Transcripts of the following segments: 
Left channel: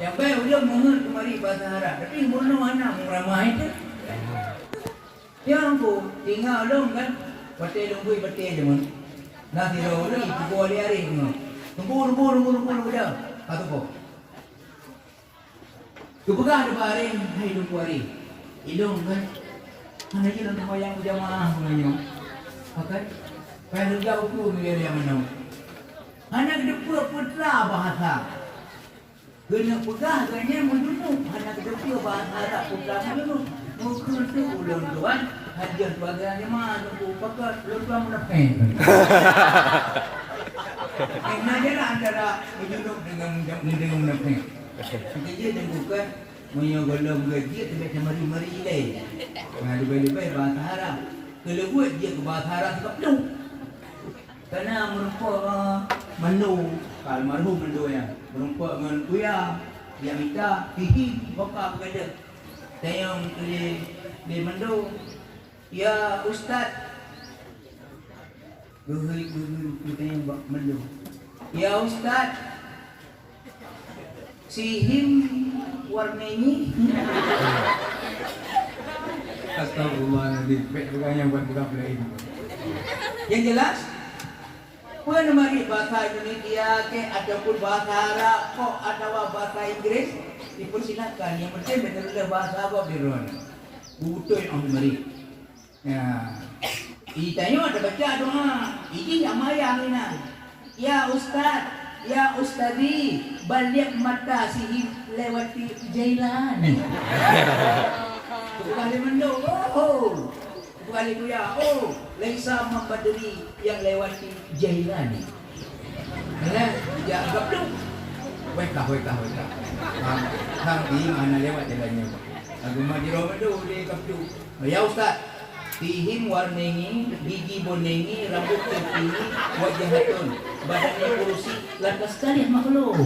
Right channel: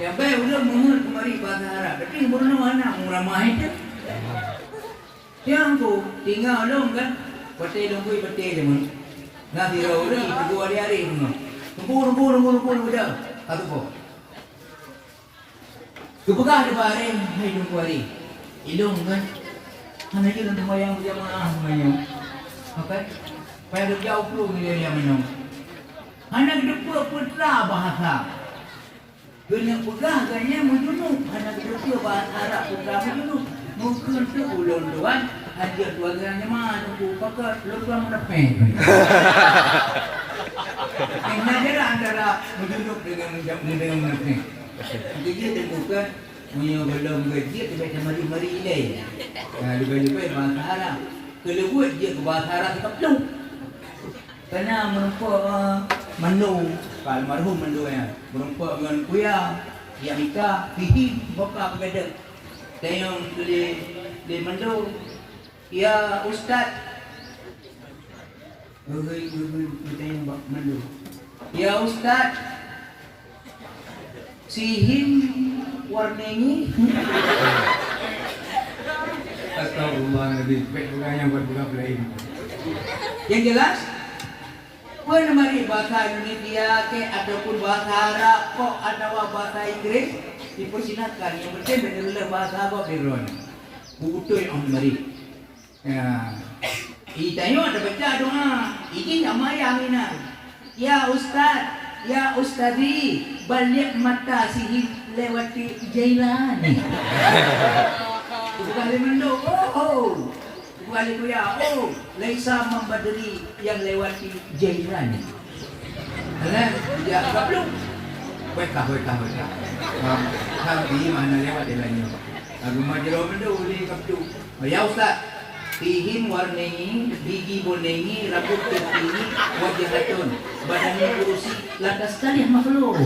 Yang baik udah mengenal kemari bahasa Arab. Tapi mana mana ramai je. Yang aku tinggal dong kan. Betul lembui betul je mun. Nah tirau lagi 2 hari tengok. Lembur dah. Satu kok. Kepegah di hari hidup hari. Ilung kan. Hanya kita untuk yang berjamaah sebenarnya. Pakai. Pada jauh pun dia yang menang. Hanya kita putra bahasa. Kena pegah kanya mujunuk. Hanya kita bahasa Arab putra mujunuk. Mungkin tu ulang tuan. Hadiah keluarganya mana tu pakai lupa mendapat. Enaknya lah antara mujunuk dengan mendapat. Jadi dia bukan punya belum gaji tapi mari ilai. Lebih-lebih bahasa Arab. Kalau buat dia ke bahasa Arab tak perlu. Kerana merupakan menu almarhum menu ya. Merupakan dengan kuya yang nikah pihi bapa berada. Tayang di menu ya ustaz. Tayang buat menu. Ya ustaz. Sihim warnengi. Astagfirullahaladzim. Bukan yang buat buka lain. Yang jelas, mana mari bahasa Indonesia ke ataupun bahasa Arab kok ada bahasa Inggris dipersilakan. Yang penting benar-benar bahasa Arab di ruang. Betul yang mari. Ya. Itanya ada baca doa. Ini nama yang ini. Ya Ustaz. Ya Ustazi, balik mata sihir lewati Jailani. Bukan mendo, bukan itu ya. Laisa membadri yang lewati Jailani. Ya, tak perlu. Baik. Kami mana lewat jalannya. Aku majero mendo ni kaptu. Ya Ustaz. Fihim warnengi, biji bonengi, rambut tinggi, wajah hatun, badannya kurusi, lantas sekali makhluk.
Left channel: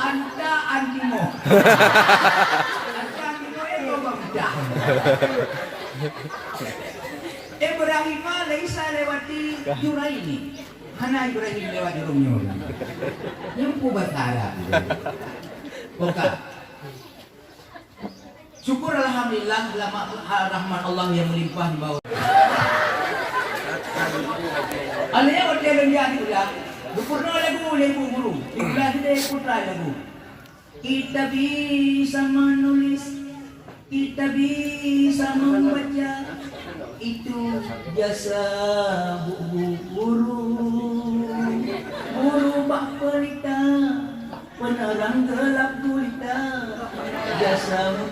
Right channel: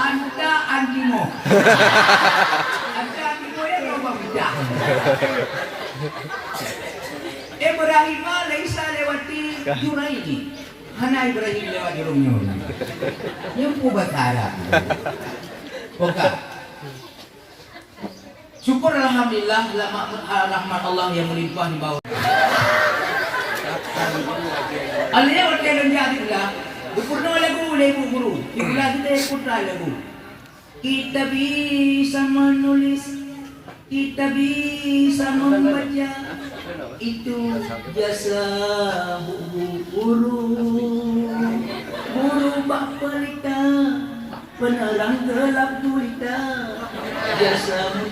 Anda antimo. Anda antimo yang berbeda. Ibrahim laisa lewati Juraini. Hana Ibrahim lewati Romeo. Yang pubatara. Oke. Syukur alhamdulillah rahmat Allah yang melimpah di bawah. Alnya waktu yang jadi pula berpurna lagu guru. Itulah kita putra lagu. Kita bisa menulis, kita bisa membaca. Itu jasa guru bak pelita, penerang gelap gulita. Jasamu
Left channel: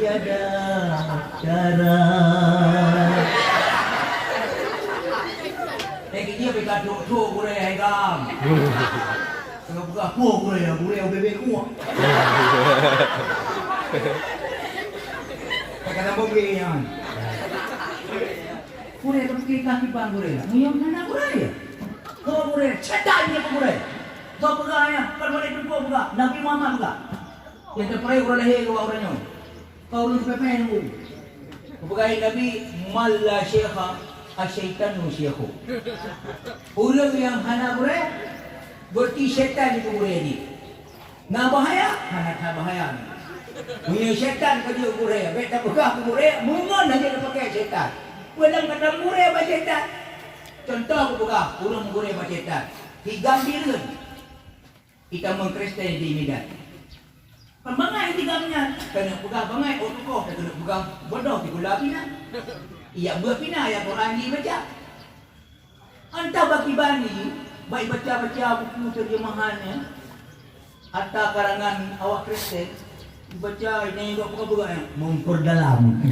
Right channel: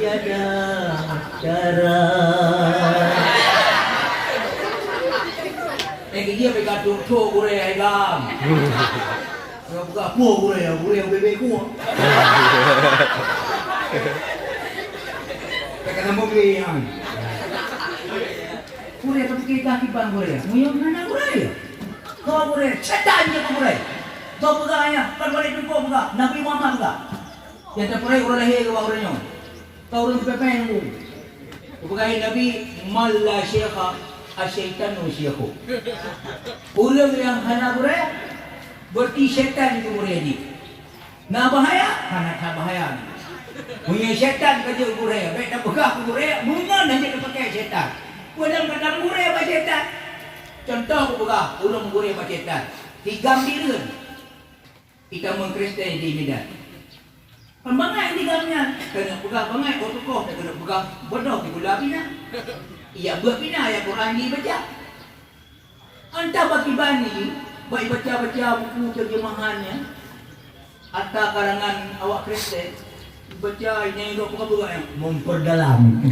tiada cara. Dia pegang tuk boleh ayam. Buka apa boleh bebek ku. Kata mobil yang. Boleh pergi kaki bang boleh. Muyang mana boleh? Kau boleh. Cetanya kau boleh. Kau pegang ya. Kau boleh cukup pegang. Nabi Muhammad pegang. Yang terperai orang lahir ke orangnya. Kau orang pepen tu. Bukan Nabi Malla Syekha Asyaitanu Syekhu. Orang yang hana berai berarti syaitan itu berai ni. Nak bahaya? Hana tak bahaya. Punya syaitan kerja berai. Baik tak pegang ke berai, mungkin nanti dia pakai syaitan. Pulang kata berai apa syaitan? Contoh aku pegang, orang berai apa syaitan. Tiga biran. Kita mengkristen di Medan. Pembangai tiganya kena pegang bangai otokoh kena pegang bodoh di gula pina. Ia buat pina yang Quran dibaca. Anta bagi bani baik baca buku terjemahannya atau karangan awak Kristen baca ini yang bukan memperdalam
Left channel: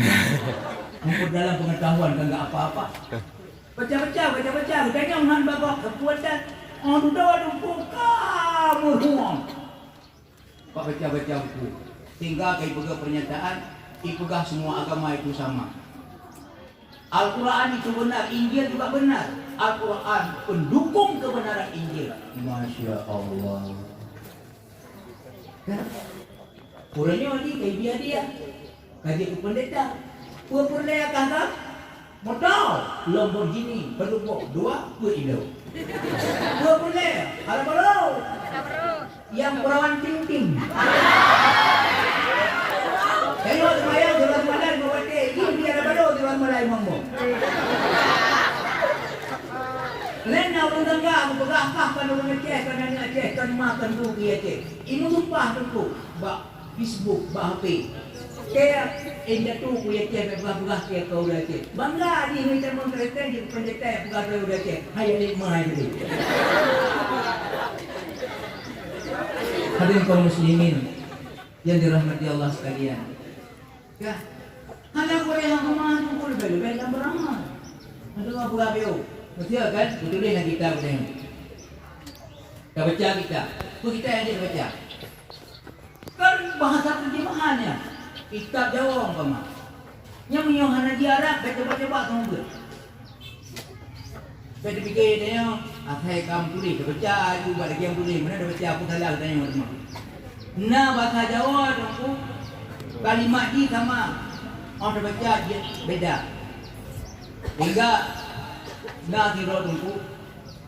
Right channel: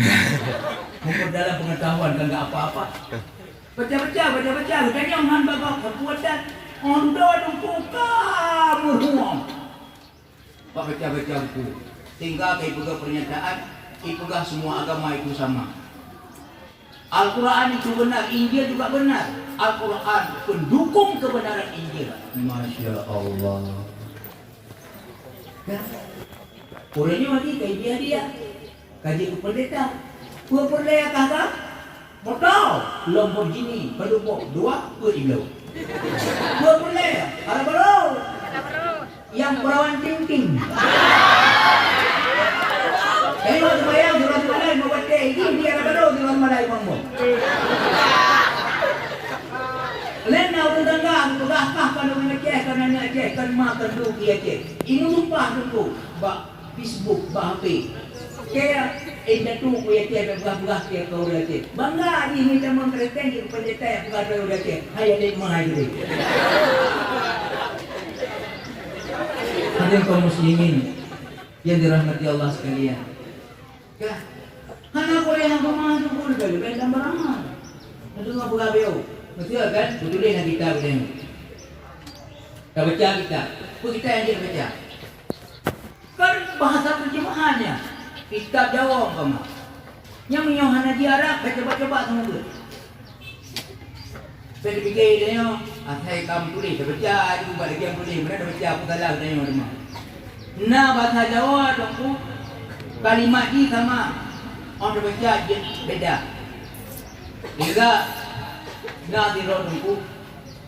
pengetahuan kan enggak apa-apa. Baca jangan babak kekuatan sudah buka murhum. Baca buku. Tinggal kai pegang pernyataan, pegang semua agama itu sama. Al-Quran itu benar, Injil juga benar. Al-Quran pendukung kebenaran Injil. Masya Allah. Kan? Orangnya mati kai dia. Kaji pendeta. Dua pendeta kata, modal Lamborghini, pendukung 2 ke Iblau. Dua pendeta dalam perawan ting-ting. Jadi waktu bayang surat malai membuat ini dia kata dulu surat malai mangmo. Lain orang tangga untuk rakah kalau mengecek karena ngecek kan makan tu dia cek. Ini sumpah tu ba Facebook ba HP. Kaya inda tu dia cek buka dia kau dia cek. Bangga ni macam orang kereta di penjete buka dia cek. Hai ada mana jadi. Hadirin kaum muslimin yang dirahmati Allah sekalian. Ya. Hanya boleh hamba mengandung pun bagi gambar amal. Itu apa gabe? Betul kan? Betul yang kita boleh. Kita baca kita. Kita yang baca. Kan bahasa terjemahannya. Kita jawab kamu. Yang menyohana di Arab kita coba-coba kamu. Saya fikir dia, atai kamu boleh baca juga lagi yang boleh. Mana baca aku salah tanya orang. Nah bahasa Jawa tu kalimat ni sama. Orang baca beda. Juga nak dirodungku,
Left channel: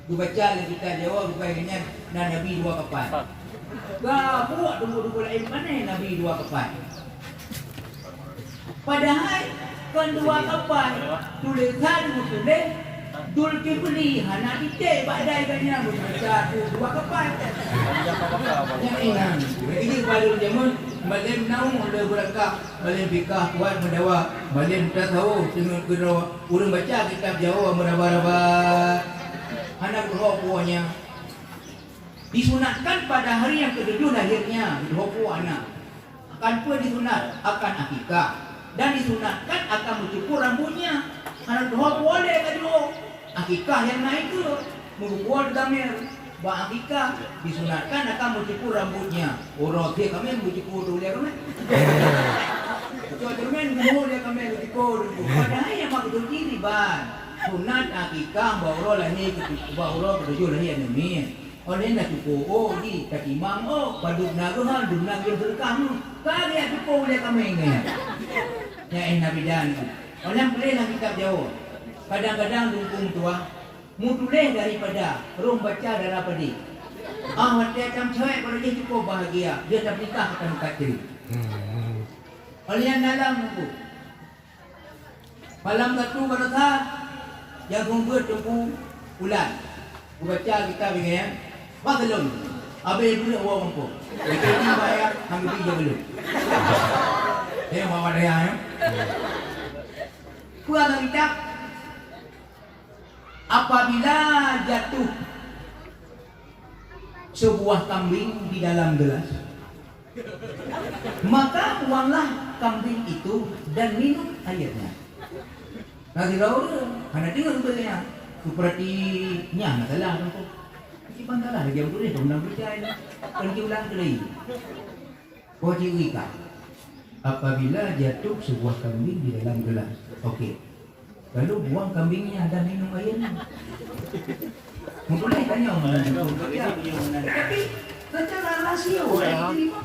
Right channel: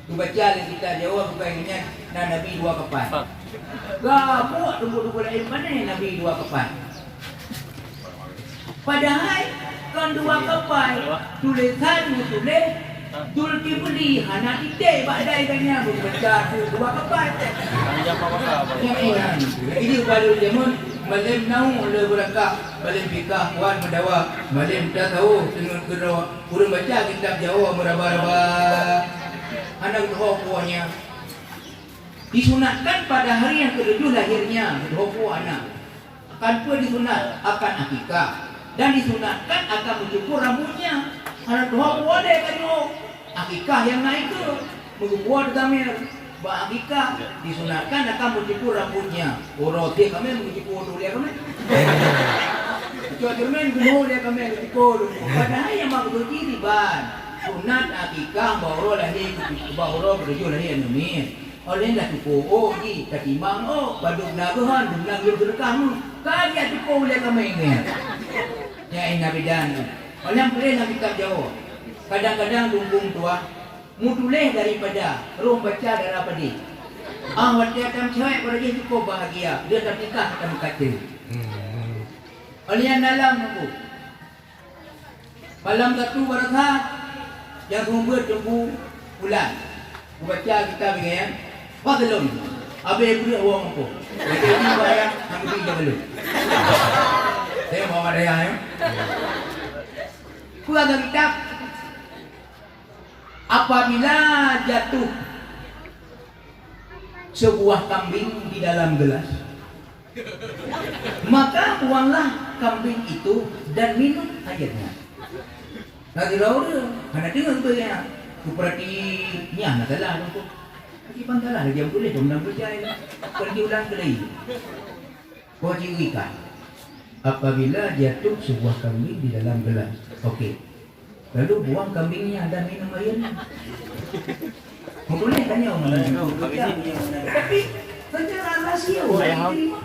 tu baca yang kita jawab bukannya Nabi dua kapan. Gak buat tunggu lain mana Nabi dua kapan. Padahal kan dua kapan tulisan tulis Zulkifli hana kita badai kanya baca dua kapan. Ini baru zaman malam naung le berakah malam fikah kuat mendawa malam tak tahu dengan kedua urang baca kitab Jawa meraba-raba anak punya disunatkan pada hari yang ke-7 lahirnya kedua anak akan pun disunat akan akikah dan disunatkan akan mencukur rambutnya anak dua ada kedua akikah yang naik tu mengukur damir bah akikah disunatkan akan mencukur rambutnya. Orang dia kami mencukur dulu dia kami. Cuba kami mencukur dia kami mencukur. Padahal yang maksud ini ban sunat akikah bawa lahir bawa berjual lahir ni. Oleh dah cukup oh di katimang oh baduk nabuhan dumnak yang berkah kali cukup dia kami ini. Ya Nabi dan oleh boleh nak kitab Jawa. Kadang-kadang dukung tua mutuleh daripada rum baca daripada dia. Awak dia akan cewek kalau dia cukup bahagia, dia dah nikah akan kata. Oleh dalam buku. Malam satu warga yang kumpul tunggu bulan. Baca kita begini, belum. Abe beri uang aku. Jadi bayar ambil dia belum. Saya bawa dia ya. Ku ada kitab. Apabila jatuh sebuah kambing di dalam gelas, maka buanglah kambing itu dan minum airnya. Nanti tahu karena dia sebetulnya sepertinya masalah aku. Tapi pangkalah dia boleh dong nak percaya. Pergi ulang kali. Wajib ikat. Apabila jatuh sebuah kambing di dalam gelas, okey. Lalu buang kambingnya dan minum airnya. Boleh tanya orang lain. Tapi secara rahsia orang terima.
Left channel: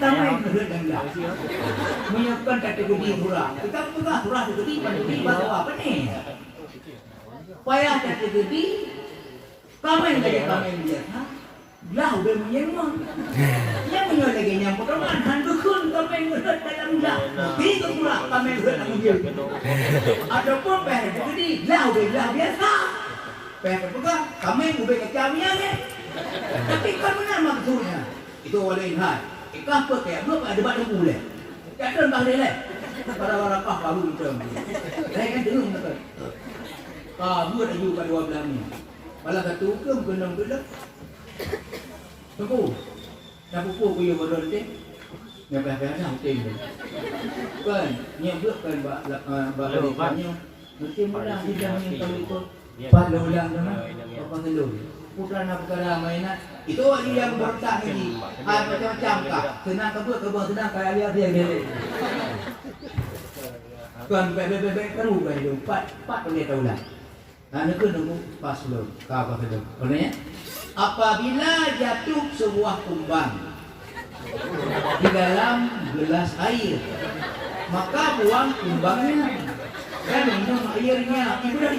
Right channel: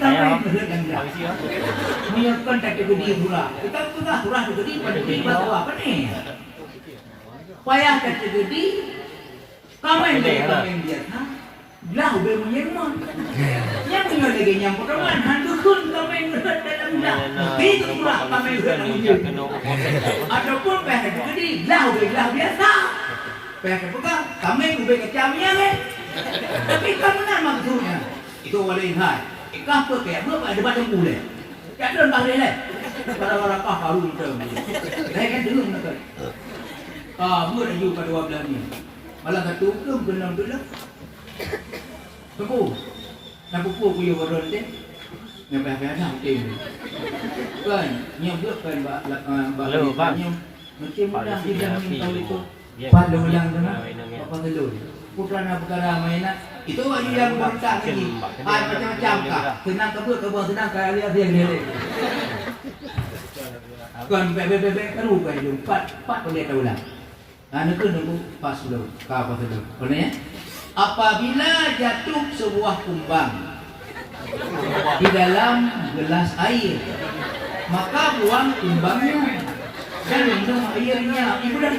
Mana yang berhendak? Menyiapkan kategori pula. Kita pula surah kategori kategori apa ni? Payah kategori. Kamu yang dia. Belah ubel menyemang. Yang punya lagi yang pertama hantu kun kamu yang berada dalam belah. Itu pula kamu yang berada dalam ataupun payah kategori belah ubel biasa. Payah kategori kamu yang ubel kecamian tapi kamu nak maksudnya itu oleh hal. Apa kayak apa ada badan boleh. Tak ada tak boleh. Para-para kah baru itu. Saya kan dengar betul. Buat lagi pada 12 ni. Malam satu belum kena betul. Tunggu. Nak buku punya bodoh ni. Yang belah-belah dah okey. Kan, nyebut kan baknya. Mesti mudah dia minta itu. Pada ulang dah. Apa dulu? Putra nak perkara mainan. Itu yang berkah ni. Macam-macam kah? Senang kebun senang kaya dia lele. Kan bebek keru kan itu. Pat boleh tahu lah. Nak nunggu pas dulu. Kau apa dulu? Boleh? Apabila jatuh sebuah kumbang di dalam gelas air, maka buang kumbangnya dan minum airnya. Ibu dah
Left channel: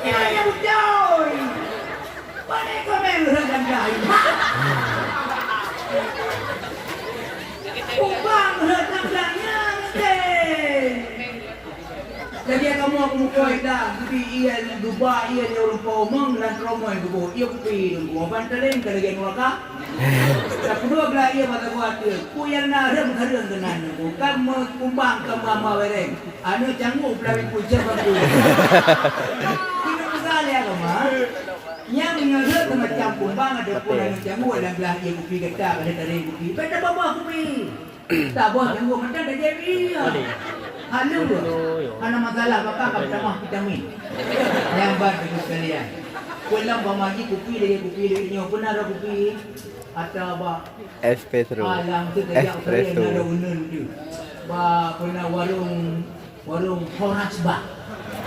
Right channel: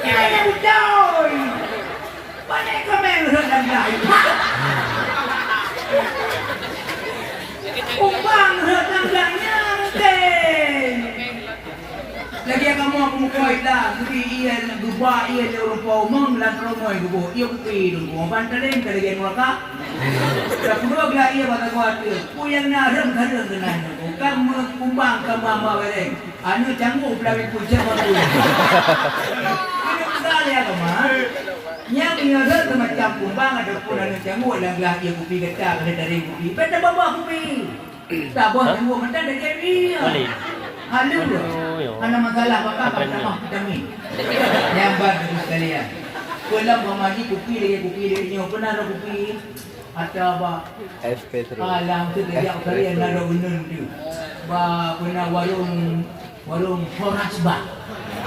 ini ucoi. Mana kami dalam lain? Kumbang dalam lainnya mungkin. Lagi yang kamu aku mukoi dah, tapi ia gubah ia dia rupa umang belan teromoi gubah. Ia kupi dulu, pantalin kalau dia nuaka. Tak perlu gila ia pada kuat. Ku yang nadam kadang dengan tu. Kamu kumbang kamu ama bereng. Anu canggu pelawin pucat aku. Ini besar ya kamu. Yang menyorot macam kumbang ada pun anu canggu yang belah ia kupi getah ada dari kupi. Pada bawah kupi. Tak bawah canggu macam dah jadi. Halu tu. Ada masalah maka akan tambah vitamin. Yang baru sekalian. Pulang bermaji kupi lagi ni pernah ada kupi atau apa? Espetro. Alam tu dia kalian ada unun tu. Ba pernah warung Fornasbah.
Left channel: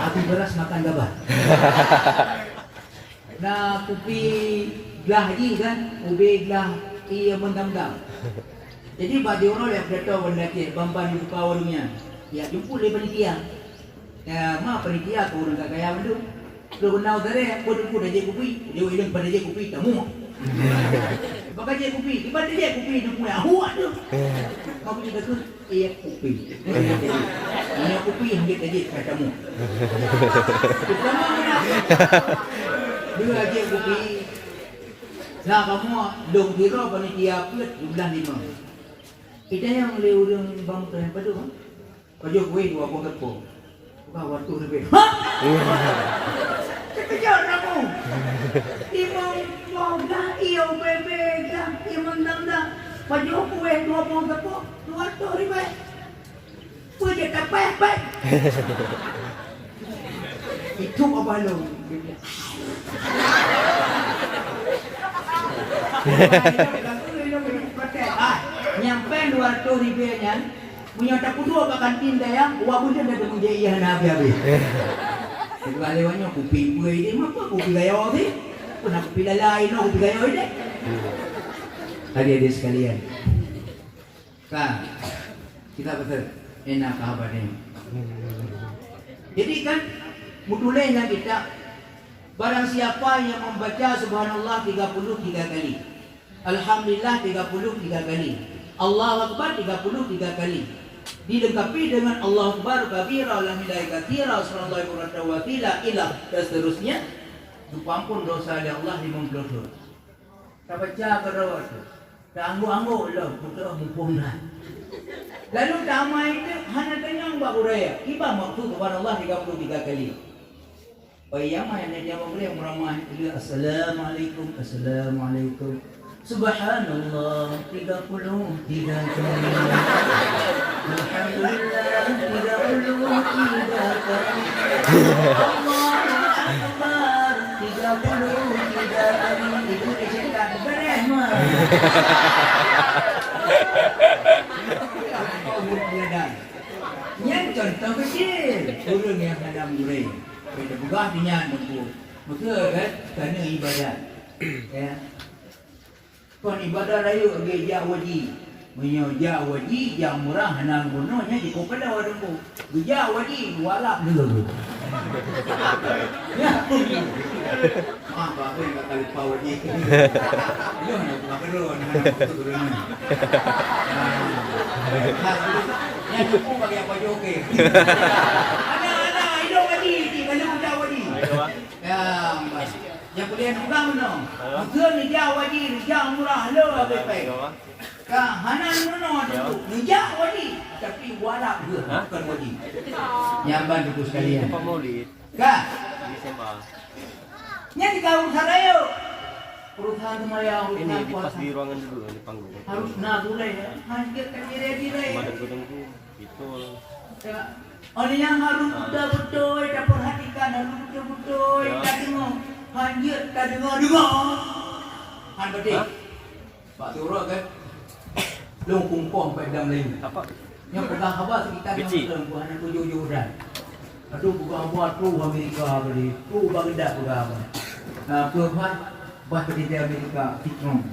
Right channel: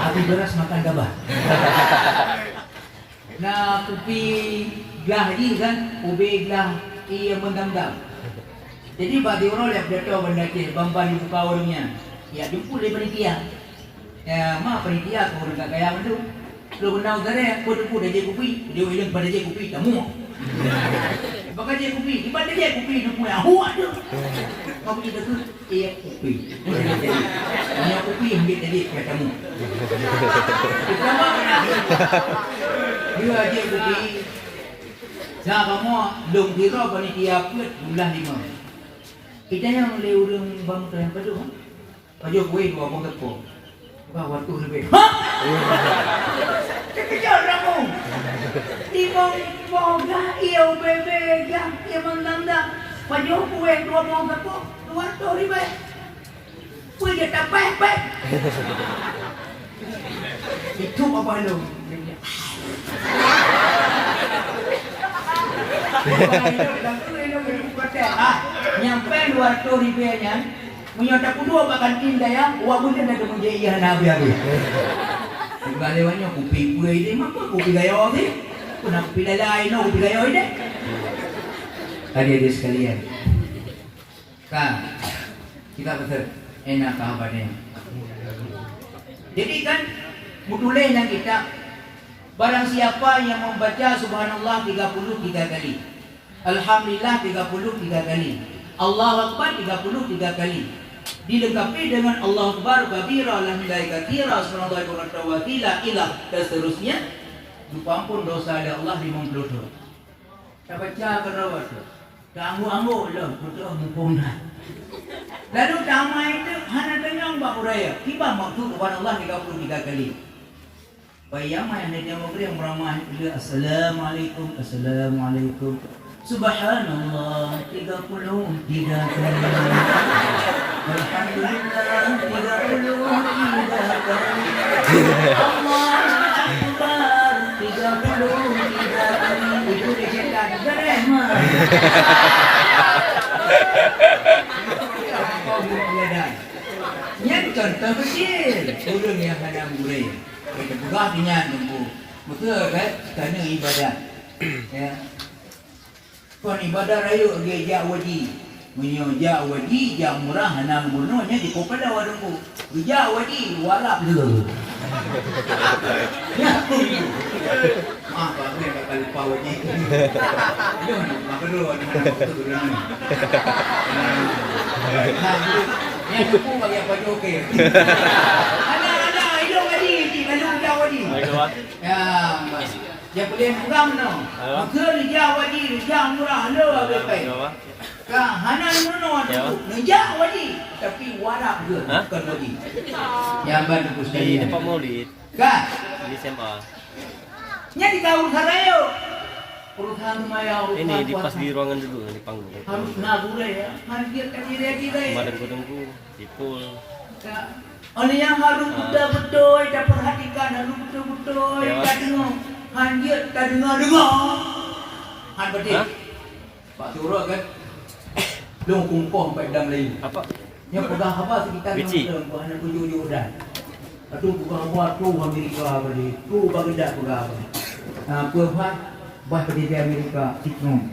Api beras makan gabah. Nah kupi gelah ni kan, ubi gelah ia mendam-dam. Jadi bagi orang yang beritahu benda ke, bamban di buka warungnya. Ya jemput dari panitia. Ya mak panitia kau orang kaya tu. Lu kenal saya, kau jemput dari kupi, dia hilang pada je kupi tamu. Bagai je kupi, ibadah je kupi tu punya huat tu. Kau pergi dekat kupi. Ini kupi ambil tadi ke tamu. Dua je kupi. Nah kamu dong kira panitia pun jumlah 5. Kita yang liurung bangsa yang kedua. Paju kue dua bong tepung. Waktu lebih. Hah? Kejar kamu. Ibang boga iyo bebe dah emang dah. Paju kue dua bong tepung. Waktu lebih. Kue dia tak pepek. Itu apa lo? Nyampe 200 ribunya. Menyata kudu akan pindah ya, uang pun dah kemudian iya nabi. Juga lewatnya kupi kue ini, maka kupi gaya ni, pernah kupi lain, kupi gaya ini. Tadi sekalian, kan kita betul enak apa ni? Jadi kan mutulailah kita. Barang siapa yang membaca Subhanallah 33 kali, Alhamdulillah 33 kali, Allahu Akbar 33 kali. Dilengkapi dengan Allahu Akbar kabira alhamdulillah katsira sallallahu alaihi wasallam dan seterusnya, diampun dosa oleh Allah 50 dosa. Tak baca kalau tu. Tak anggu-anggu lah betul mumpungna. Lalu damai itu hanya kenyang bab budaya. Tiba maksud kepada Allah 33 kali. Bayama yang dia mau beri meramai dia assalamualaikum assalamualaikum. Subhanallah 33 kali. Alhamdulillah 33 kali. Allahu Akbar 33 kali. Itu kecintaan beremah. Yang contoh kecil urung yang hadam gurih. Kita buka punya nunggu. Maka kan kerana ibadat. Ya. Kon ibadat raya geja waji. Menyoja waji jam murah hanang bunuhnya di kopada warungku. Geja waji warap dulu. Ya. Apa ni bakal lupa waji. Dia nak perlu dulu. Yang aku bagi apa okey. Ada hidung tadi, kalau dah wadi. Ya, yang boleh pegang no. Maka dia wadi, dia murah lo baik. Ka hanan no dia wadi, tapi warak ke bukan wadi. Yang bantu sekali. Apa Maulid? Ka Desember. Nya di kau sarayo. Perusahaan maya Ini di pas di ruangan dulu di panggung. harus nagulai ya. Mandir kan ready deh. Madang-madang dipul. Ya. Oleh yang harus betul-betul tak perhatikan, harus betul-betul tak dengar. Hanjir tak dengar. Han betul. Pak Turun kan. Lu kumpul sampai dalam lain. Apa? Yang pegang apa sekitar perempuan yang 7 dan. Itu bukan buat tu Amerika tadi. Tu bagi dak pegang. Perempuan bah di Amerika Tiknom.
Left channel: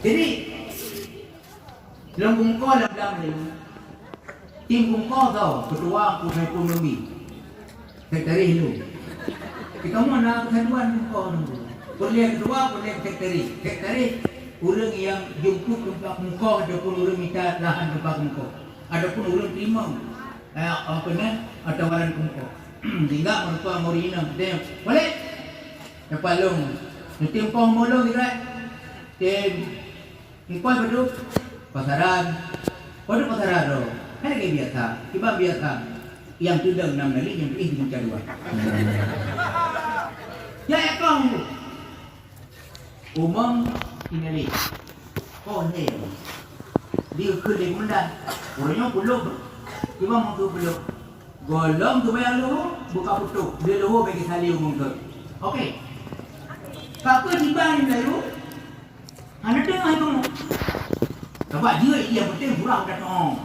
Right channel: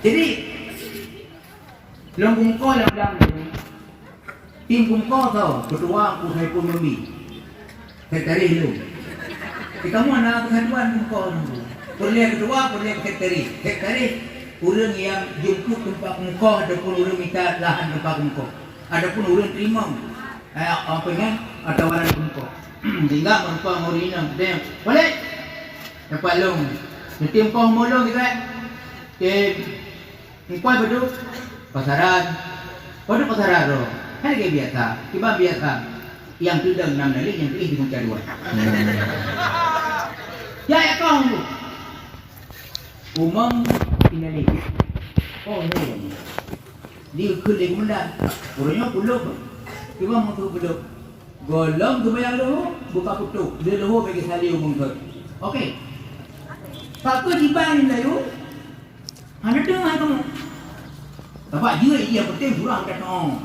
Jadi dalam kungkol dalam ini, tim kungkol tau, ketua aku saya ekonomi, dari itu. Kamu anak kesatuan kau dulu. Perlihat kedua, perlihat keterik. Keterik, orang yang jemput tempat muka ataupun orang minta lahan tempat muka. Adapun orang terima apa ni? Tawaran muka. Tinggal muka murina. Dia boleh. Dapat long. Nanti kau molong juga. Muka berdua pasaran. Pada pasaran tu. Kan dia biasa. Tiba biasa. Yang tidak 6 nali, yang pilih di muka 2. Ya kau umum ini oh ni dia kulit mendan orangnya belum cuma mau tu belum golong tu bayar lu buka putu dia lu bagi sali umum tu okey tak tu dibang lalu anak tu dapat dia ia penting kurang datang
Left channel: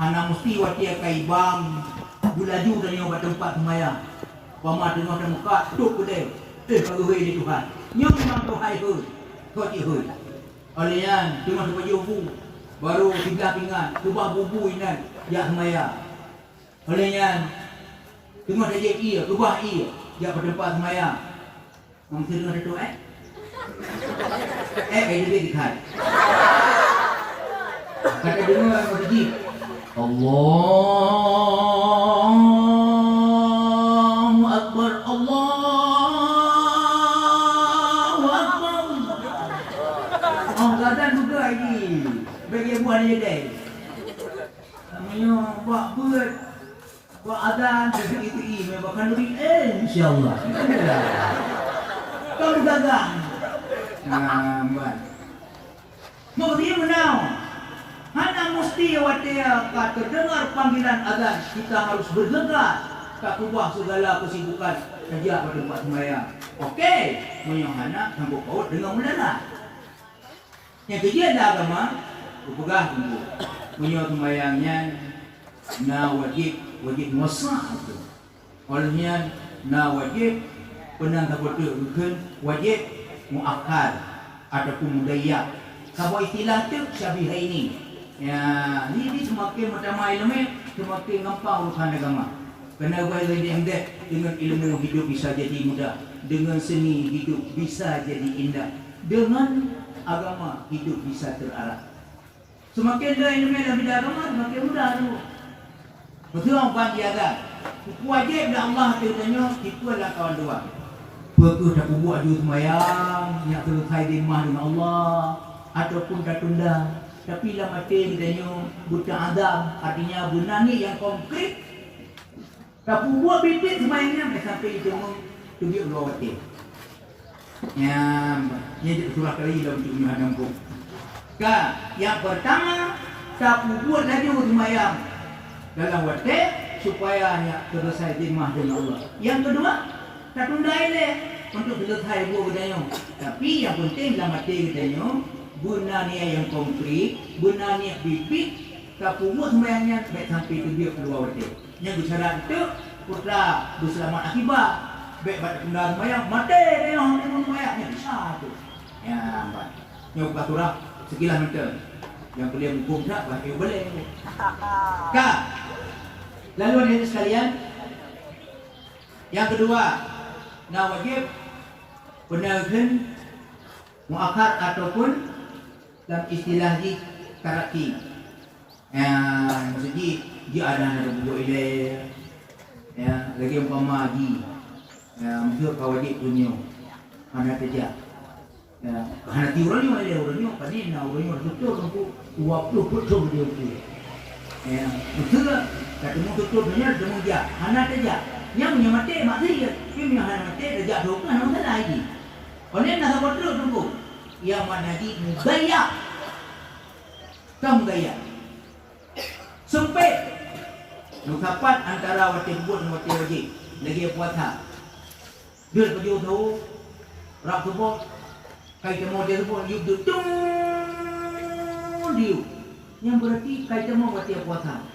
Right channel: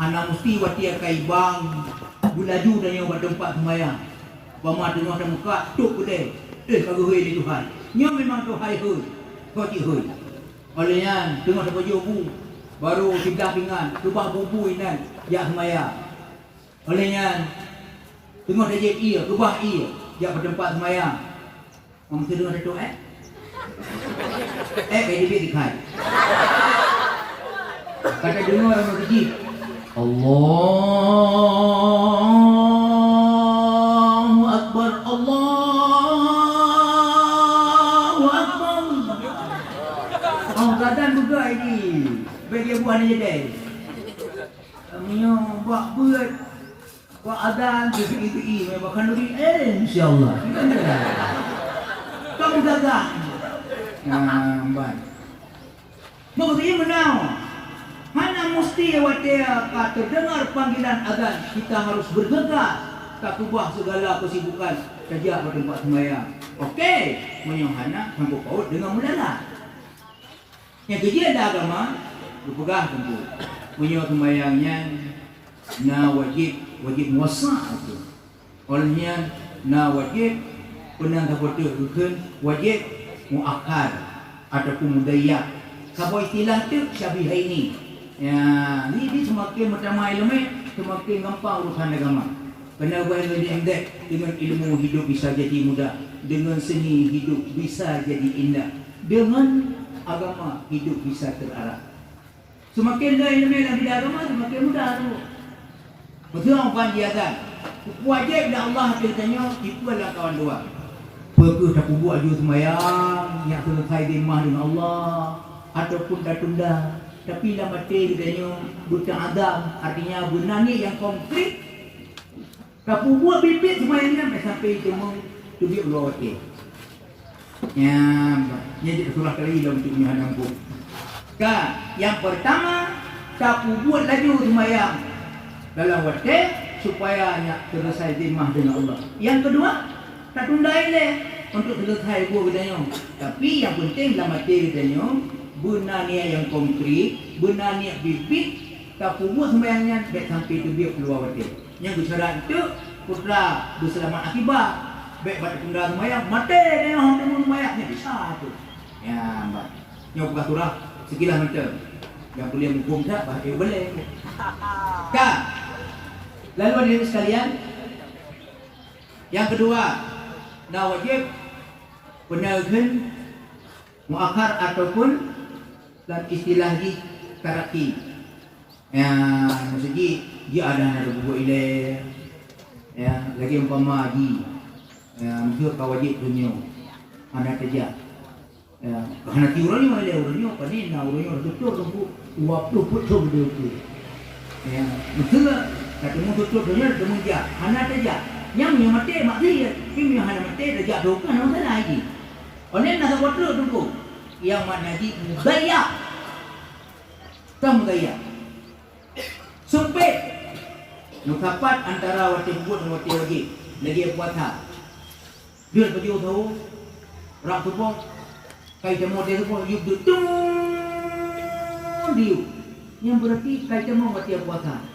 anak mesti watia kai bang bulaju dan yang tempat sembahyang pama tengah dan muka tuk kedai kalau hui ni Tuhan nyom memang Tuhan hui kau cik hui olehnya tengah baju bu baru tiga pinggan kubah bubu inan ya semaya olehnya tengah saja ia kubah ia ya bertempat semaya kamu sedang ada tu dia dikat kata dengar mau dijib Allahu Akbar Allahu Akbar kadang juga ini bagi buah ni jadi kami buat buat buat adhan itu bahkan lebih insyaAllah kamu gagal baik kemudian menau hanya mesti watia terdengar panggilan adhan kita harus bergegas tak ubah segala kesibukan kerja pada tempat sembahyang okey punya anak sambut paut dengan melala yang kerja ada agama berpegang tentu punya sembahyangnya wajib muasa olehnya wajib pernah tak betul wajib muakkad ataupun mudayyak kalau istilah tu syabih ini ya ini semakin pertama ilmu semakin gampang urusan agama kena buat dengan ilmu hidup bisa jadi mudah dengan seni hidup bisa jadi indah dengan agama hidup bisa terarah semakin dia ilmu lebih agama semakin mudah tu betul orang dia ada wajib dah Allah katanya itu adalah kawan dua pergi tak buat juga sembahyang yang selesai di rumah dengan Allah ataupun dah tunda tapi lah mati katanya buta adam artinya bunani yang komplit tak buat bibit sembahyangnya sampai tubi Allah yang jadi surah kali lah untuk menghadap hukum yang pertama tak buat lagi sembahyang dalam waktu supaya selesai dimah dengan Allah. Yang kedua, tak tunda ile untuk selesai buat katanya. Tapi yang penting dalam hati katanya, guna niat yang konkret, guna niat bibit, tak buat sembahyangnya baik sampai itu dia keluar waktu. Yang bersyarat itu putra berselamat akibat. Baik pada tunda sembahyang, mati dia orang sembahyangnya bisa itu. Ya, mbak. Yang buka surah sekilas macam. Yang boleh hukum tak, bahasa boleh. Kak. Lalu hadirin sekalian, yang kedua, wajib penahan muakhar ataupun dalam istilah di taraki. Maksudnya dia ada buku ile, ya lagi umpama di, mesti kau wajib dunia, mana kerja. Hanya tiurani mana dia urani apa ni? Urani betul untuk waktu betul dia tu. Betul tak? Ketemu tutup dunia, ketemu dia. Hana saja. Yang mati mati, kimi hana mati saja. Doa nama salah lagi. Oleh nak buat dulu. Yang mana lagi gaya, gaya. Sempit. Nukapat antara wati buat dan wati lagi puasa. Dia pergi tahu, rak tubuh, kai temu dia tubuh, yuk tutung dia. Yang berarti kai temu wati puasa.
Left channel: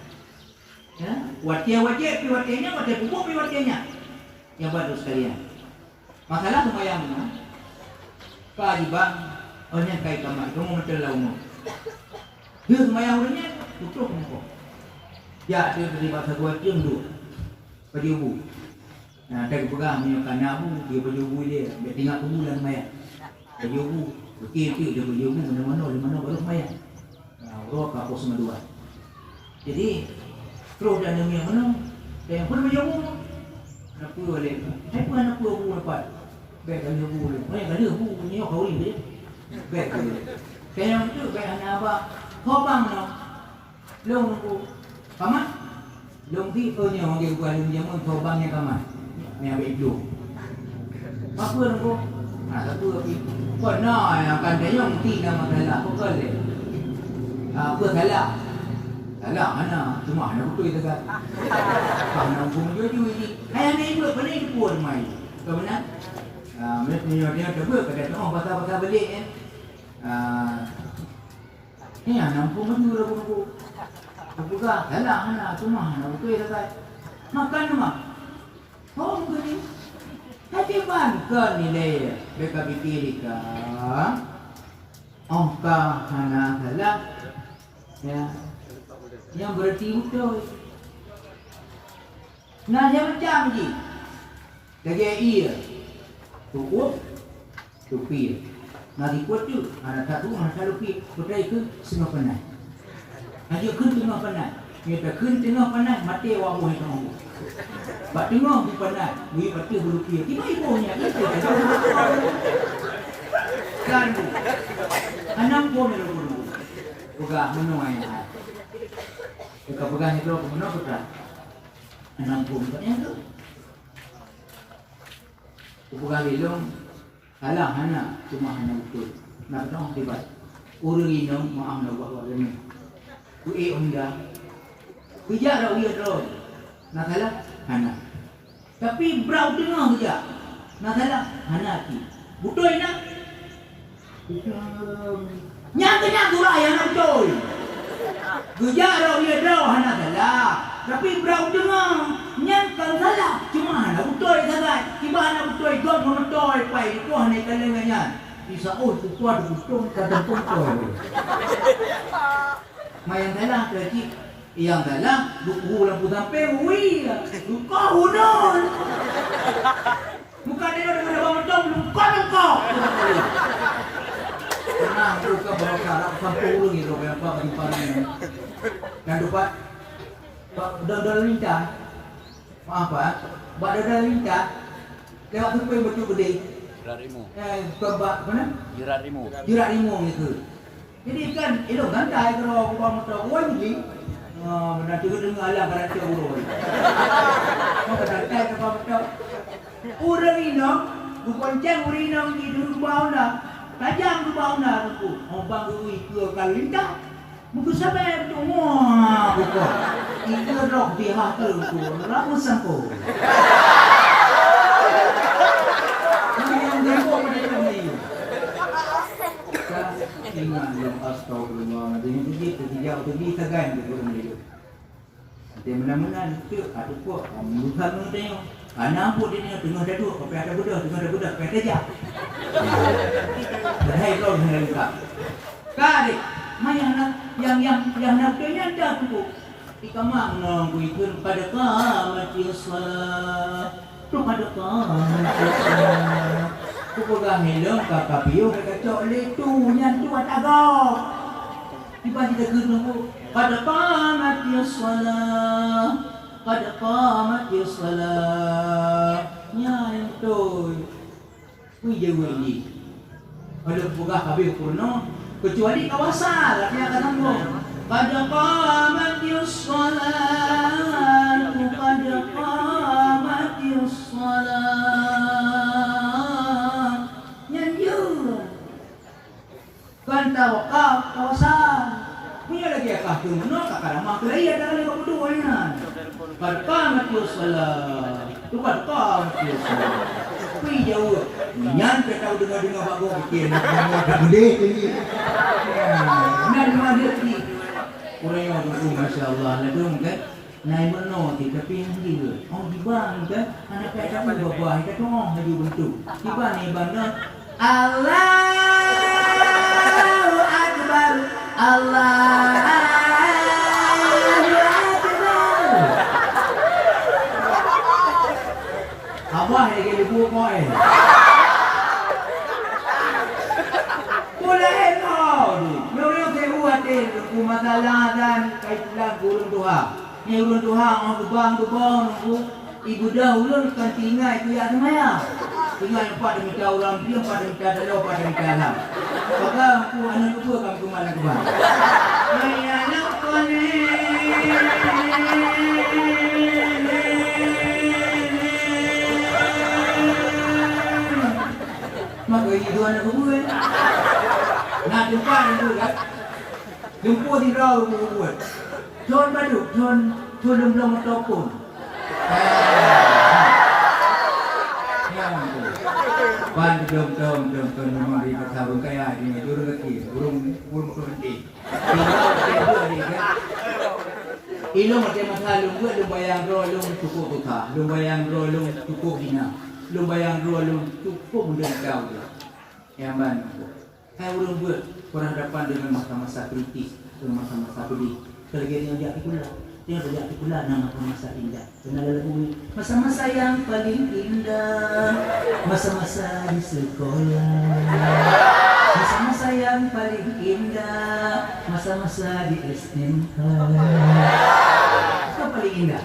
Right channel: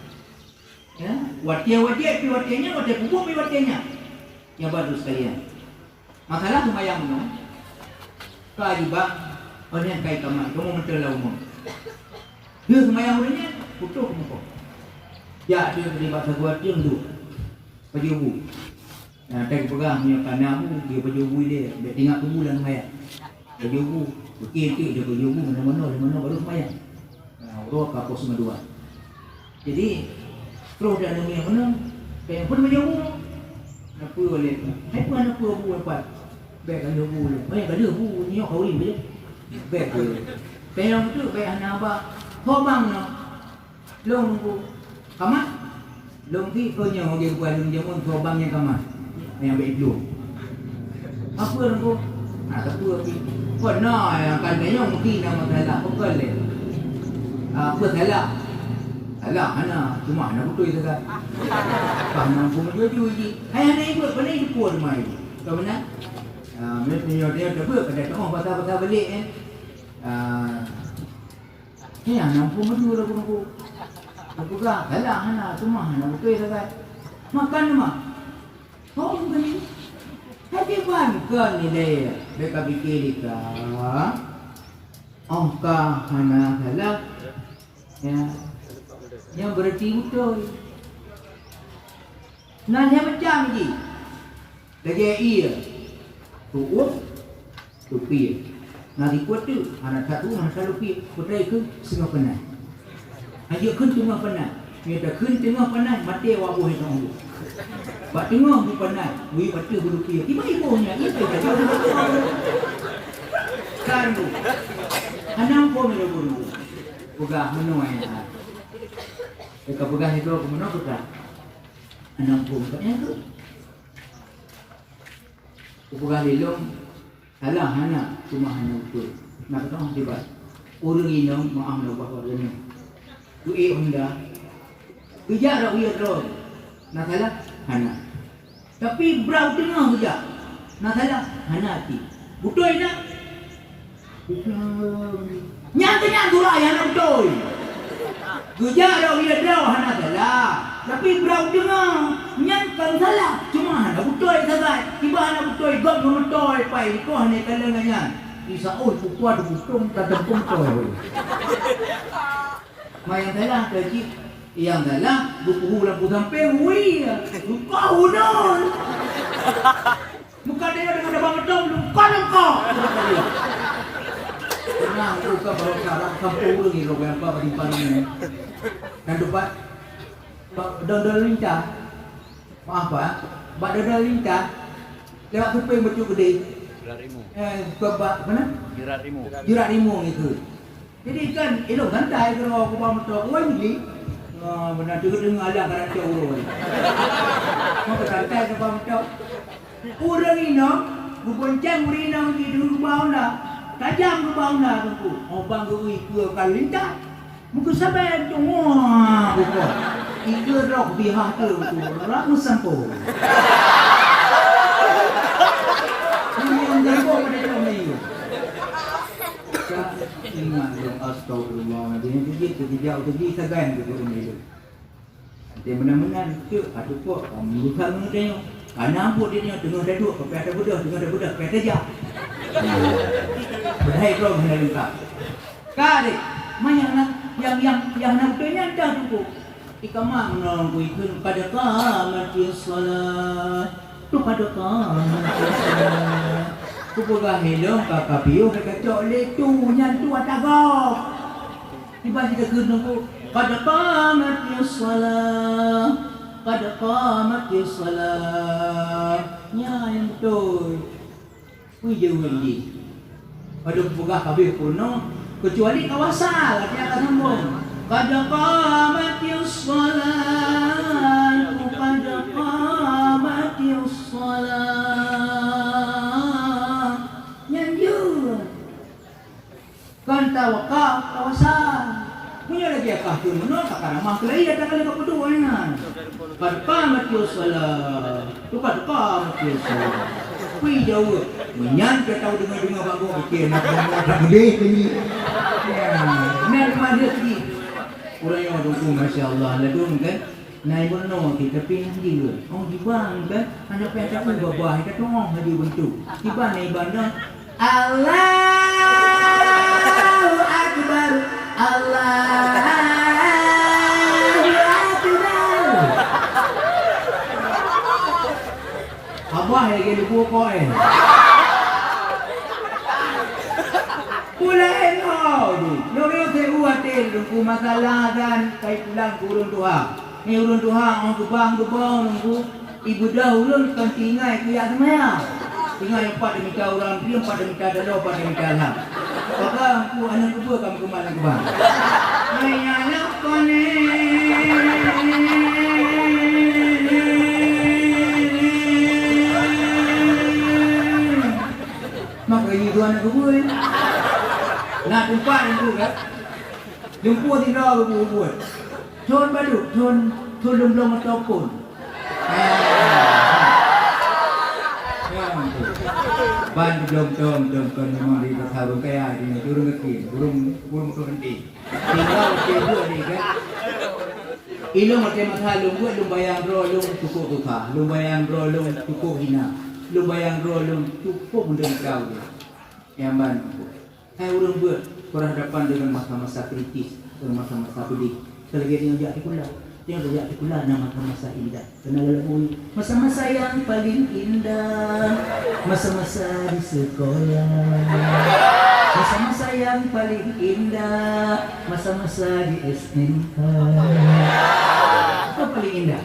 Ya, wajib, watianya, wajib hukum, watianya. Yang baru sekalian. Masalah sembahyangnya, kewajiban, orang kait kamar, kamu mentelah umum. Dia sembahyang orangnya, putus muka. Ya, dia beri bahasa buat dia dulu. Bagi ibu. Nah, tak pegang punya kanamu, dia berjubu dia tengok tubuh dalam mayat. Berjubu, okey dia berjubu mana-mana baru mayat. Roh kapal semua dua. Jadi, terus dah dunia mana? Yang pun berjubu. Apa boleh? Apa anak buah dapat? Baik kan jubu. Kan bu ni kau ini je. Baik tu. Kaya tu kaya anak apa? Kau bang no. Long bu. Kamat? Long ti punya dia bukan dia pun kau bang yang kamat. Yang begitu. Apa aku? Apa lagi? Kau nak yang katanya mungkin nama salah apa boleh. Apa salah? Salah mana? Cuma nak betul itu kan. Karena pun jujur ni. Hai anak ibu pada ibu pun mai. Kau benar? Mereka dia dah pada oh pasal balik kan. Ni anak pun maju lah pun. Bukan salah anak cuma nak betul itu kan. Makan mah. Oh begini. Tapi bangkan ni dia. Mereka fikir dia. Oh kah anak salah. Ya. Yang berarti betul. Nah yang macam ni. Lagi iya. Tuh, tupi. Nanti kuat tu, anak satu masa lupi, sudah ikut semua penat. Aja kun tengah penat. Kita kun tengah penat, mati wabuh itu. Bak tengah di penat, we mati berupi. Tiba ibunya itu saja. Kan bu. Anak pun berguru. Bukan menoi. Jika bukan itu menoi kita. Anak pun katanya tu. Bukan lelong. Salah anak cuma anak itu. Nak tahu tiba. Orang ini maaf nak buat ini. Kui unda. Bicara dia terus. Nak salah anak. Tapi berau tengah saja. Nak salah anak ti. Betul nak? Nyatanya tu lah yang nak betul. Bicara dia terus anak salah. Tapi berau tengah. Nyangkau salah. Cuma anak betul saja. Tiba anak betul. Gak betul. Pai itu anak kalangannya. Bisa kuat betul. Tak pun betul. Main salah kecil. Yang salah. Buku lampu sampai. Wih. Kau non. Muka dia dengan abang betul. Luka kau. Tenang. Buka bawa sarap. Sampai lagi. Apa di parang. Dan dapat. Dodol lincah. Apa? Bak dodol lincah. Lewat tu yang betul gede. Jurat rimu. Kebak mana? Jurat rimu. Jurat rimu itu. Jadi kan elok santai kalau aku bawa motor wah ni. Benar juga dengar alam kalau cakap. Mau santai kalau bawa motor. Orang ini bukonceng orang ini di rumah nak. Tajam rumah nak tu. Obang tu ke kalau lincah. Muka sampai wah bukan. Itu rok biha tu. Ramu sampo. Yang gapo pada kami. Ingat yang astagfirullah. Dia ketiga tu sagan tu ni. Dia mana-mana tu ada kok bukan dia. Anak pun dia tengah duduk, sampai ada budak, tengah ada budak, sampai aja. Berhai kau hendak kak. Kari, mana yang nak tanya dah tu. Ikamang nong kuikun pada kamati salat. Tu pada kamati salat. Kupugah helong kakapio kacok le tu nyan tu atagok. Tiba kita kena pada kamati salat. Pada kamati salat. Nya yang tu. Kui jauh ni. Pada kupugah kabir purno kecuali kawasan dia akan sambung. Pada qamatis salat, pada qamatis salat. Nyanjur. Kan tawakal kawasan. Punya lagi akah tu no tak ramah kelai ada kali kau berdua ni. Pada qamatis salat. Tu pada qamatis salat. Kui jauh. Nyan ke tahu dengar bagus fikir nak boleh tinggi. Nak ada tinggi. Orang yang dulu masya-Allah ladung kan. Naik benar di tepi juga. Oh di bang kan ada pihak bawah itu tu haju bentuk. Tiba naik benar Allahu akbar. Allahu akbar. Abah lagi lupa kau Boleh kau tu. Yang saya buat tu masalah dan kaitan urun Tuhan. Ni urun Tuhan aku bang tu bang aku ibu dah urun kan tinggal dia semua. Tinggal 4 minta orang, 4 minta dalam 4 minta dalam. Maka aku anak kedua kamu ke mana aku bang. Hai anak kone. Maka itu anak kedua. Nak jumpa dulu ya. Jumpa di raw buat. Tuan badu, tuan belum ataupun. Ban belum memang di tahu kayak ini turun kaki, belum berhenti. Tinggal kedua ni kan. Ilmu macam lum buat lum bayang ro lum cukup buka, lum bayang ro lum cukup hina, lum bayang ro lum cukup mudah kau. Yang ban. Hai urang buat berhadapan dengan masa-masa kritis, dengan masa-masa pedih. Selagi dia jadi pula, nama masa indah. Kenal lagu masa-masa yang paling indah, masa-masa di sekolah, masa-masa yang paling indah, masa-masa di SMK. Apa paling indah?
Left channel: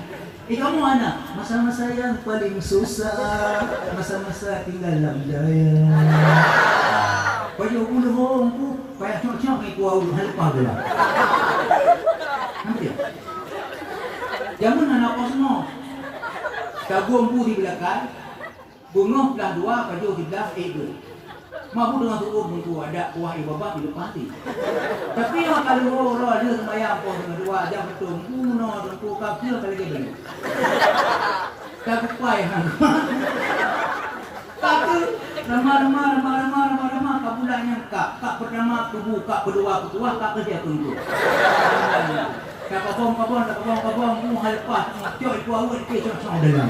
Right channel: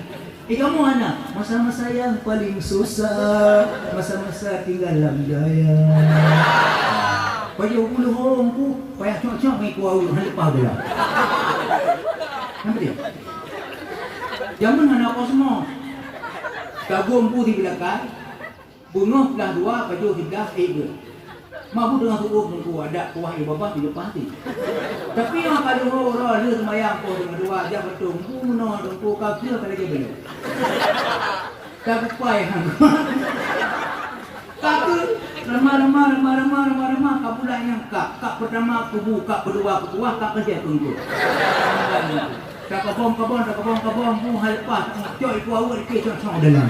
Kamu anak, masa-masa yang paling susah, masa-masa tinggal dalam jaya. Baju bulu hong tu, payah cok-cok mai kuau lepas pula. Nampak dia? Zaman anak semua. Kagum pu di belakang, bunga belah 2, baju 13, 2. Mampu dengan tubuh mengku ada kuah ibu bapa di depan ti. Tapi yang kalau orang dia sembahyang pun dengan 2 jam betul, kuno tu kau kira lagi beli. Tak payah. Kata ramah kabulan yang kak pertama kubu kak kedua ketua kak kerja tunggu. Kak kabong mu halpas coy ku awak ke cok dalam.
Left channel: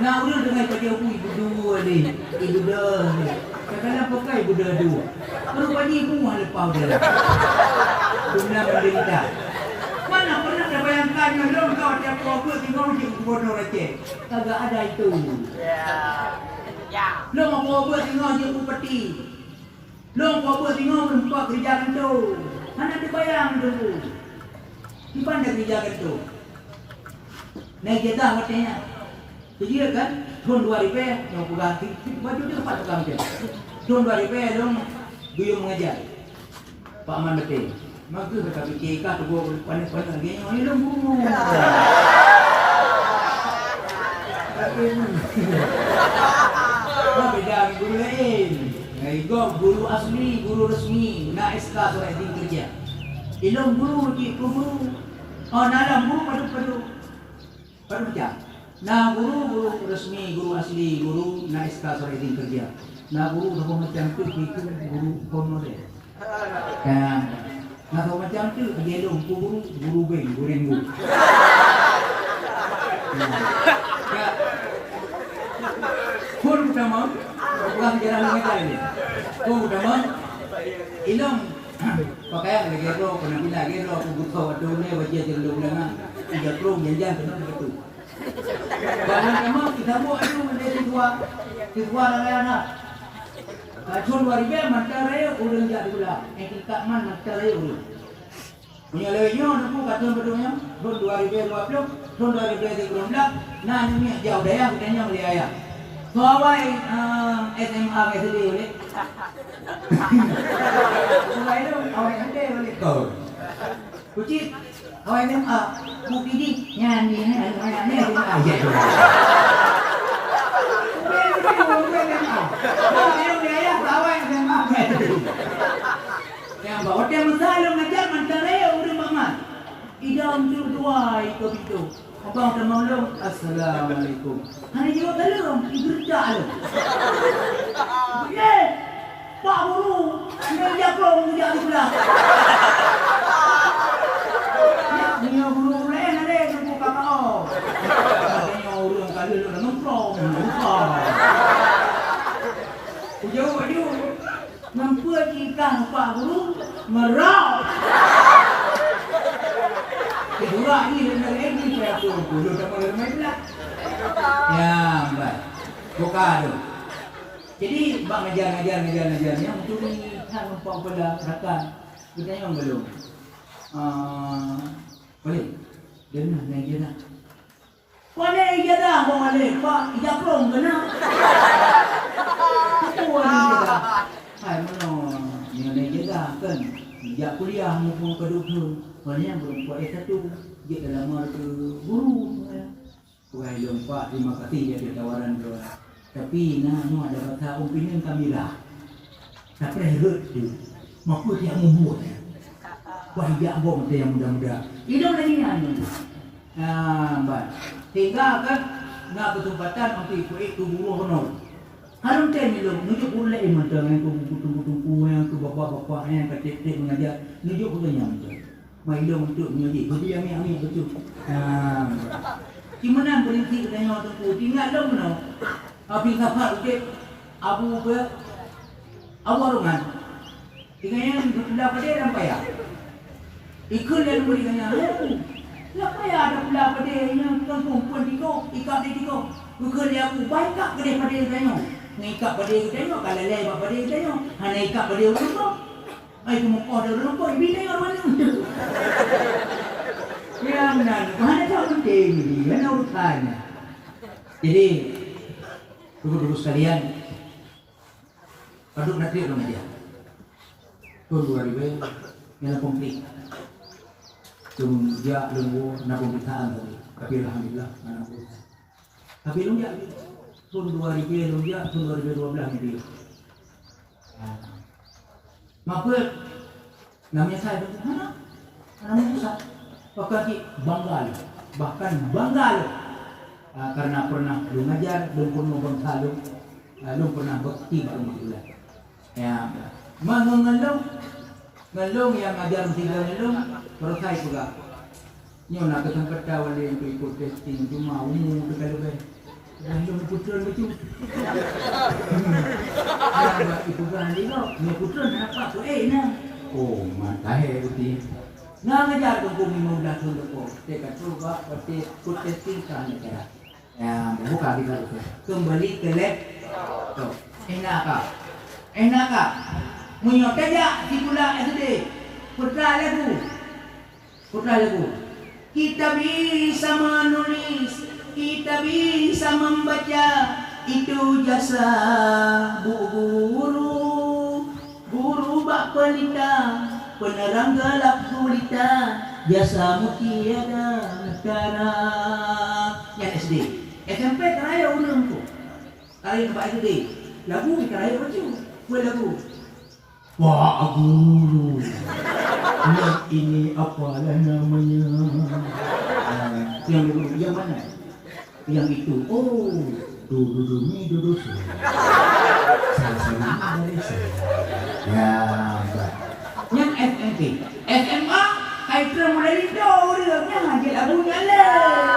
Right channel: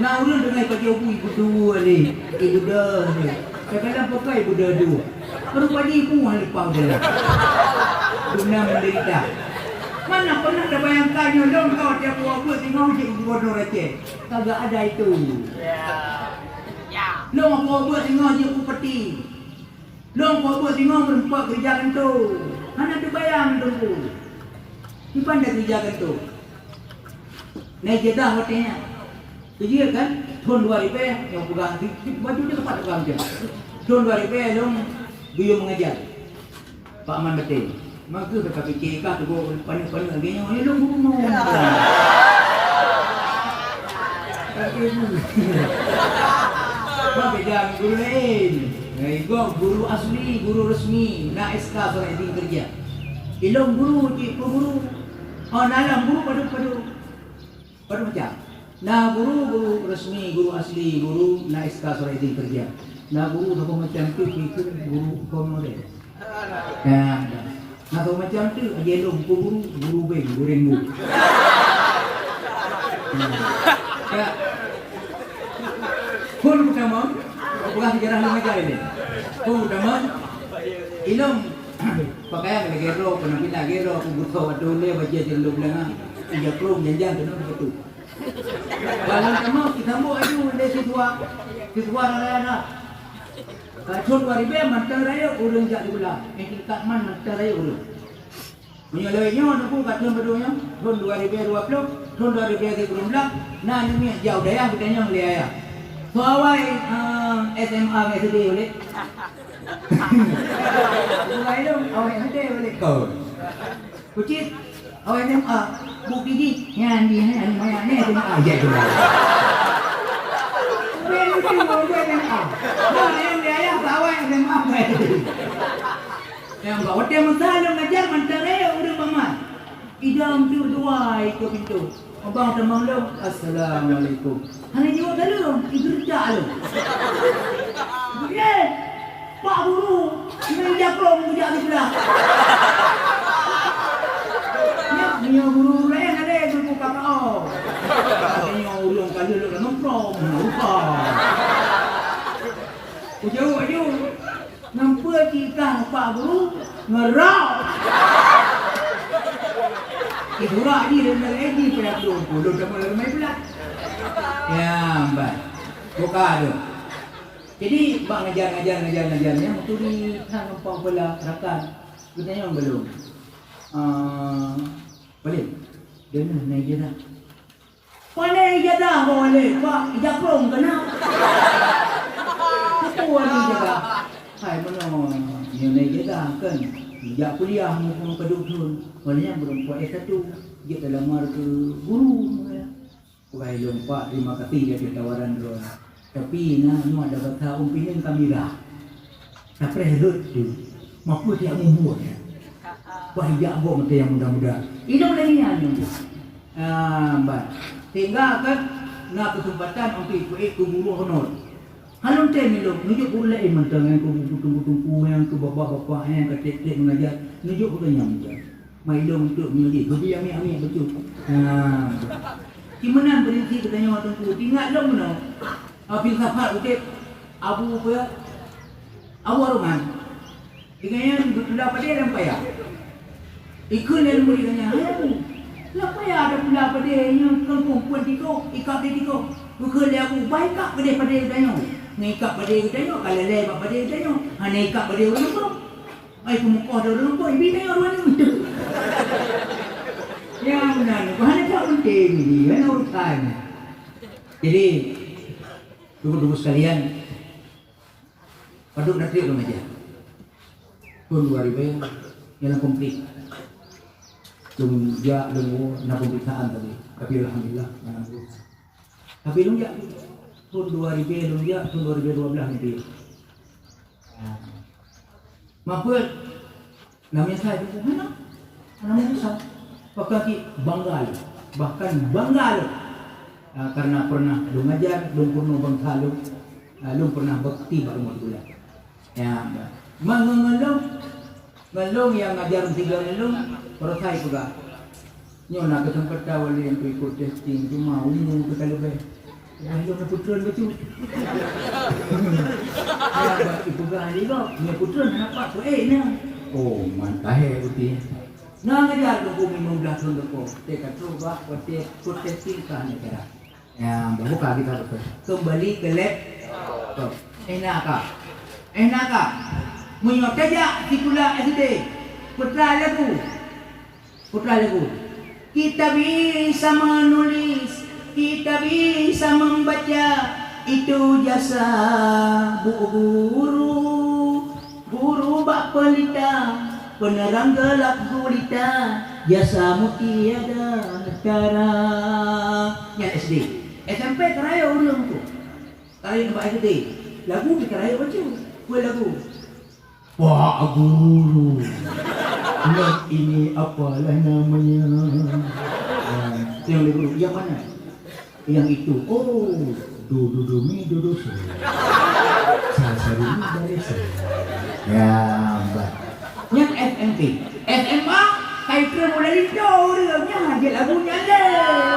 Nak urus dengan kerja ibu dua ni. Ibu dah ni. Kadang pakai ibu dah dua. Baru pagi mu halpas dalam. Guna menderita. Mana pernah ada bayangkannya dong kau tiap aku tengok je bodoh receh. Kagak ada itu. Long aku buat tengok je aku peti. Long aku buat tengok nampak kerjaan tu. Mana ada bayang tu. Di pandai kerjaan tu. Naik jatah watenya. Kerja kan tahun 2000 yang bukan baju dia tempat tukang je. Tahun 2000 long beliau mengajar. Pak Man betul. Maka kata fikir tu gua pandai-pandai dia yang long ngomong. Beda guru lain. Guru asli, guru resmi, nak SK surat izin kerja. Ilmu guru guru. Oh, dalam guru pada macam. Nah, guru resmi, guru asli, guru nak SK surat izin kerja. Nah, guru apa macam tu itu guru honorer. Nah, kalau macam tu dia guru beng, guru. Pun utama, bukan sejarah mereka ini. Pun utama, ilmu pakaian lagi gero, penampilan gero, butuh adole, wajah cenderung lengan, tiga kelung janjan tu begitu. Kawan kamu kita mau ayu dari siswa anak. Tahun 2000 mata raya urang jak diulang. Kat man mata raya urang. Menyalainya aku kata bedunya tahun 2020, tahun 2013, nah ini jauh daya katanya beli ayah. Kawai SMA SD boleh. Kawai tu awak SD boleh kau. Kucing awak SMA bukti di nyanyi ni SMA aja tu. Yang bawa dia masalah mengajar menterai orang mama. Idam tu dua ikut itu. Abang teman lu, assalamualaikum. Hanya jawab belum, kerja lu. Ye, Pak Guru, meja pelong meja di sebelah. Ya, guru lain ada yang buka kau. Katanya ulung kali lu nak pelong, buka. Ujung. Nampak kita Pak Guru ngerak. Itulah ini lagi saya pun. Ulu tak boleh main pula. Ya, baik. Buka tu. Jadi, bak ngajar yang tu ni hang numpang pula rakan. Bertanya orang belum. Boleh. Dia nak naik je dah. Boleh je dah, boleh. Pak, japrong kena. Itu orang jaga. Hai, mana? Dia naik je dah kan. Sejak kuliah, mumpung kedua-dua. Bolehnya belum buat S1. Dia dah lama ke guru. Wahai jom Pak, terima kasih dia tawaran dulu. Tapi nak ada kata umpinin kamera. Tapi herut tu, maku dia membuat. Wahai jak bom yang muda-muda. Hidup lagi ni. Baik. Tinggal kan nak kesempatan untuk ikut guru honor. Kalau tanya lu, nunjuk pula mentang yang kubu yang tu bapak-bapak yang ketik-ketik mengajar, nunjuk pula yang mai lu untuk mengaji. Jadi ambil betul. Gimana berhenti bertanya orang tu? Ingat lu mana? Habis safar utik Abu apa? Abu Arungan. Ingatnya dah pada dalam payah. Ikut yang boleh tanya. Lah payah ada pula pada yang perempuan tiga, ikat dia tiga. Bukan dia aku baik tak pada tanya. Naikat pada tanya, kalau lewat pada tanya. Hanya ikat pada orang tu. Ai pemukah dia orang tu, ibu tanya orang ni. Yang benar, mana tak penting ni, mana urusan. Jadi, tunggu sekalian, paduk nanti orang aja. Tahun 2000 yang komplit. Tunggu nak pemeriksaan tadi. Tapi alhamdulillah, tapi lu ya, tahun 2000 lu ya, tahun 2012 nanti. Maka namanya saya mana? Namanya saya. Bahkan bangga karena pernah lu ngajar, lu pernah bangsa lu pernah bakti dalam bulan. Ya, ngalung yang ngajar tiga ngalung, perasai juga. Nyo nak kesempatan oleh yang ikut testing cuma umum tu kalau baik. Yang lu putra betul. Ya, itu kan dia, ni putra nak apa tu nah. Oh, mantap itu. Nak ngajar tu 15 tahun lepas. Teka coba pati testing kan negara. Ya, buka kita tu. Kembali ke lab. Tu. Enak kah? Menyok saja titulah SD. Putra lagu. Kita bisa menulis, kita bisa membaca. Itu jasa guru bak pelita. Penerang gelap gulita, jasamu tiada negara. Yang SD, SMP keraya ulang tu. Keraya tempat SD. Lagu keraya baca. Kue lagu. Wah guru. Lihat ini apalah namanya. Yang lagu yang mana? Yang itu. Oh, mi do. Saya dari saya. Ya, baik. Yang FMT, SMA, kaitnya mulai jauh dia aja lagu jalan.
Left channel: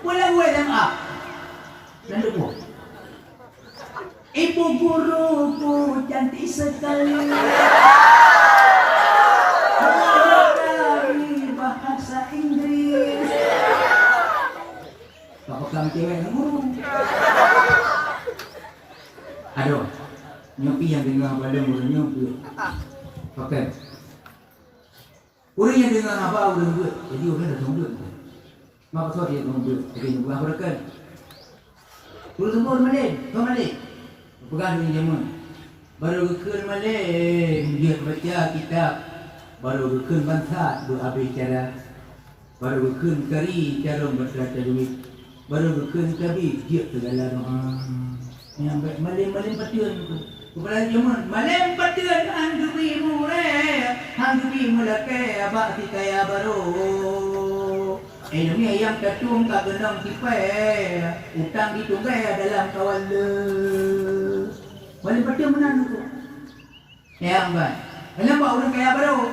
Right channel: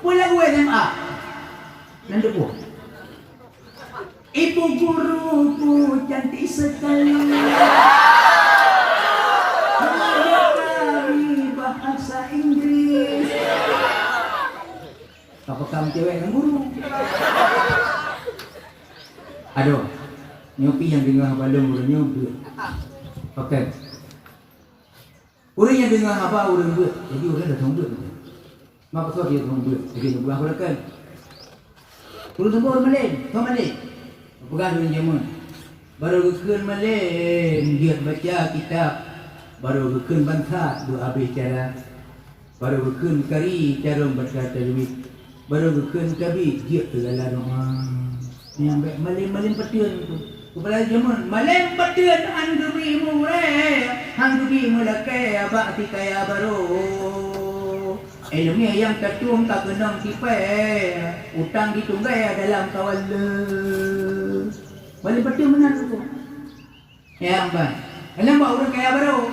Mulai gue SMA, nanti gue. Ibu guruku cantik sekali. Mengajar bahasa Inggris. Apa kamu cewek yang guru? Aduh, nyopi yang dengar balon boleh nyopi. Okey. Orang yang dengar apa orang buat, jadi orang dah tahu dia. Maka tu dia tahu dia. Jadi bukan berakan. Turun semua orang Malay. Pegang dunia jamun. Baru rukun Malay, dia baca kitab. Baru rukun bangsa, dua habis cara. Baru rukun kari, cara baca tajwid. Baru rukun kabi, dia segala doa. Yang baik Malay patian tu. Kepala jamun, Malay patian hang dubimu hang dubimu lake abak si kaya baru. Ilmu yang tercium tak genang tipai, utang ditunggai dalam kawal le. Malay patian menang tu. Ya baik. Alam bawa orang kaya baru.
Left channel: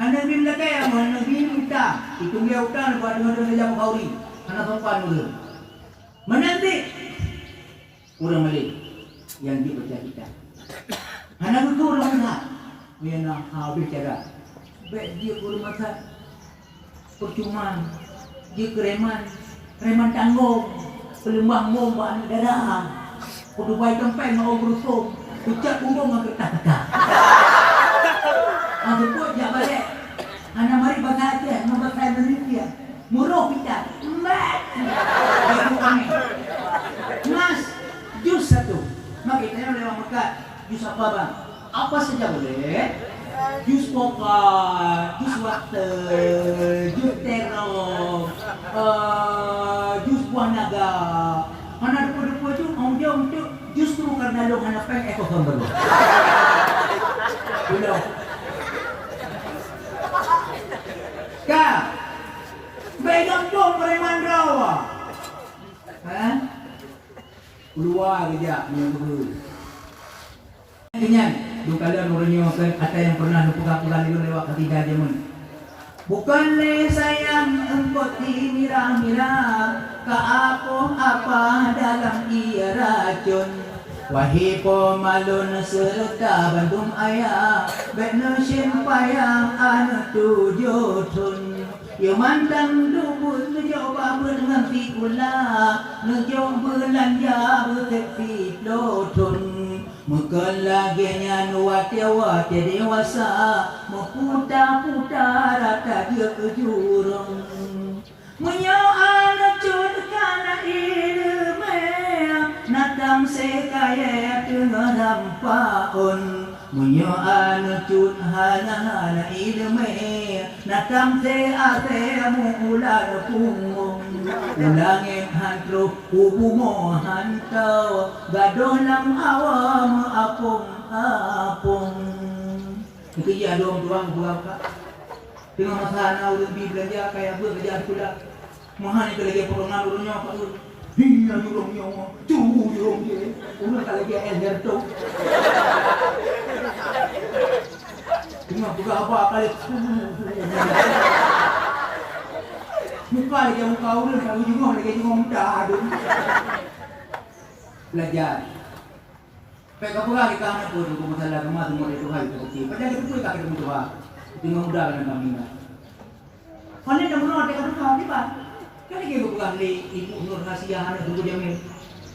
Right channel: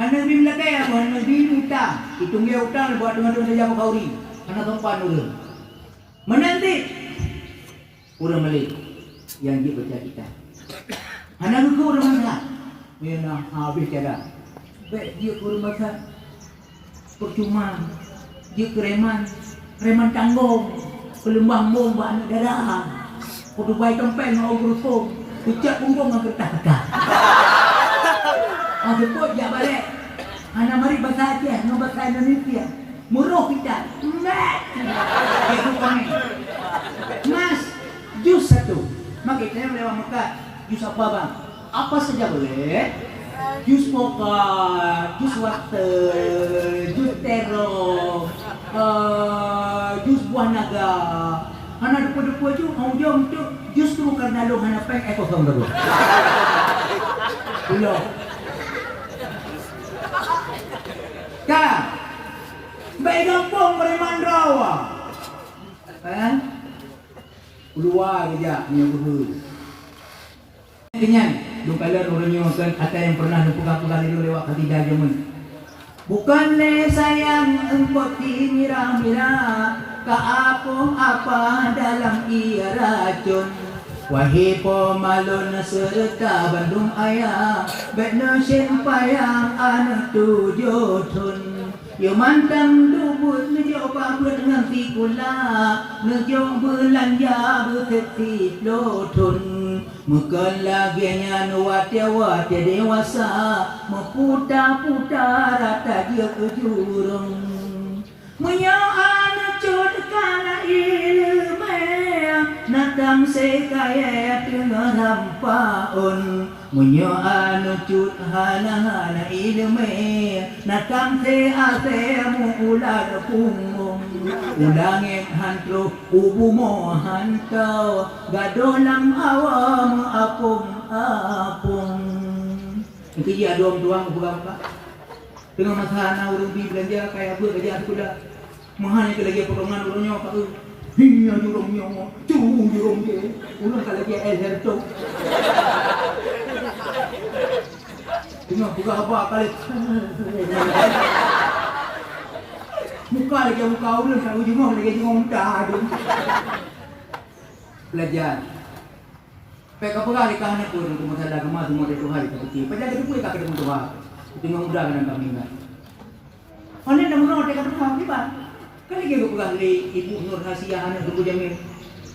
Hang dubimu lake, hang dubimu utang. Ditunggai utang buat dengan jam kauri. Karena tempat dulu. Menanti orang Malay yang dibaca kita. Anak itu orang mana? Dia nak habis cara. Baik dia orang masa percuma Dia reman tanggung. Pelembang bom buat anak darah. Kudu baik tempeng mau berusung. Ucap umbung dengan kertas-kertas. Aku pun jak balik. Anak mari bahasa Aceh, nombor bahasa Indonesia. Muruh kita. Mat. Itu kami. Mas, jus satu. Maka kita lewat Mekah. Jus apa bang? Apa saja boleh. Jus pokat, jus water, jus terong, jus buah naga. Anak depa-depa tu mau jom tu jus tu bukan dalam anak pek itu gambar. Belum. Kak, baik kampung Preman Rawa. Keluar kejap menunggu. Kenyan, dua kali menunjukkan kata yang pernah pegang-pegang itu lewat ketiga jamun. Bukanlah sayang engkau mira-mira, ka apa dalam ia racun. Wahai pemalun serta Bandung ayah, bena sempayang anak tujuh tun. Yo mantang dubul mencoba dengan pikula, ngejong belanja berketi plotun. Mungkin lagi wate dewasa, meputar-putar rata dia ke jurung. Menyoal cudkan ilmu, natam sekaya tengah rampaun. Menyoal cud hana ilmu, natam se ular punggung. Ulangin hantru ubumo hantau, gadolang awam apung. Itu dia doang buka. Dengan masalah orang di belanja kayak apa kerja pula. Mahal itu lagi perongan dulunya apa tu? Hingga orangnya cuma dia. Ulang kalau dia elher tu. Tengok buka apa kali. Muka lagi muka ulang kalau jengong lagi jengong muda tu. Belajar. Peka pura di kanan pun untuk masalah kemas semua itu hari itu. Padahal itu pun tak ketemu Tuhan. Tengok muda dalam kami. Kalau dah murah dekat rumah ni pak. Kali kita pulang di ibu Nur Hasiah anak Ibu Jamil.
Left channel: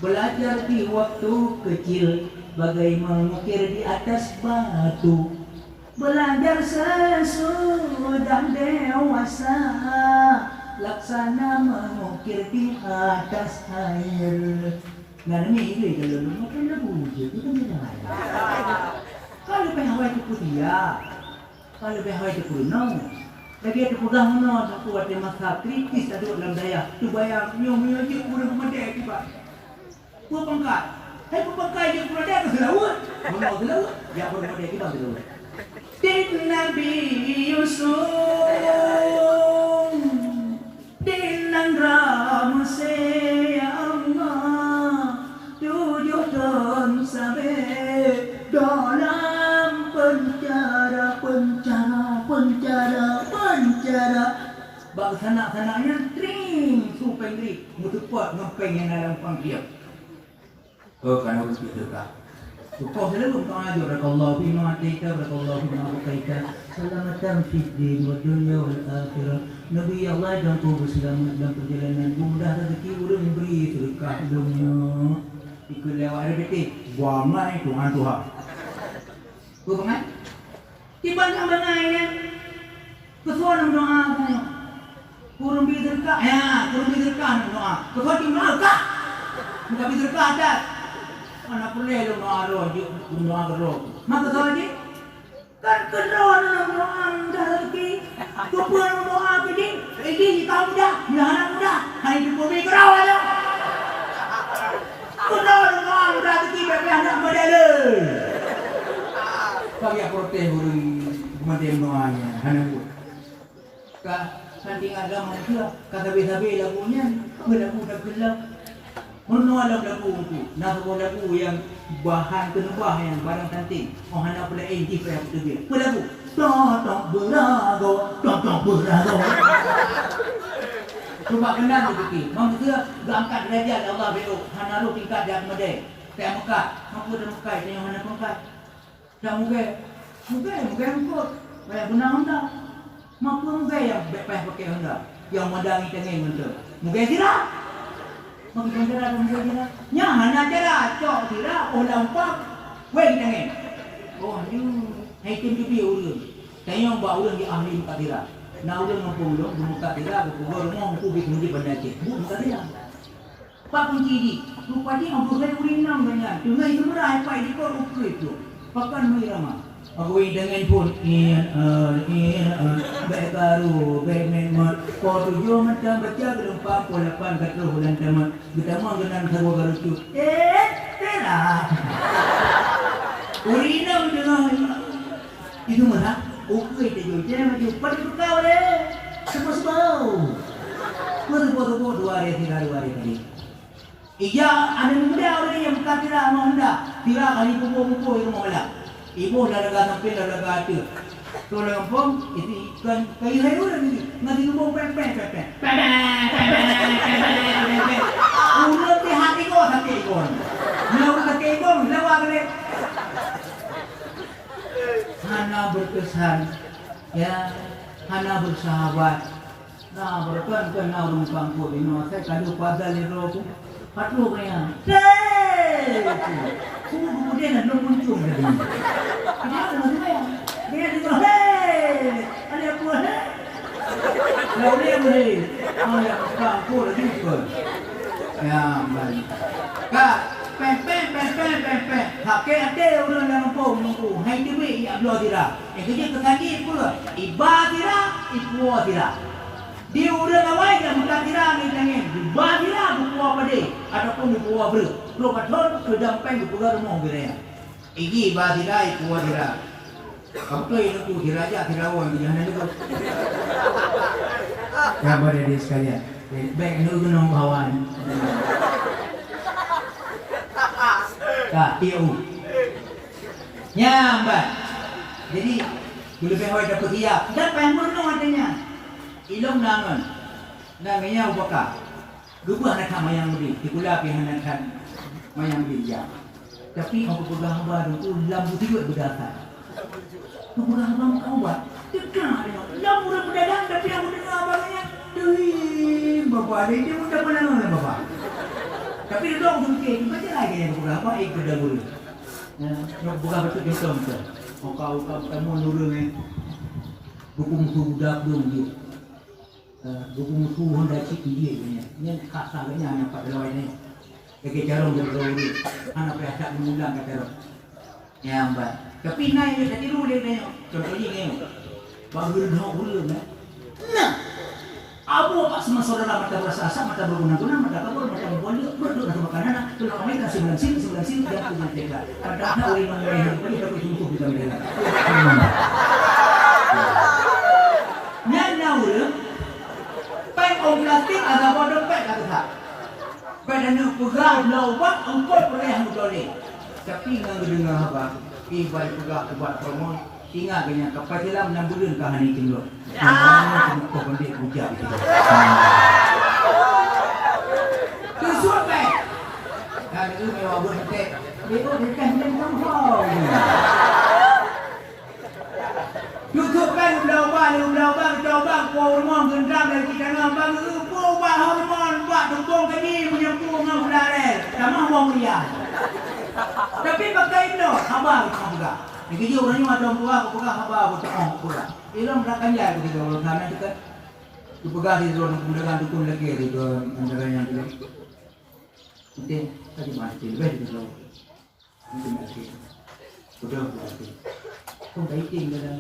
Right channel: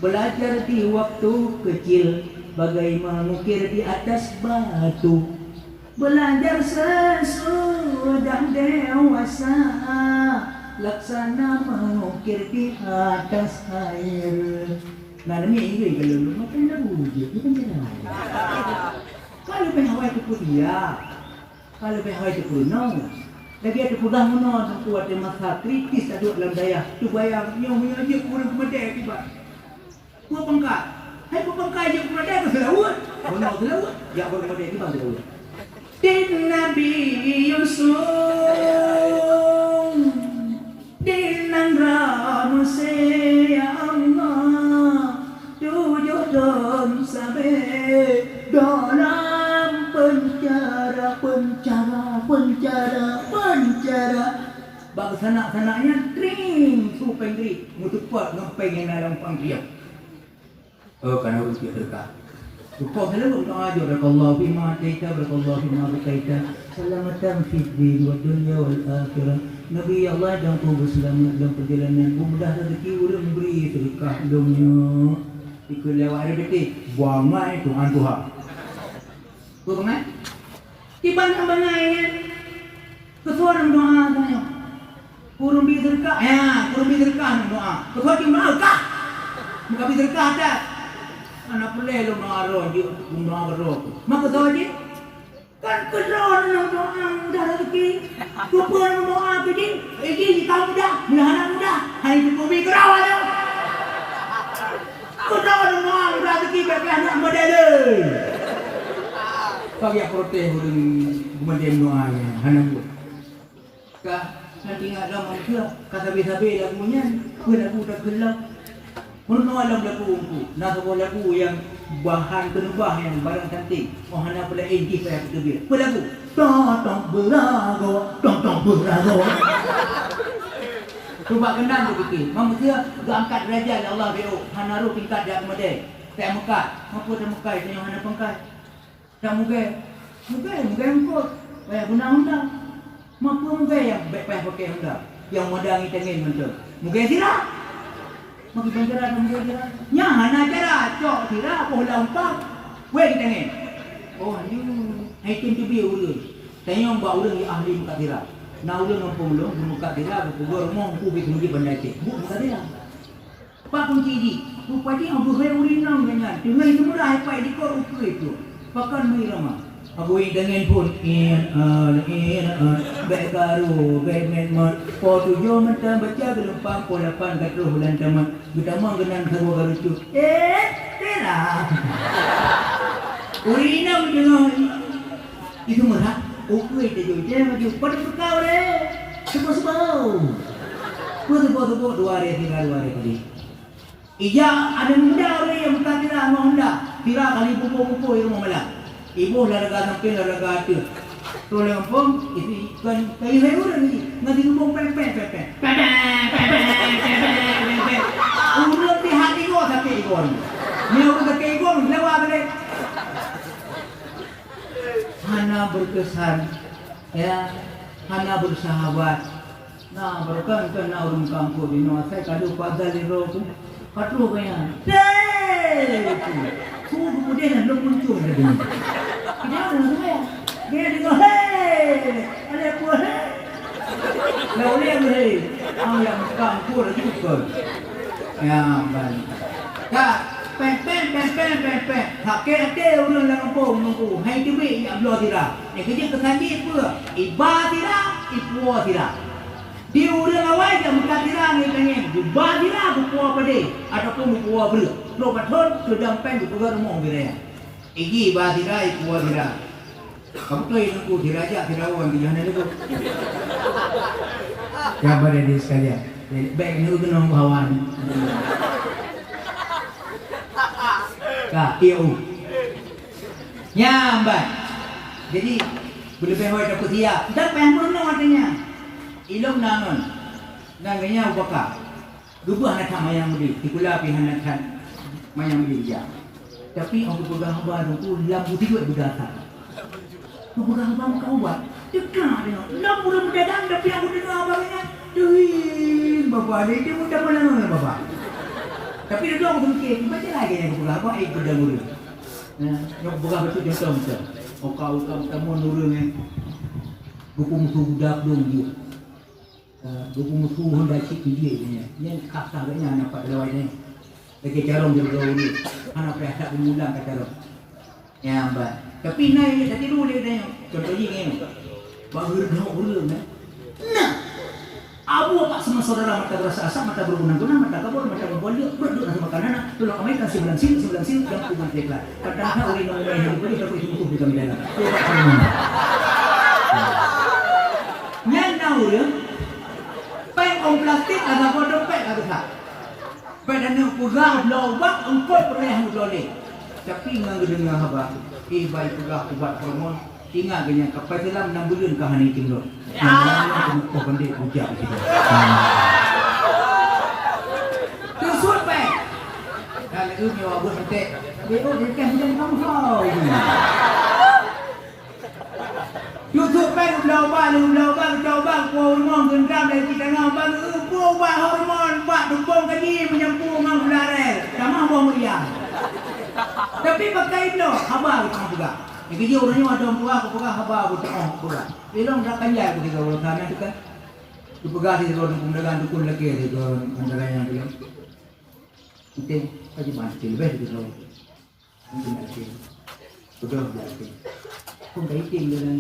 Belajar di waktu kecil bagaimana mengukir di atas batu. Belajar sesudah dewasa laksana mengukir di atas air. Nah ini kalau lu makan dah bujur, itu kan jangan. Kalau pehawai itu kuliah, kalau pehawai itu kuno, lagi ada kurang mana, aku ada masa kritis ada dalam daya. Tu bayang nyomi aja kurang kemana tiba. Gua pangkat, hai gua pangkat je kemana tu laut. Mana tu laut? Ya kurang kemana kita tu laut. Din Nabi Yusuf, din Nangram ya Allah, tujuh don sampai dalam penjara. Bangsa sanak-sanaknya tring supeng tring mutupat ngempeng yang dalam panggiap. Kerana harus kita Kau selalu mengajar Allah bima ataita Allah bima ataita selamatan fid din wa dunya wal akhirah. Nabi Allah dan Tuhan selamat dalam perjalanan mudah rezeki urang beri sedekah dunia. Ikut lewat ada betul buangai Tuhan Tuhan. Betul kan? Tiba bangai kesuara doa saya. Kurang bizarkah? Kurang bizarkah doa. Kesuara di mana kah? Muka bizarkah ada. Anak pelai lo doa dia doa roh. Maka sahaja kan keron doa dah lagi. Kepuan doa begini. Ini kita muda, anak muda. Hari ini kami kerau aja. Keron doa dah lagi bagi anak muda le. Kami protes kemudian doanya anak tu. Kak nanti ada manusia kata sabi-sabi lagunya, lagu dah gelap. Mana alam lagu tu? Nak sebuah lagu yang bahan penubah yang barang cantik. Orang nak pada NG pada kita dia. Apa lagu? Tong berago. Cuba kenal begitu. Manusia angkat derajat Allah beo. Hanaru tingkat dia kemadai. Tak Mekah. Apa dah Mekah? Tengok mana Mekah. Tak mungkin angkut. Banyak undang-undang. Mampu yang baik pakai hendak. yang modal tengin betul. Mungkin tidak. Mungkin tidak, mungkin tidak. Nya hana cara cok tidak pola umpam. Wei tengin. Oh, ni itu dia ulun. Tanya mbak ulun yang ahli muka tidak. Nah ulun mampu ulun muka tidak. Gua mau ku bikin benda cik. Muka tidak. Pak kunci di. Rupanya aku boleh nang dengan. Dengan itu mudah apa di kau itu. Pakan mai ramah. Aku dengan pun baru memang foto yo macam baca berempat polapan kat bulan tamat. Kita mau genang sawo baru tu. Tera. Urina dengan itu mana? Aku itu je macam pada kau le. Sebab. Bodoh 2 hari 3 hari tadi. Ija ada muda orang yang bukan tidak mau hendak. Tidak kali pupuk-pupuk itu mau malam. Ibu laraga sampai laraga tu. Tolong pom isi kan kayu sayur lagi. Ngadi pupuk pe. Udah di hati gua sampai ikon. Mau ke ikon lewat le. Hana berkesan ya. Hana bersahabat. Nah, berkan kena orang kampung ini. Saya kalau pasal di roh hatu kaya. Kemudian nak muncul lagi. Kenapa nak? Dia juga ada apa? Lalu dia boleh. Yang kampung lagi betul. Ya, baik. Kak, pen. Hake orang kampung menunggu. Hai duit yang belum tidak. Kerja kesandi pula. Iba tidak, ibu tidak. Dia udah awal jam kira ni tengin. Bagilah buku apa deh. Ataupun buku apa ber. Lo katon sudah pen buku rumah biraya. Igi bagilah iku bagilah. Kamu tu ini buku diraja kirawan di mana tu? Ya boleh di sekalian. Baik nu gunung hawan. Kak tiu. Nyambat. Jadi boleh pengen dapat dia. Dah pengen pun artinya. Ilong nangon, nanganya ubaka. Dulu anak mayang lebih, dikula pihanan mayang bija. Tapi aku pegang baru tu lambu tiga berdata. Aku pegang baru kau buat, dekat dengan lambu dah berdadang tapi aku dengar abangnya. Duh, bapa dia muda mana mana bapa. Tapi dia dong mungkin macam lagi yang pegang apa ikut dah mulu. Yang pegang betul dia betul. Kau kamu nurun ni, buku budak dulu. Buku musuh hendak cik dia punya. Ini kak sahabatnya anak Pak Lawai ni. Lagi calon dia ni. Anak perasaan mengulang kata lo. Ya mbak. Tapi naik dia tak tidur dia tanya. Contohnya ni. Pak Hulu ni. Nah. Abu apa semua saudara mata berasa asap, mata bergunang-gunang, mata kabur, mata berbual dia. Berdua sama makanan. Tulang kami kan 9 sil dan kumat leklah. Kadang-kadang oleh mengenai hal ini tapi cukup juga mereka. Yang tahu ya. Plastik ada pada pek ada tak? Pada ni pegang lawak engkau perih boleh. Tapi ngan dengar apa? Ibai pegang buat promo. Tinggal kenya kapal dalam 6 bulan kahani tinggal. Kau pandai bujak kita. Tusuk pek. Kalau itu nyawa berhenti. Dia dekat dengan kau. YouTube peng lawak coba hormon gendam dari kita nampak buat hormon buat dukung kaji menyambung dengan ularel sama wong liya. Tapi pakai itu haba kita juga. Jadi orangnya macam tua aku pegang haba betul pula. Ilong dah kanjai ketika orang kanan itu kan. Dipegang di dalam pendekan dukun lagi di dalam pendekan yang boleh. Kita kaji masih lebih di dalam. Mungkin masih. Sudah berarti. Kau kaitin dengan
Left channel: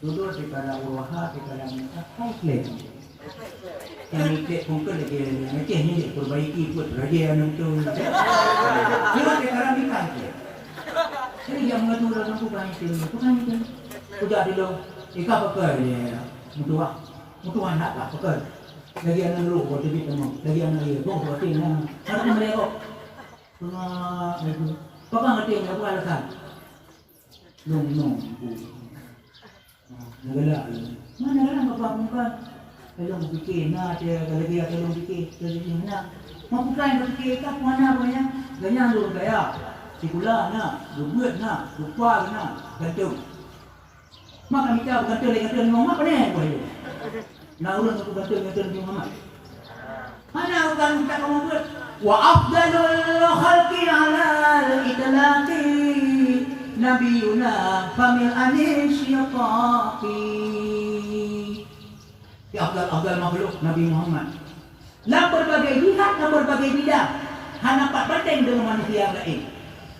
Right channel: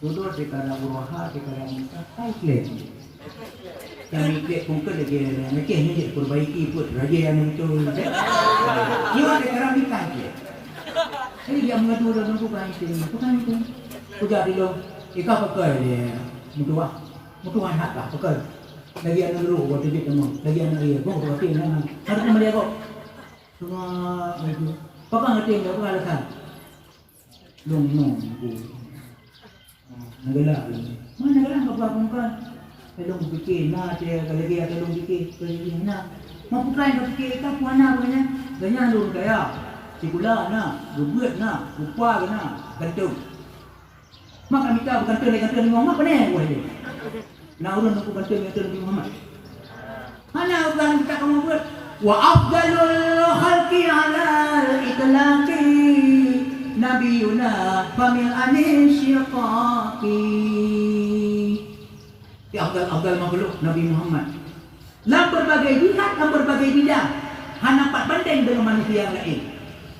dulu sekarang uruha sekarang kai klien. Yang ikut kumpul lagi yang kehnya dia perbaiki itu raja yang betul. Juga sekarang ikan dia. Ini yang mengatur dalam bukan itu. Sudah dulu ikan pakai dia mutu anak lah pakai. Lagi anak dulu waktu dia temu. Lagi anak dia kau waktu ini harus dia kau. Cuma itu. Papa ngerti apa alasan? Nong. Nagala. Mana orang bapa muka? Kalau fikir nak dia kalau dia kalau fikir nak. Mau plan fikir tak mana punya. Ganyan dulu kaya. Sikula nak, buat nak, lupa nak, gantung. Mak kami tahu gantung lagi gantung ngomong apa ni boleh. Nak urang aku kata Nabi Muhammad. Mana orang kita kamu buat? Wa afdalul khalqi ala al-itlaqi nabiyuna famil anisyiqaqi. Ya afdal makhluk Nabi Muhammad. Dalam berbagai jihad, dalam berbagai bidang. Hana dapat banding dengan manusia yang lain.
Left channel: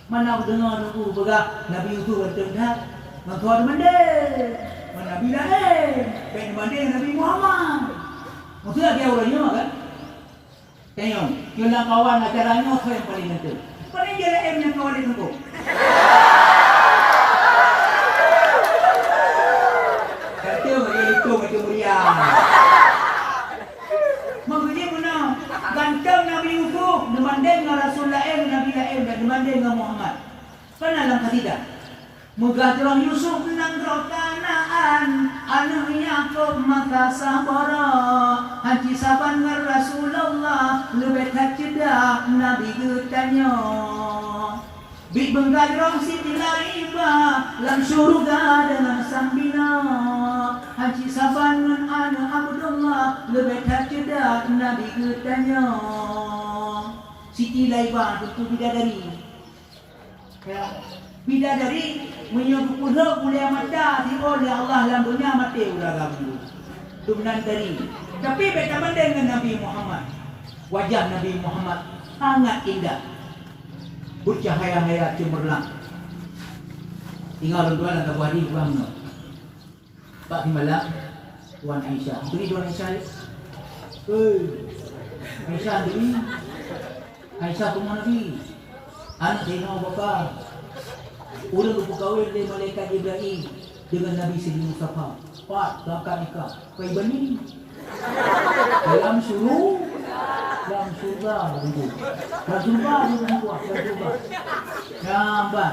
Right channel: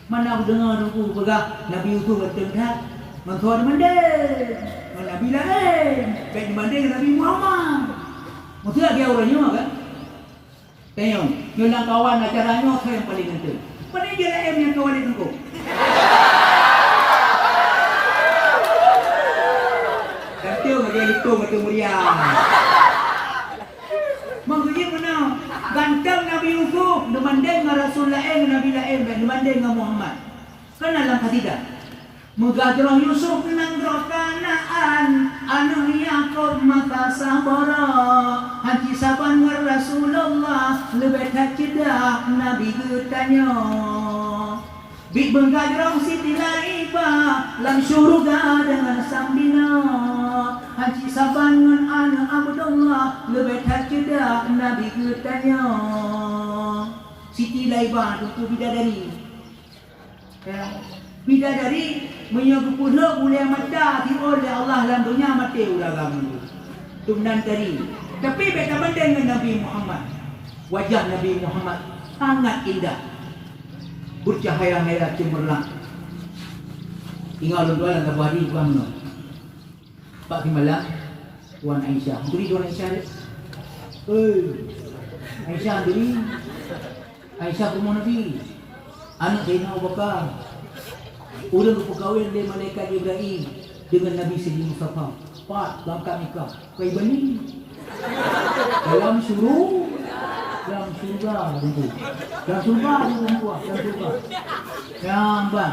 Mana dengar aku berkata Nabi itu bertengah mengkau banding. Nabi lain, baik dibanding Nabi Muhammad. Maksudnya dia orang Yunus kan? Tengok, kena kawan acaranya apa yang paling penting? Pada dia lain yang kawan dia tengok. Kata macam itu macam mulia. Maksudnya mana? Ganteng Nabi Yusuf dibanding dengan Rasul lain, Nabi lain, dibanding dengan Muhammad. Kan dalam kasidah. Mugadrah Yusuf nang rokanaan anu Yaqub maka sabara haji saban ngar Rasulullah lebih kacedak Nabi getanya big menggadrah Siti Laibah lam syurga dengan sambina haji saban ngan anu Abdullah lebih kacedak Nabi getanya Siti Laibah itu bidadari ya. Bidadari menyebut mulia mata di oleh Allah dalam dunia mati ulah kamu. Tumnan tadi. Tapi beda banding dengan Nabi Muhammad. Wajah Nabi Muhammad sangat indah. Bercahaya merah cemerlang. Tinggal dua dalam wadi kamu. Pak Himala, Tuan Aisyah. Beri Tuan Aisyah. Aisyah beri. Aisyah rumah Nabi. Anak Zainal Abu Bakar. Orang berkahwin dari malaikat Jibril dengan Nabi Sayyidina Mustafa. Pak, berangkat nikah. Kau bani. Dalam suruh, dalam surga tentu. Dalam surga tentu. Nampak.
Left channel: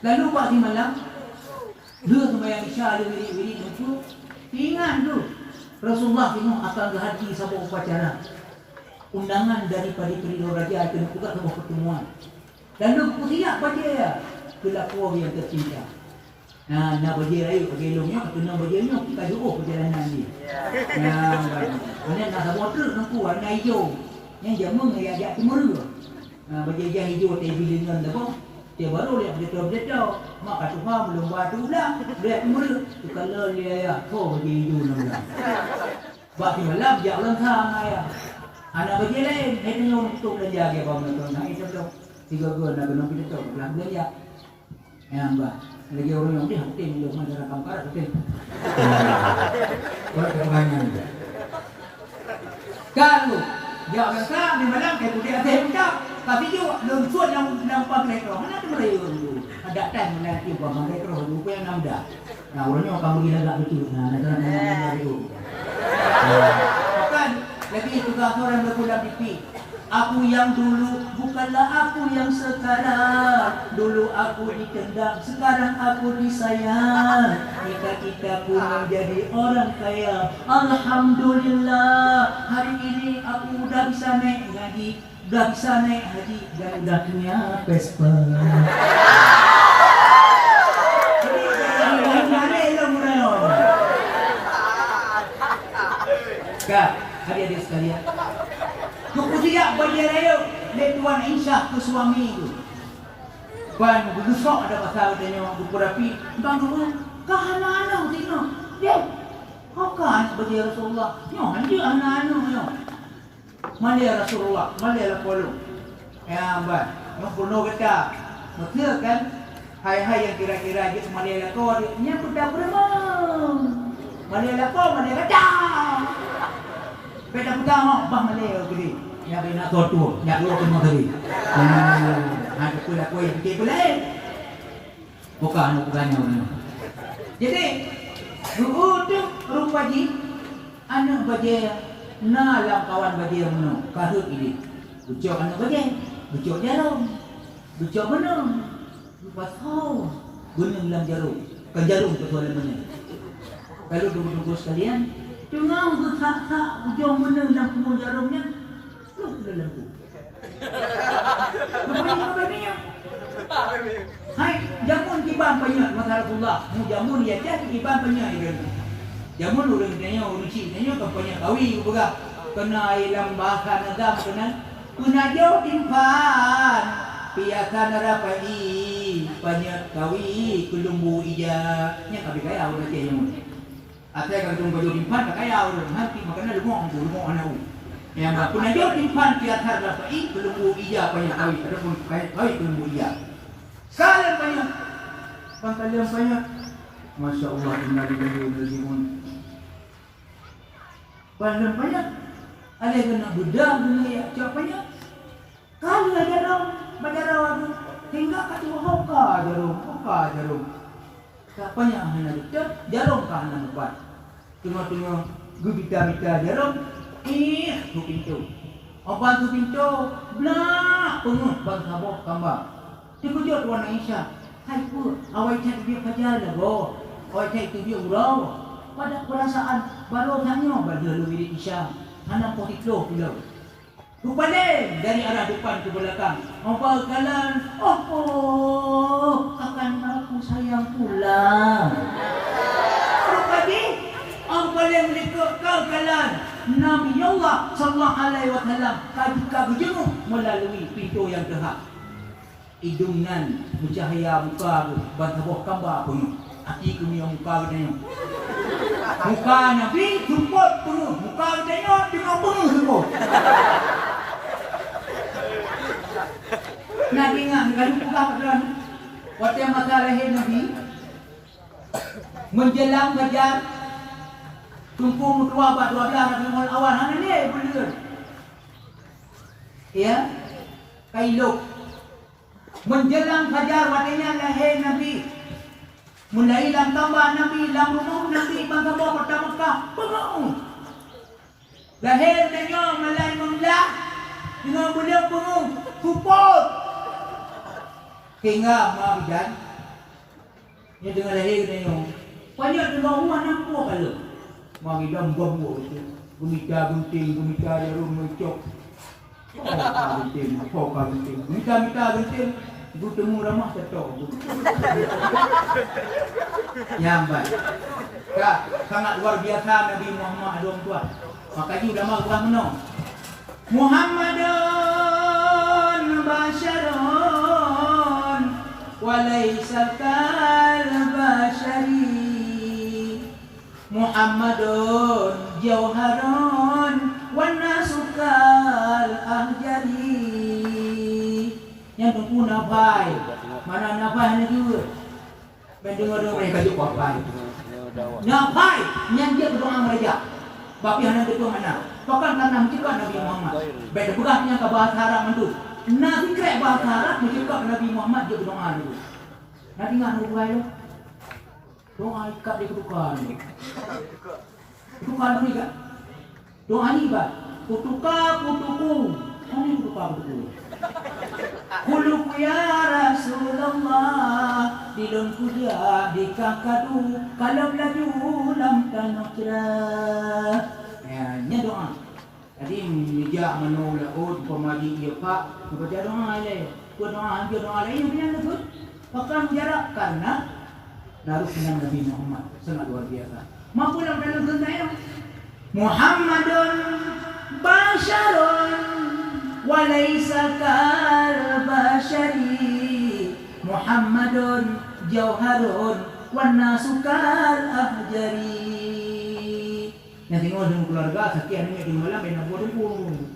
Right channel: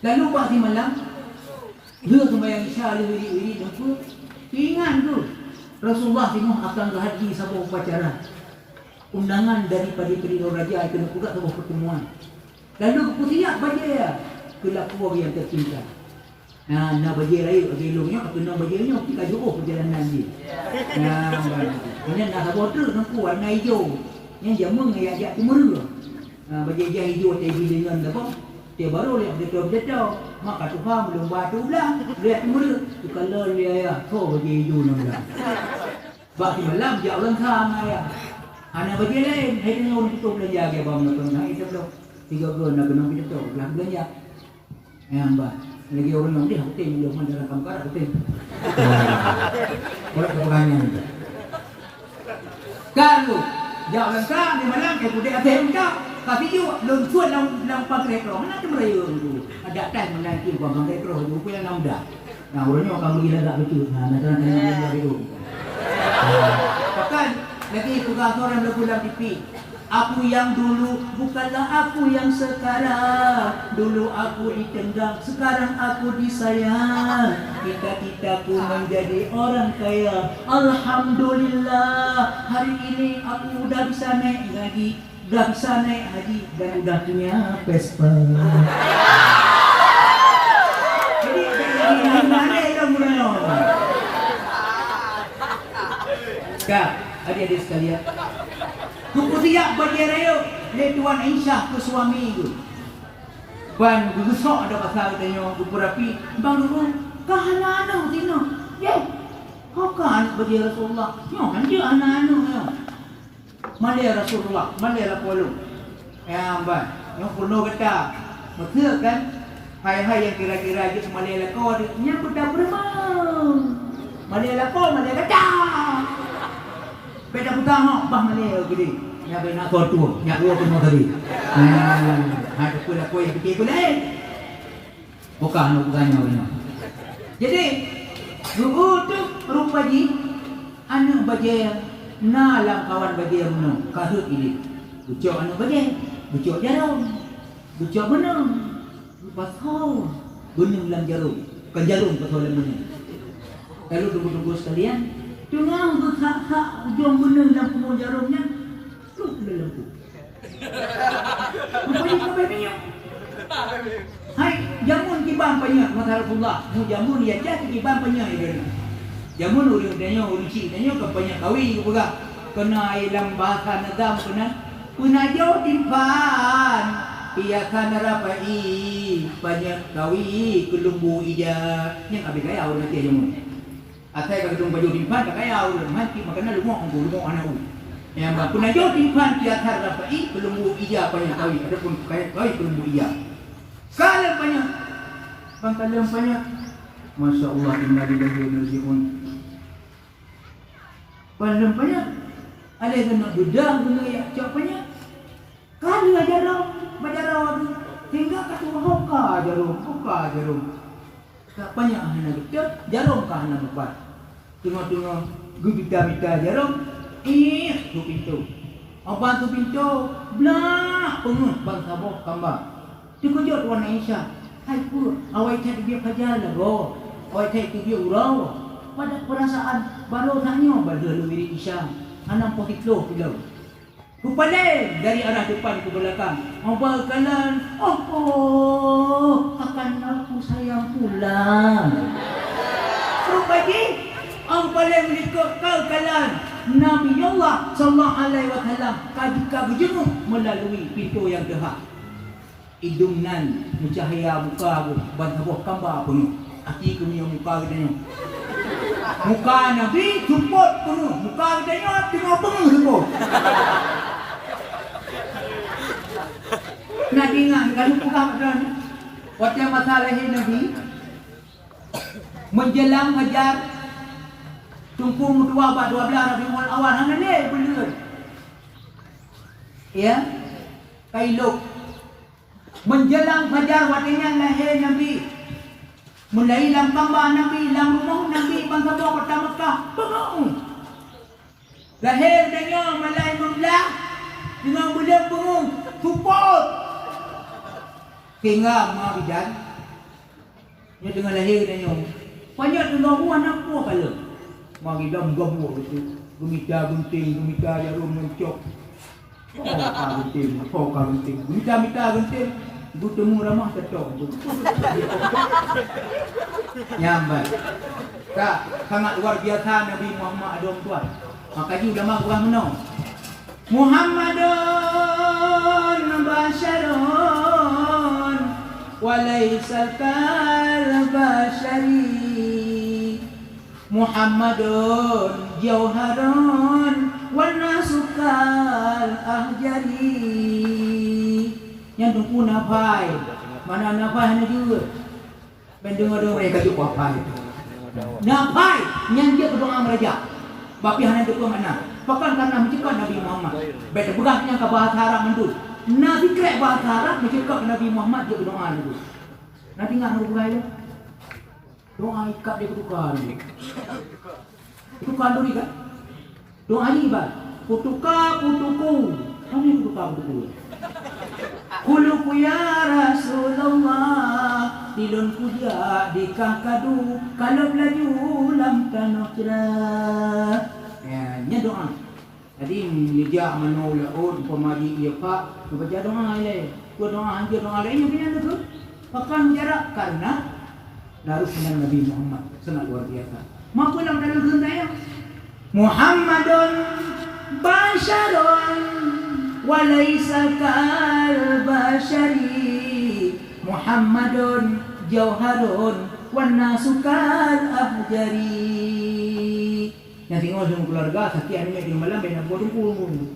Lalu Pak di malam, dia sembahyang Isya ada wiri-wiri tentu. Ingat tu, Rasulullah tengok akan berhati sama upacara. Undangan daripada Perindo Raja kena buka sebuah pertemuan. Lalu kutiak baca ya. Pelakua yang tercinta. Nak baca raya bagi ilmunya, kena bacanya kita jauh perjalanan dia. Mana nak motor nak warna hijau. Yang jamu yang ajak timur. Baca jah hijau teh dengan apa? Teh baru lihat betul-betul. Maka Tuhan belum batu belah. Lihat timur. Kalau dia ya, so baca hijau nak. Bagi malam dia orang sama ya. Anak baca lain, hai tengok kita belanja ke bawah nak itu tu. 3 bulan nak kena kita tu belanja. Yang bah, lagi orang yang dia hati dia mana dalam kamar hati. Kalau pertanyaan tu. Kalau jangan kan di malam kita dia ada unta, tapi juga lumpur dalam pakai kerah mana tu merayu tu. Ada time menanti buat pakai kerah tu punya namda. Nah orangnya kamu gila tak betul. Nak tanya dia. Kan lagi tugas orang berpulang pipi. Aku yang dulu bukanlah aku yang sekarang. Dulu aku ditendang, sekarang aku disayang. Kita pun menjadi orang kaya. Alhamdulillah, hari ini aku udah bisa naik haji, udah bisa naik haji dan udah punya Vespa. Jadi mana itu bro? Kak, adik-adik sekalian. Kukusiak bagi raya dari Tuan Aisyah ke suami itu. Ban gusok ada pasal tanya berapi. Bang dulu kahana-ana tino. Ya. Hakan bagi Rasulullah. Yo dia ana-ana yo. Mana Rasulullah, mana Apollo. Ya ban. Yang penuh kata. Maksud kan hai-hai yang kira-kira je mana kau nya budak beremau. Mana kau mana kata. Beda pertama bah Malay gede. Ya bena kau tu, ya gua kena tadi. Ada pula kau yang fikir boleh. Bukan nak tanya orang. Jadi guru tu rupa ji anak baje na la kawan baje meno kahut ini. Bucok anak baje, bucok jarum. Bucok benang. Pasau benang dalam jarum. Kan jarum persoalan mana. Kalau dulu-dulu sekalian tengah tak ujung benar dalam kubur jarumnya. Tu dalam tu. Apa ni? Hai, jamun kibang banyak Rasulullah. Mu jamun ya jadi kibang banyak ini. Jamun urang tanya urang cik tanya kampanye kawi juga. Kena ilang bahasa negam kena penajo timpan piakan rapai banyak kawi kelumbu ija yang abi kaya urang tanya jamun. Asai ka tung baju timpan kaya urang mati makana lumok anak u. Yang penajo timpan piakan rapai kelumbu ija banyak kawi adapun kawi kelumbu ija. Kalau banyak pangkalan banyak Masya Allah inna lillahi wa inna ilaihi raji'un. Pandang banyak ada kena bedang kena ya capanya. Kalau ajaran bajaran hingga kata hoka jarum. Tak banyak hana betul jarum ka hana lepas. Tengok gubita jarum tu pintu. Apa tu pintu? Blak penuh bangsa bok kambang. Dikujut warna Isya. Hai pun awak cak dia kerja lah. Awak cak dia urau. Pada perasaan baru tanya pada lebih Isya. Anak pokitlo pilau. Kepada dari arah depan ke belakang. Apa kalan? Akan aku sayang pulang. Kepada ang kalian mereka kau kalan. Nabi Allah sallallahu alaihi wasallam kaji jenguk melalui pintu yang dahak. Idungnan mencahaya muka bantaboh kamba penuh. Hati punya muka katanya. Muka Nabi jemput penuh. Muka katanya tengah penuh semua. Nak ingat kalau muka katanya. Waktu masa lahir Nabi menjelang fajar tunggu mutua 12 Rabiul Awal hang ni benar. Ya. Kailuk menjelang fajar waktunya lahir Nabi. Mulai lam tambah Nabi, lam rumah Nabi bangsa bawa kota Mekah. Bengong. Lahir tengok malai membelah. Tengok beliau bengong. Tuput. Hingga Mak Bidan. Dia tengah lahir tengok. Banyak tengok rumah nampak kalau. Mak Bidan gombo itu. Gumita gunting, jarum mencok. Gunting. Gumita gunting. Ibu temu ramah cocok. Nyambat. Tak, sangat luar biasa Nabi Muhammad ada orang tua. Makanya ulama kurang menang. Muhammadun basyarun walaisa kal basyari. Muhammadun jauharun wan nasu kal ahjari. Yang tunggu nafai. Mana nafai ni juga. Mendengar mereka juga nafai. Nafai yang dia berdoa mereka. Bapi hanya berdoa mana. Bahkan karena mencipta Nabi Muhammad. Beda berahnya ke bahasa Arab itu. Nabi kerek bahasa Arab mencipta Nabi Muhammad dia berdoa itu. Nabi ingat doa itu. Doa ikat dia berdoa ni. Itu kalau ni kan. Doa ni bah. Putuka putuku. Ini putuka putuku. Kuluku ya Rasulullah dilun kuja di kakadu kalau laju lam tanokra. Ya, ni doa. Tadi meja manula od pemaji dia pak, baca doa le. Doa lain yang punya tu. Bahkan jarak karena darusnya Nabi Muhammad sangat luar biasa. Mampu dalam dalam gentanya. Muhammadun basyarun walaisa kal basyari. Muhammadun jauharun wan nasu kal ahjari. Yang tengok dengan keluarga sekian ni di malam bina bodoh pun.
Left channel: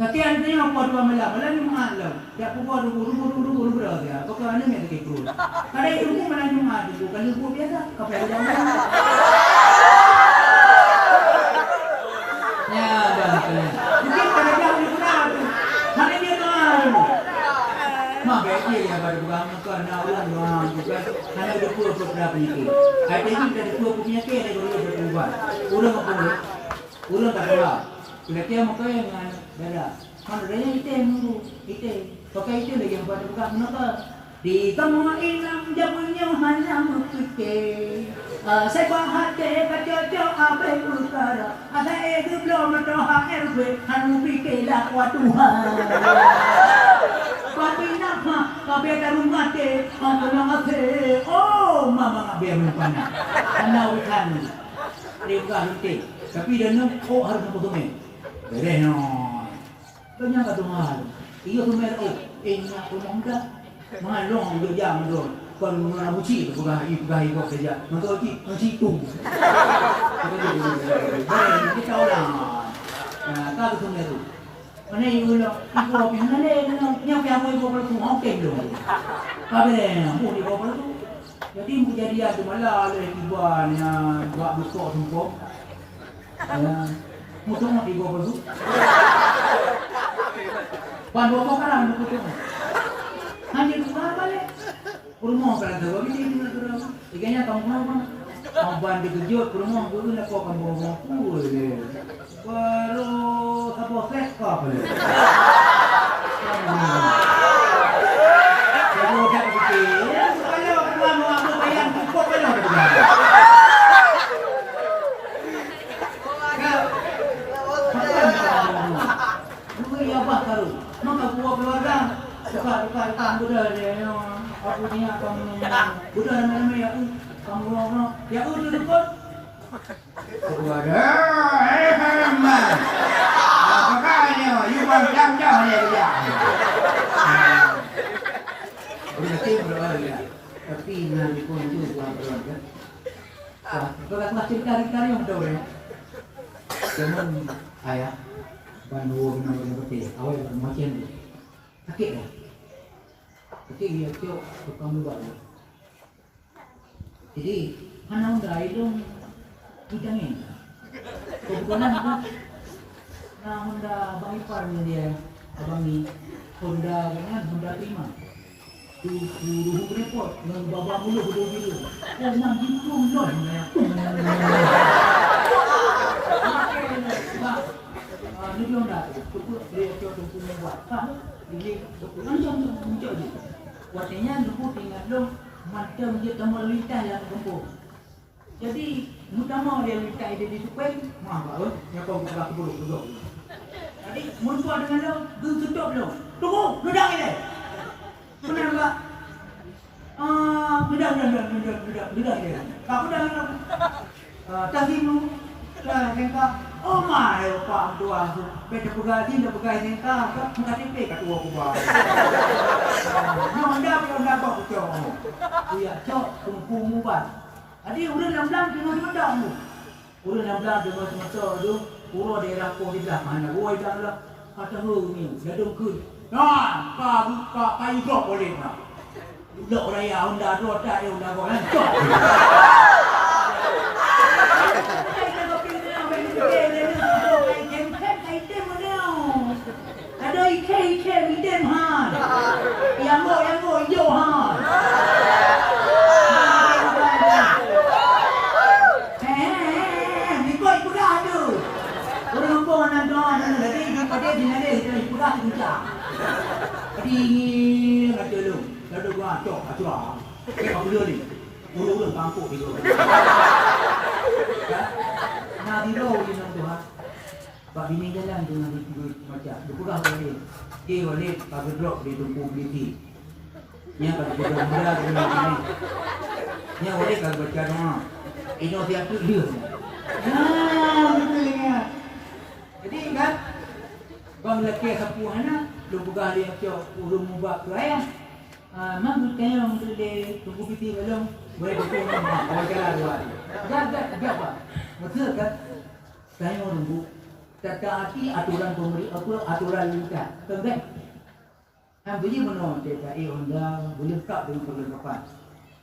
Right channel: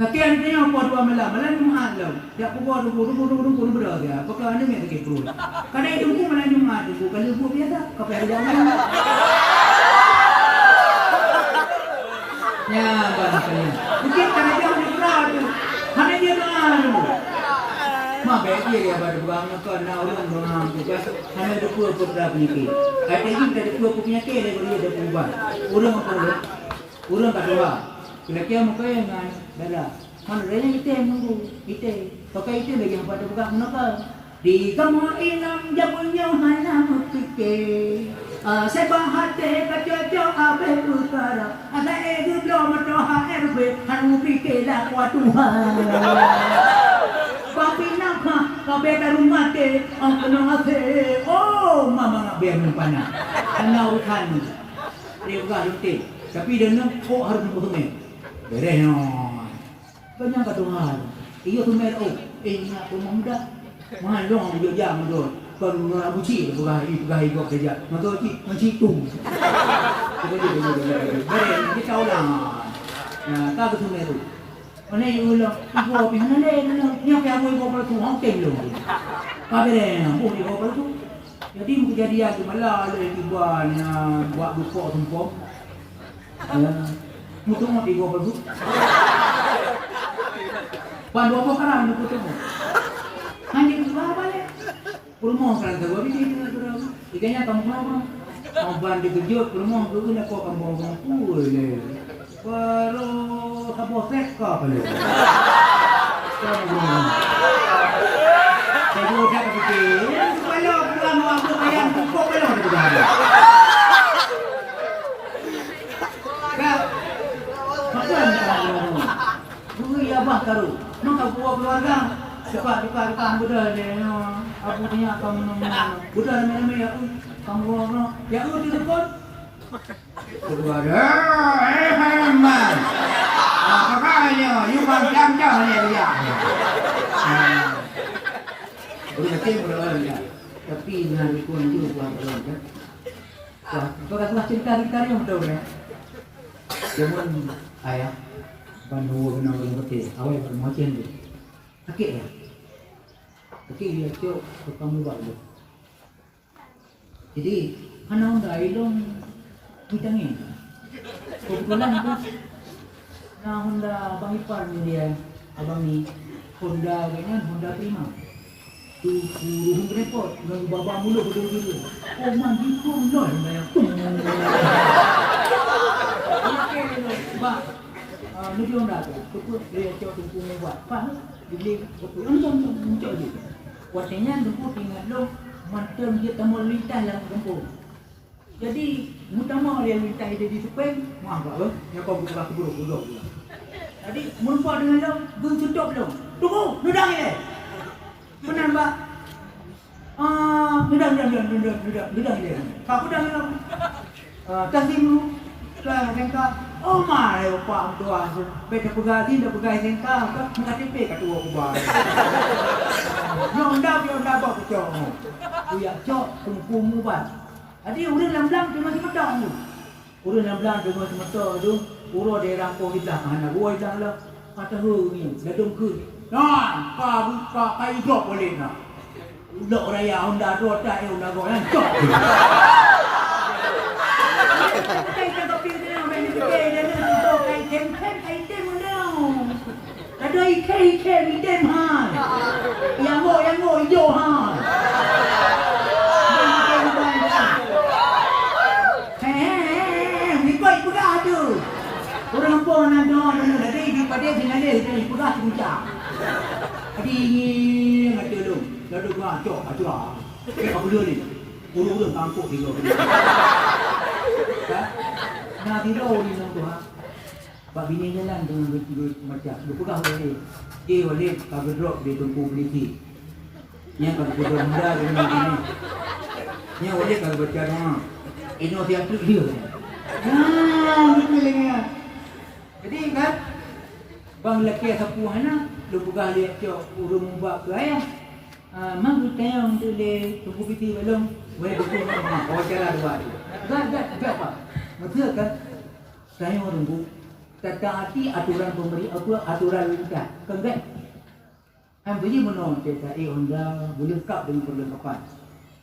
Sekian tengok apa dua malam ni malam. Dia pukul dulu berada. Apakah ni yang terkekru? Karena itu pun malam ni malam tu kalau pun biasa kapal jalan. Ya, bangkanya. Mungkin karena dia bergerak tu. Mana dia malam? Mak baik dia pada bukan muka nak orang doang juga. Karena ada dua beberapa penyakit. Ada ini ada dua penyakit ada dua berubah. Urang tak ada. Kira-kira muka yang darah. Mana darahnya hitam mulu. Hitam. Pakai hitam lagi yang pada bukan muka. Di kamu inam jamunya hanya mukite. Saya bahate kaca abe utara. Ada edu belum matoha RB hanu pikela kwa Tuhan. Papi nama kabe rumah te angkong ase. Oh mama ngabe rumpana. Anau kan. Dia bukan runting. Tapi dia nak kau harus tumeh. Beres no. Banyak kata mahal. Iya tumeh oh. Nak rumah muda. Mahal dong dia jam tu. Kalau nak buci bukan ikut kerja. Nak buci tu. Beres kita tahu lah. Kau tumeh tu. Mana yang ulang, ibu apa yang yang aku ibu apa tu, okey belum? Apa dia? Aku ibu apa tu? Jadi kejadian tu malah ada tiba ni buat buka tempat. Mutu nak ibu apa tu? Pan bawa kerang ni mutu. Hanya tu balik. Rumah kerang tu, tapi dia tu kerang. Ikannya kamu apa? Kamu bandi kejut rumah tu nak kau kamu bawa pul ni. Baru apa seka balik. Saya dah fikir, kalau kamu aku ayam pupuk kalau tu dah. Kau, apa ya bah taruh? Maka buat keluarga, cepat budak dia. Aku ni kamu budak nama ya kamu orang ya tu pun. Keluarga, halaman. Makanya, you macam ni dia. Boleh berdoa ya. Tapi nanti pun itu buat kan. Kalau cerita yang betul ya. Jangan ayah bandu benar betul. Awal macam ni. Sakit ya. Sakit dia cok kamu buat. Jadi, anak dah ilmu kita ni. Kebetulan tu nah Honda Abang Ipar ni dia abang ni Honda kan Honda Prima tu ruh repot dengan baba mulut dulu oh mandi tu lon yang sebab negeri Honda tu dia tumpu buat pak dia muncul je watanya tumpu tinggal lo macam dia tamu lintas lah tumpu jadi utama dia lintas dia di supeng maaf tak yang kau buka buruk jadi melupa dengan lo, tu tutup lo. Tunggu, dudang ni. Benar pak? Dudang dia. Kau dudang lo. Tasimu, lah sengkak. Oh mai, pak tua tu. Beta pegati, dah pegai sengkak. Muka tempe kat tua kubah. Yang anda bawa cok. Kuya cok, tumpu mubat. Jadi urang lam-lam cuma semedang tu. Urang lam-lam cuma semedang tu. Pura daerah kau di belakang, gua dah lah. Kata ni, ladung ke. Nah, kau kayu blok boleh nak. Blok raya Honda tu tak Honda kau kan. Cok. Kita kau pilih nama beli tiket dia tu kai tem mana. Ada ikan idem ha. Yang mo hijau ha. Orang pun nak doa dulu dari pada dia dari pura puncak. Jadi nak dulu, lalu gua cok acua. Apa dia ni? Ulu kampung dia. Nah di roh ni nak doa. Pak bini jalan tu macam dia pegang dia. Dia boleh kalau drop dia tumpu beli. Yang kalau dia muda dia ni. Yang boleh kalau baca doa. Ini dia tu dia. Betul ni. Jadi kan bang lelaki sapu hana lu buka dia cok urung mubak tu ayah. Mang tu tanya untuk le tunggu biti belum boleh betul kan. Oh jalan dua dia. Gak apa? Betul kan? Saya mau tunggu. Tetapi aturan pemerintah aturan lintas. Kan? Ambil je menong cerita Honda boleh kap dengan perlengkapan.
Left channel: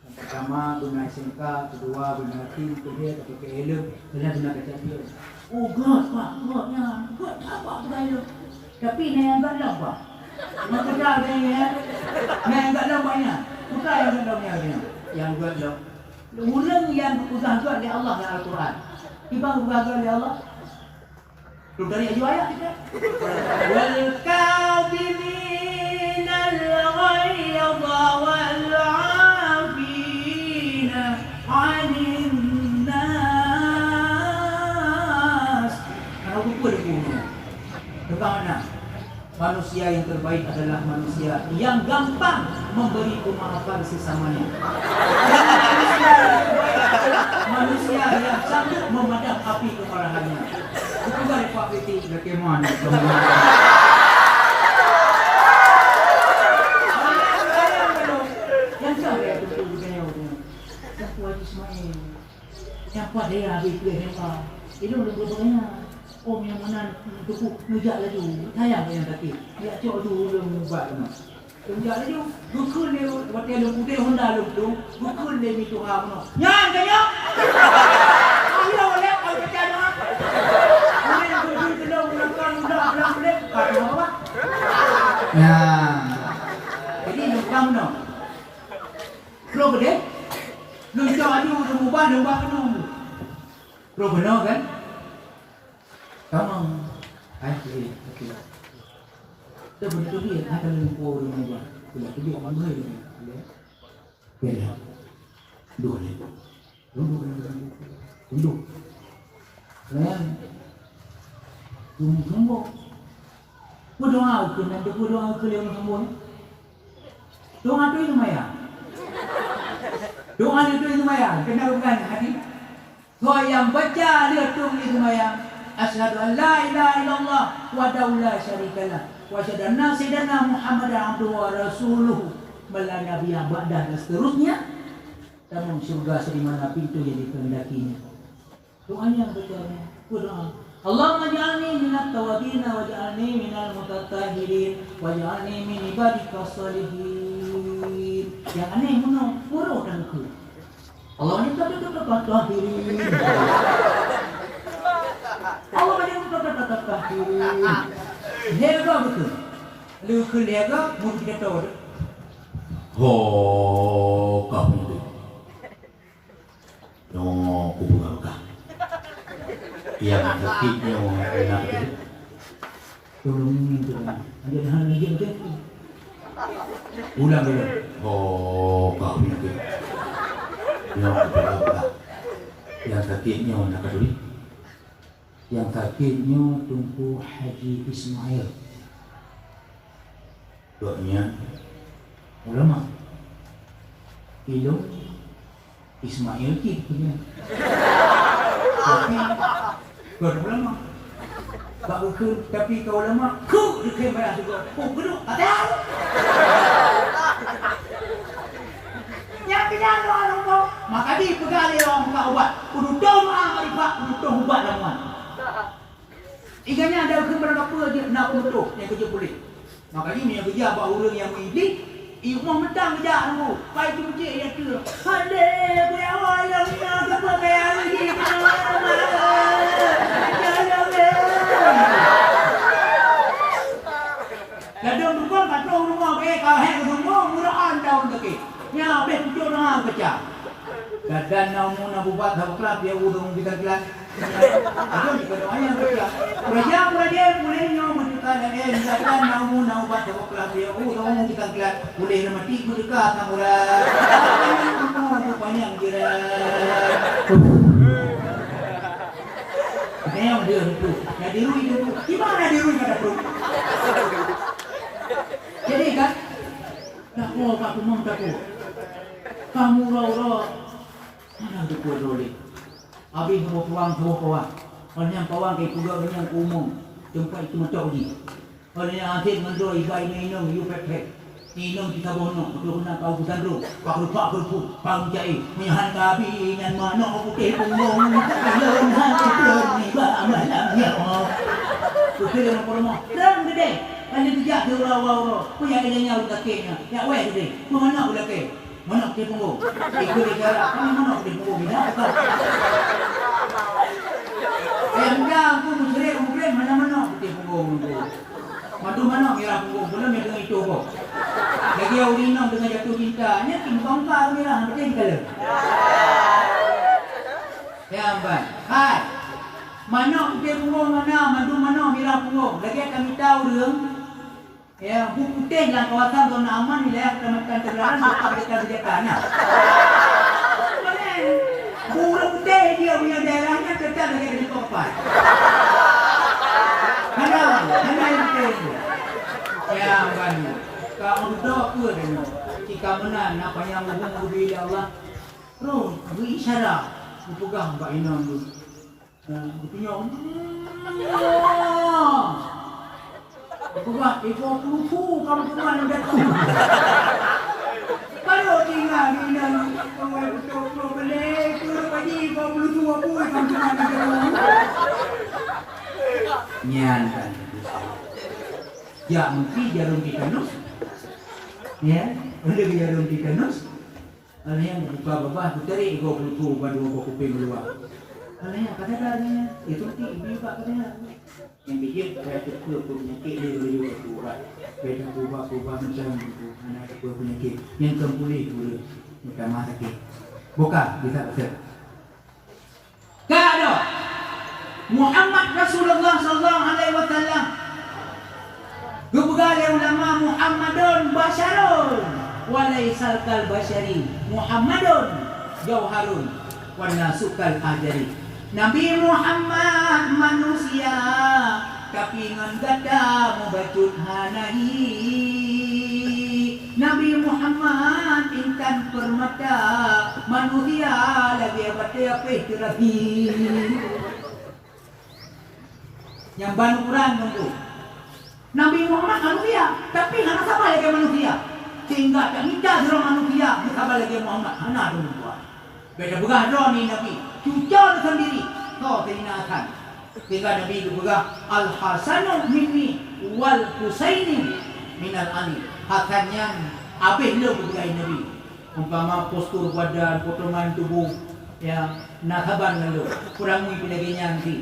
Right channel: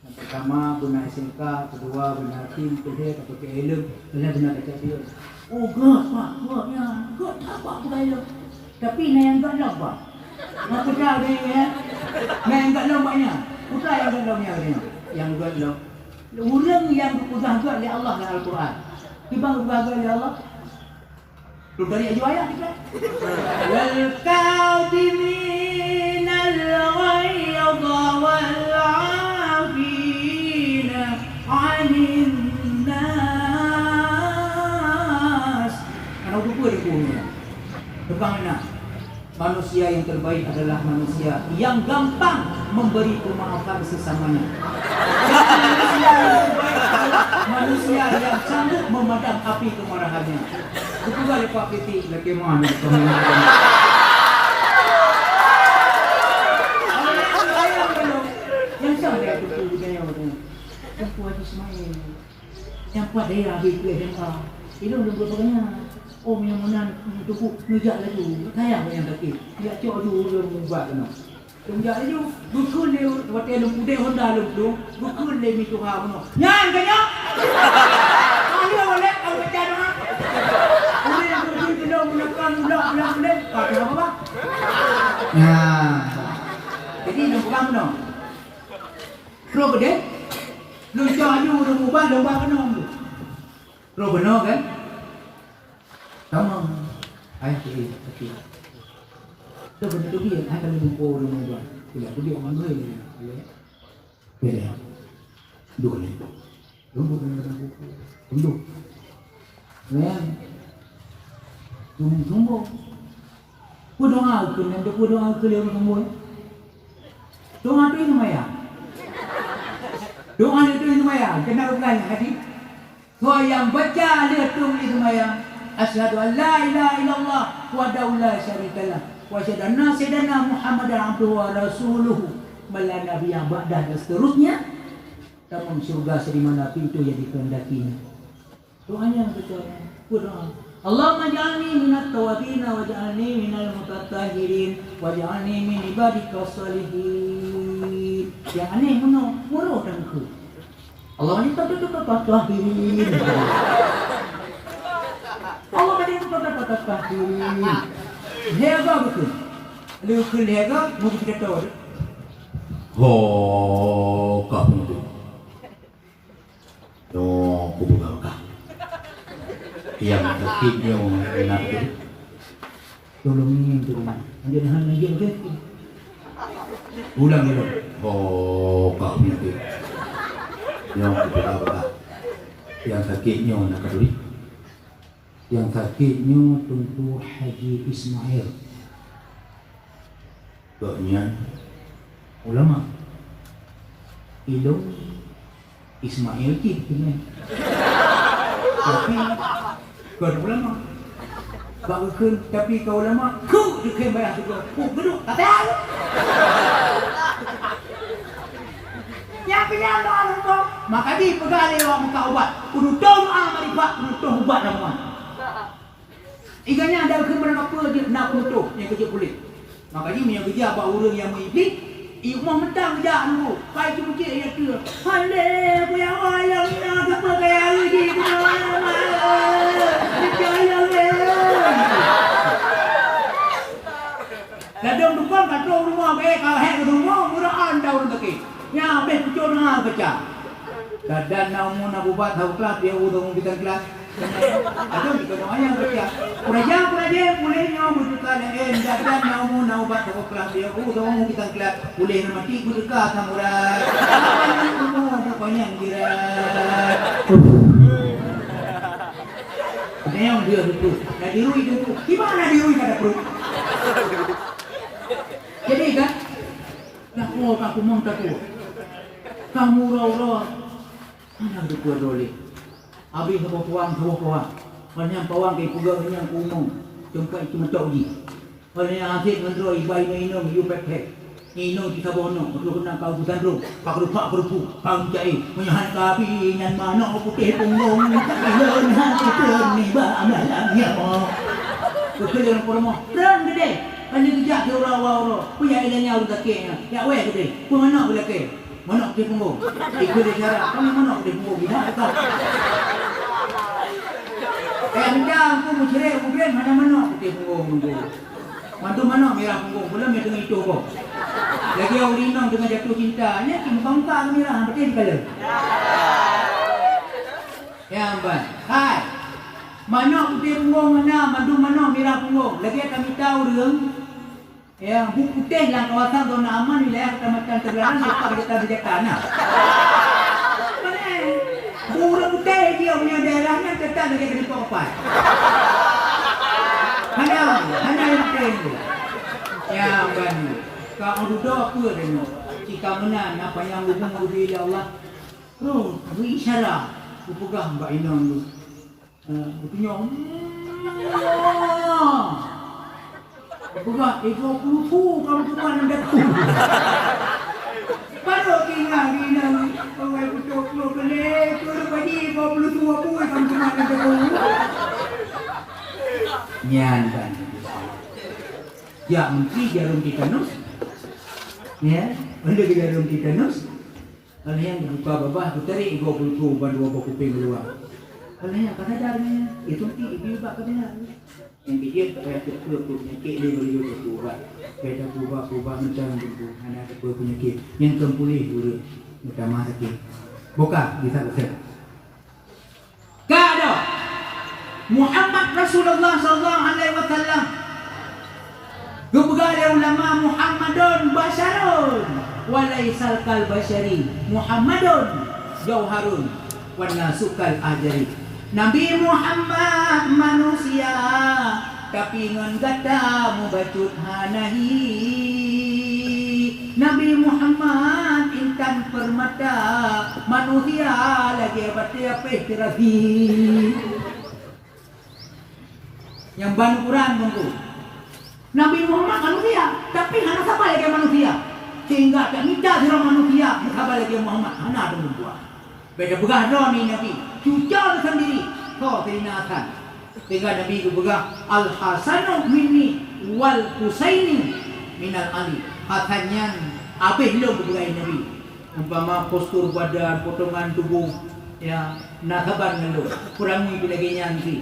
Pertama guna SMK, kedua guna tim, ketiga pakai helm, benar kaca dia. Oh buatnya, buat apa kita itu? Tapi yang tak apa. Mau kerja dia ya. Yang tak banyak. Bukan yang tak banyak. Yang buat lo. Ulang yang berpegang tu oleh Allah dalam Al-Quran. Tiba berpegang oleh Allah. Belum dari ayat kita. Wal kadzimin al-ghayza wal 'afina 'anil nas. Ana lupa dia punya. Tukang mana? Manusia yang terbaik adalah manusia yang gampang memberi pemaafan sesamanya. Dan manusia yang terbaik adalah manusia yang sanggup memadam api kemarahannya. Itu balik Pak Piti bagaimana? Yang siapa yang betul dia tu? Yang Puan Ismail. Yang Puan dia habis kuih lempar. Itu dulu-dulunya. Om yang mana tuku ngejak laju. Tayang yang kaki. Dia cok dulu mubak kena. Ngejak laju. Bukul dia. Waktu dia putih Honda lu. Bukul dia mitu kamu. Nyan kaya. Ayo oleh. Aku pecah dah. Ayo yang kedua menakang ulang boleh. Kata apa? Nah. Jadi nukang no. Kalau gede. Lu cok aju. Lu mubak. Lu mubak kena. Lu benar kan? Tolong, ayah dia, okey. Tu benda tu dia, akan lumpur dengan dia. Bila tu dia orang lain, dia, duduk ni, duduk, tunggu. Ku doa aku, nanti ku doa aku lewat semua. Doa tu ini maya, doa itu ini maya. Kenapa bukan hati? Kau yang baca dia tu itu maya. Asyhadu an la ilaha illallah wahdahu la syarikalah wa asyhadu anna sayyidina Muhammadan abduhu wa rasuluhu la nabiyya ba'dah dan seterusnya. Taman syurga sedimana api itu yang dikehendakinya. Doanya yang betul. Doa. Allahumma ja'alni minat tawabin wa ja'alni minal mutatahhirin wa ja'alni min ibadika shalihin. Yang aneh murah dan ku. Allah ni tak betul tahirin. Allah ada kata lega betul. Lu lega mungkin kita tahu. Ho, kamu tu. Yo, kubur kah? Yang kekitnya nak tu. Tolong ini tu. Dia hanya lagi betul. Ulang. Ho, kamu tu. Yo, kubur kah? Yang kekitnya nak tu. Yang kakeknya Tunku Haji Ismail. Doknya ulama. Ilo Ismail punya. Tapi kau ulama. Tapi kau ulama. Kau dikem bayar juga. Kau geduk tak tahu. Yang kena orang kau. Maka di pegali orang kau buat. Kudu doa marifat, kudu ubat nama. Iganya ada kepada apa dia nak untuk yang kerja kulit. Maka ni yang kerja apa orang yang mengiblis, imam mentang kerja dulu. Kai tu cik yang tu. Hale punya wayang nak apa kaya lagi. Jangan Ladang dukan patrol rumah kaya kau hek rumah murahan daun teki. Nya habis pucuk nak kerja. Dan namun Abu Bakar kelas dia udung kita kelas. Ada di keduanya kerja. Kerja boleh nyom bukan ada dan namun Abu Bakar kelas dia udung kita kelas. Boleh mati ku dekat nang ulah. Banyak kira. Yang dia itu. Dah dirui dia tu. Di mana dirui kata perut? Jadi kan nak mau aku montak aku. Kamu rawat. Mana ada kuat rolling. Habis semua puang. Orang pawang ke pulau yang umum. Tempat itu mentok ni. Orang yang asyik mendro ibai minum you pek. Minum kita bono. Kalau nak kau bukan ro. Pak rupu. Kau jai. Menyahan kabi nyan mana putih punggung. Ilon hati pun ni ba malam ya. Kita orang promo. Dan gede. Hanya kerja ke orang-orang. Punya ilahnya orang takiknya. Ya weh gede. Ku mana boleh ke? Mana putih punggung? Ikut dia cara. Mana putih punggung? Bila apa? Enggak, aku musyrek mungkin mana-mana putih punggung tu. Mantu mana merah punggung? Belum yang dengan itu apa? Lagi orang dengan jatuh cintanya, timbang tak merah. Betul ke? Ya ampun. Hai. Mana putih punggung mana? Mantu mana merah punggung? Lagi kami tahuរឿងya, putih dalam kawasan zona aman wilayah Kecamatan Terbelaran serta Bejatan. Burung putih dia punya daerahnya tetap lagi di Kopai. Hanya yang penting. Yang kan kau duduk apa dia? Jika menan apa yang hubung bila Allah. Bro, beri isyarat. Aku pegang kat inang tu. Aku tunjuk. Aku pegang, kau lupa kamu tuan yang datang. Baru tinggal di inang. Kau betul kau boleh. Kau dah pagi kau lupa apa kamu tuan yang datang. Nyan kan. Ya mungkin jarum titanus. Ya, ada ke jarum titanus. Kalau yang buka bawah puteri ego peluru baru bawa kuping keluar. Kalau yang kata darahnya itu ibu juga katanya. Yang bikin saya terkejut penyakit dia boleh berubah. Beda berubah macam itu. Anak kedua penyakit yang terpulih dulu. Minta maaf sakit. Buka bisa betul. Kado Muhammad Rasulullah sallallahu alaihi wasallam. Gubugale ulama Muhammadun Basharun walaisal kal bashari Muhammadun jauharun wa nasukal ajari. Nabi Muhammad manusia tapi ngan gada mubacut hanahi. Nabi Muhammad intan permata manusia lagi batia pehtirahi. Yang ban kurang tentu Nabi Muhammad manusia, tapi hana sabar lagi manusia. Sehingga tak minta suruh manusia, sabar lagi Muhammad. Hana dulu buat. Beda pegang ni Nabi. Cuca tersendiri. Kau terinakan. Sehingga Nabi itu pegang Al-Hasanu minni wal Husaini minal Ali. Hasan yang habis lo pegang Nabi. Umpama postur badan, potongan tubuh, ya, nak sabar dengan lo. Kurangi lagi nanti.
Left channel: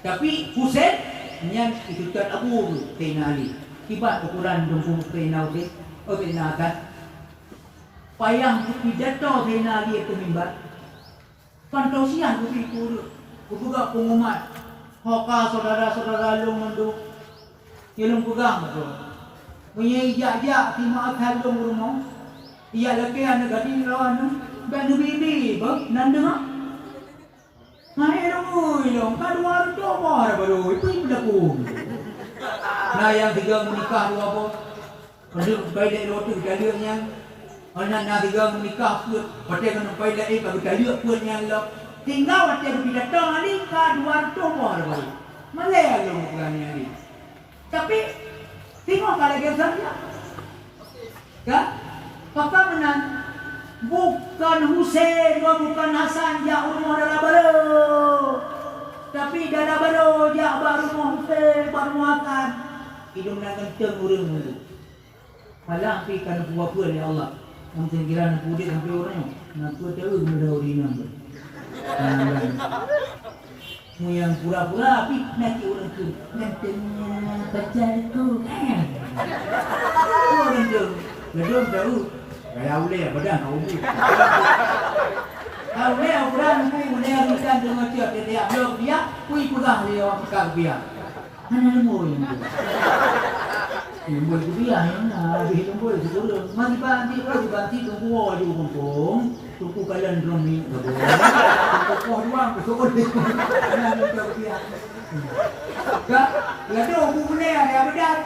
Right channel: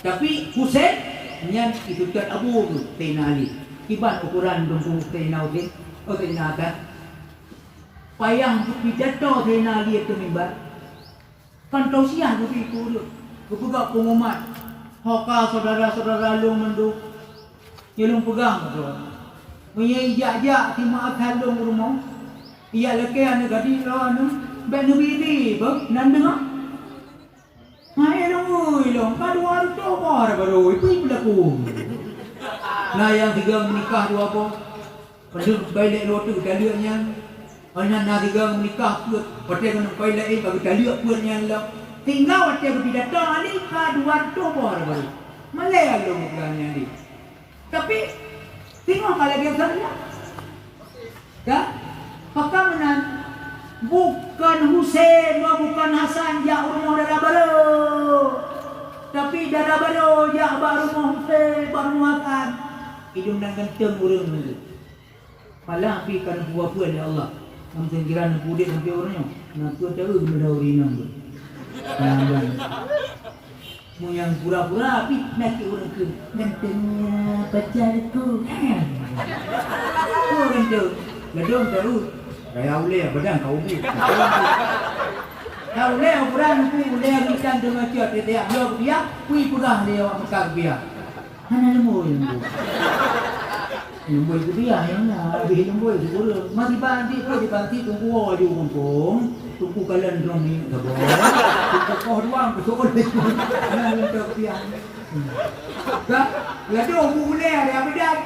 Tapi Husain Nyan itu kan Abu Tena Ali. Kibat ukuran dongkung Tena Ali. Oh Tena kan. Payang pidato Tena Ali itu mimbar. Kan kau siang begitu. Buka pengumuman. Hoka saudara-saudara lu mandu. Yang pegang betul. Punya ijak-ijak timah kalung rumah. Ia laki anak gadis lawan. Ben bibi bang nanda. Hai dong, kan waru coba baru itu berlaku. Nah yang tiga menikah dua apa? Penduk balik rotu kaliannya. Anak nak tiga menikah pun, pada kan balik ini bagi kalian pun yang lo. Tinggal pada berbeda tahun ni kan dua coba baru. Malay lo bukan yang ni. Tapi tengok kalau kita saya, kan? Papa menang. Bukan Husain, bukan Hasan, jak rumah darah baru. Tapi darah baru, jak baru rumah Husain, baru makan. Hidung nak kencang urang dulu. Malah pergi kan buah-buah ya Allah. Mungkin kira nak pudit sampai orangnya. Nak tua tahu benda urinam tu. Mu yang pura-pura tapi nak orang tu. Nantinya pacarku. Orang tu. Ledong tahu. Kaya boleh badan kau ni. Kau boleh ukuran ku boleh bukan dengan cia tiap blok dia, ku ikudah dia makan dia. Hana lembu lembu. Lembu dia yang habis lembu itu dulu. Mati banti tunggu aja kumpung. Tunggu kalian drum ni tu. Tunggu kau doang betul. Hana lembu dia. Tak, ada buku ni ada bidan.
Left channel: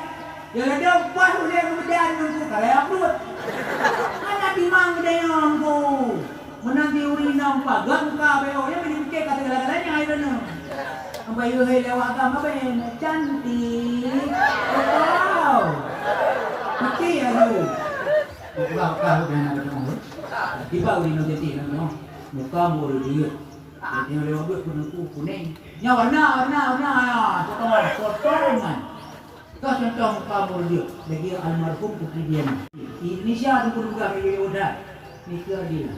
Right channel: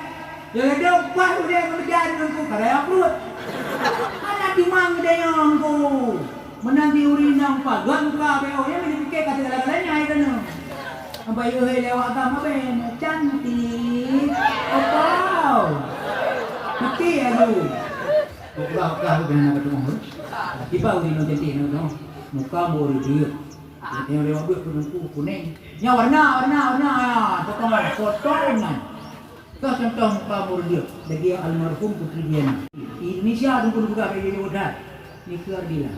Yang ada buat boleh bidan tunggu kalian upload. Ada timang dayang tu. Menang di urinang pa. Gangka beo ya pinipikir kata galanya ay dano. Ang bayo ay lewat ka maben cantik. Wow. Pati ano. Buka ka udah na betul. Tiba urinang cantik no. Muka mo dia. Yang lewat buat kuning. Nya warna ya. Potongan. Kau contoh muka mo dia. Lagi almarhum putri dia. Indonesia tu pun juga bagi muda. Nikah dia.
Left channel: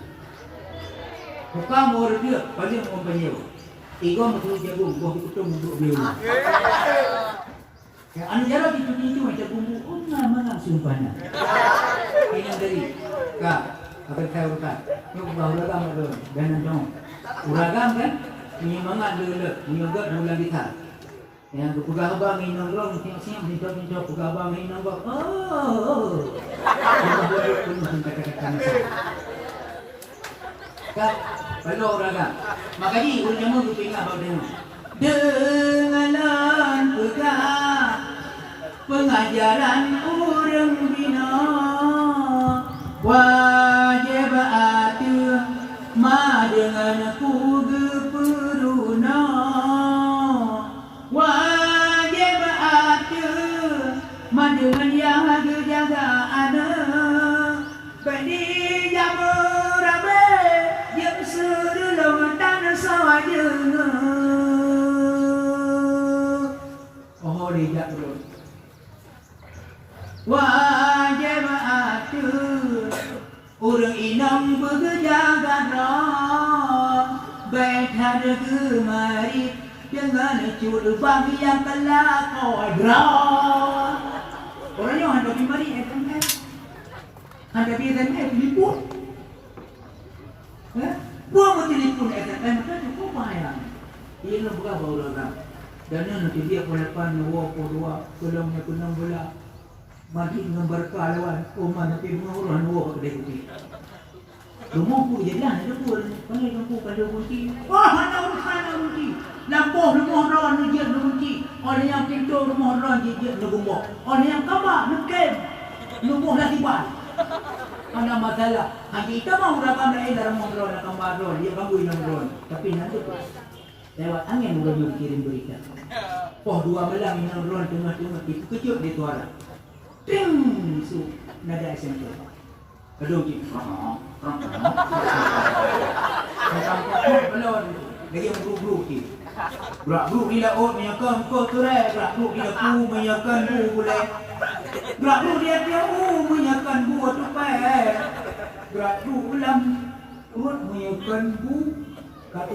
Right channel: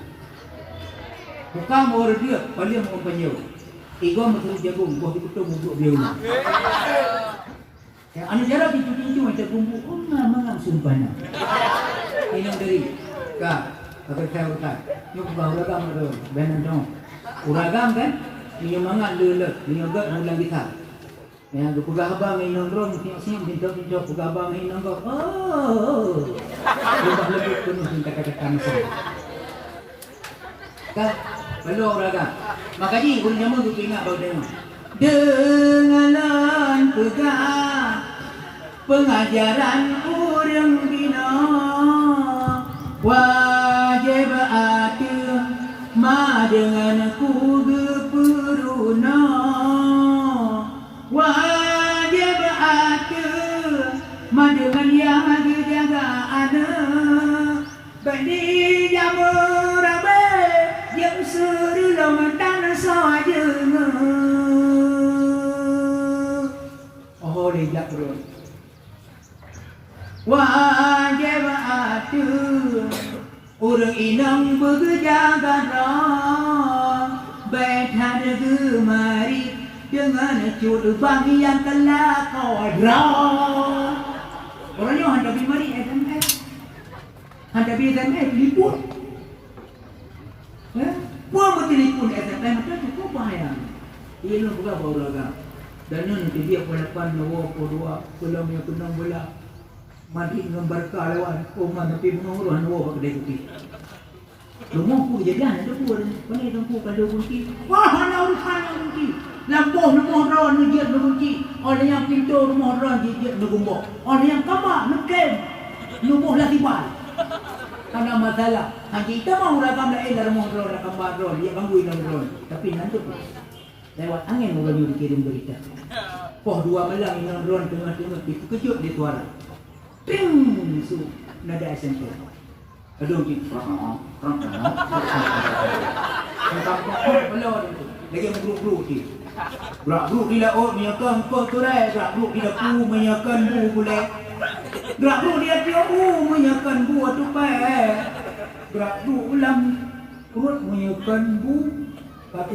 Muka mau dia, paling mau banyak. Tiga muka jagung, buah itu muka dia. Ya, anu jarak itu macam bumbu. Mana sumpahnya. Ini dari kak, apa saya utar. Nyok bahu ragam tu, benar dong. Uragam kan? Ini mangat dulu, ini agak mula kita. Ya, buka abang ini nongkrong, pintu buka abang ini nongkrong. Oh. Kita boleh penuh kata-kata saya. Kak, belum raga. Makanya urang jamu tu ingat bahawa dengar. Dengarlah pegang pengajaranku wajib atu urang inang berjaga rong betar gemari dengan curubang yang telah kau berang. Orangnya hendak pergi mari SMS, hendak pergi SMS telefon. Buang telefon SMS macam tu bayar. Ini bukan orang. Dan nanti dia pelakan dua pulang yang kena bola mati dengan berkah lawan koma nanti menguruh dua kedai kopi. Rumah aku kejadian ada pun kami lampu pada kunci. Wah hana kunci. Lampu rumah ron dia kunci. Orang yang pintu rumah ron dia gumbok. Orang yang kamar nukem. Rumah lagi bal. Karena masalah. Hanya kita mau rakam dalam rumah ron rakam ron dia gangguin ron. Tapi nanti lewat angin orang kirim berita. Poh dua malam yang ron tengah-tengah itu kejut dia suara. Ting su nada SMP. Aduh gitu. Lagi bulu ki. Bulu ila ot ni kan ko turai, bulu ila ku menyakan bu boleh. Bulu dia menyakan bu tu pai. Bulu ulam urut menyakan bu kata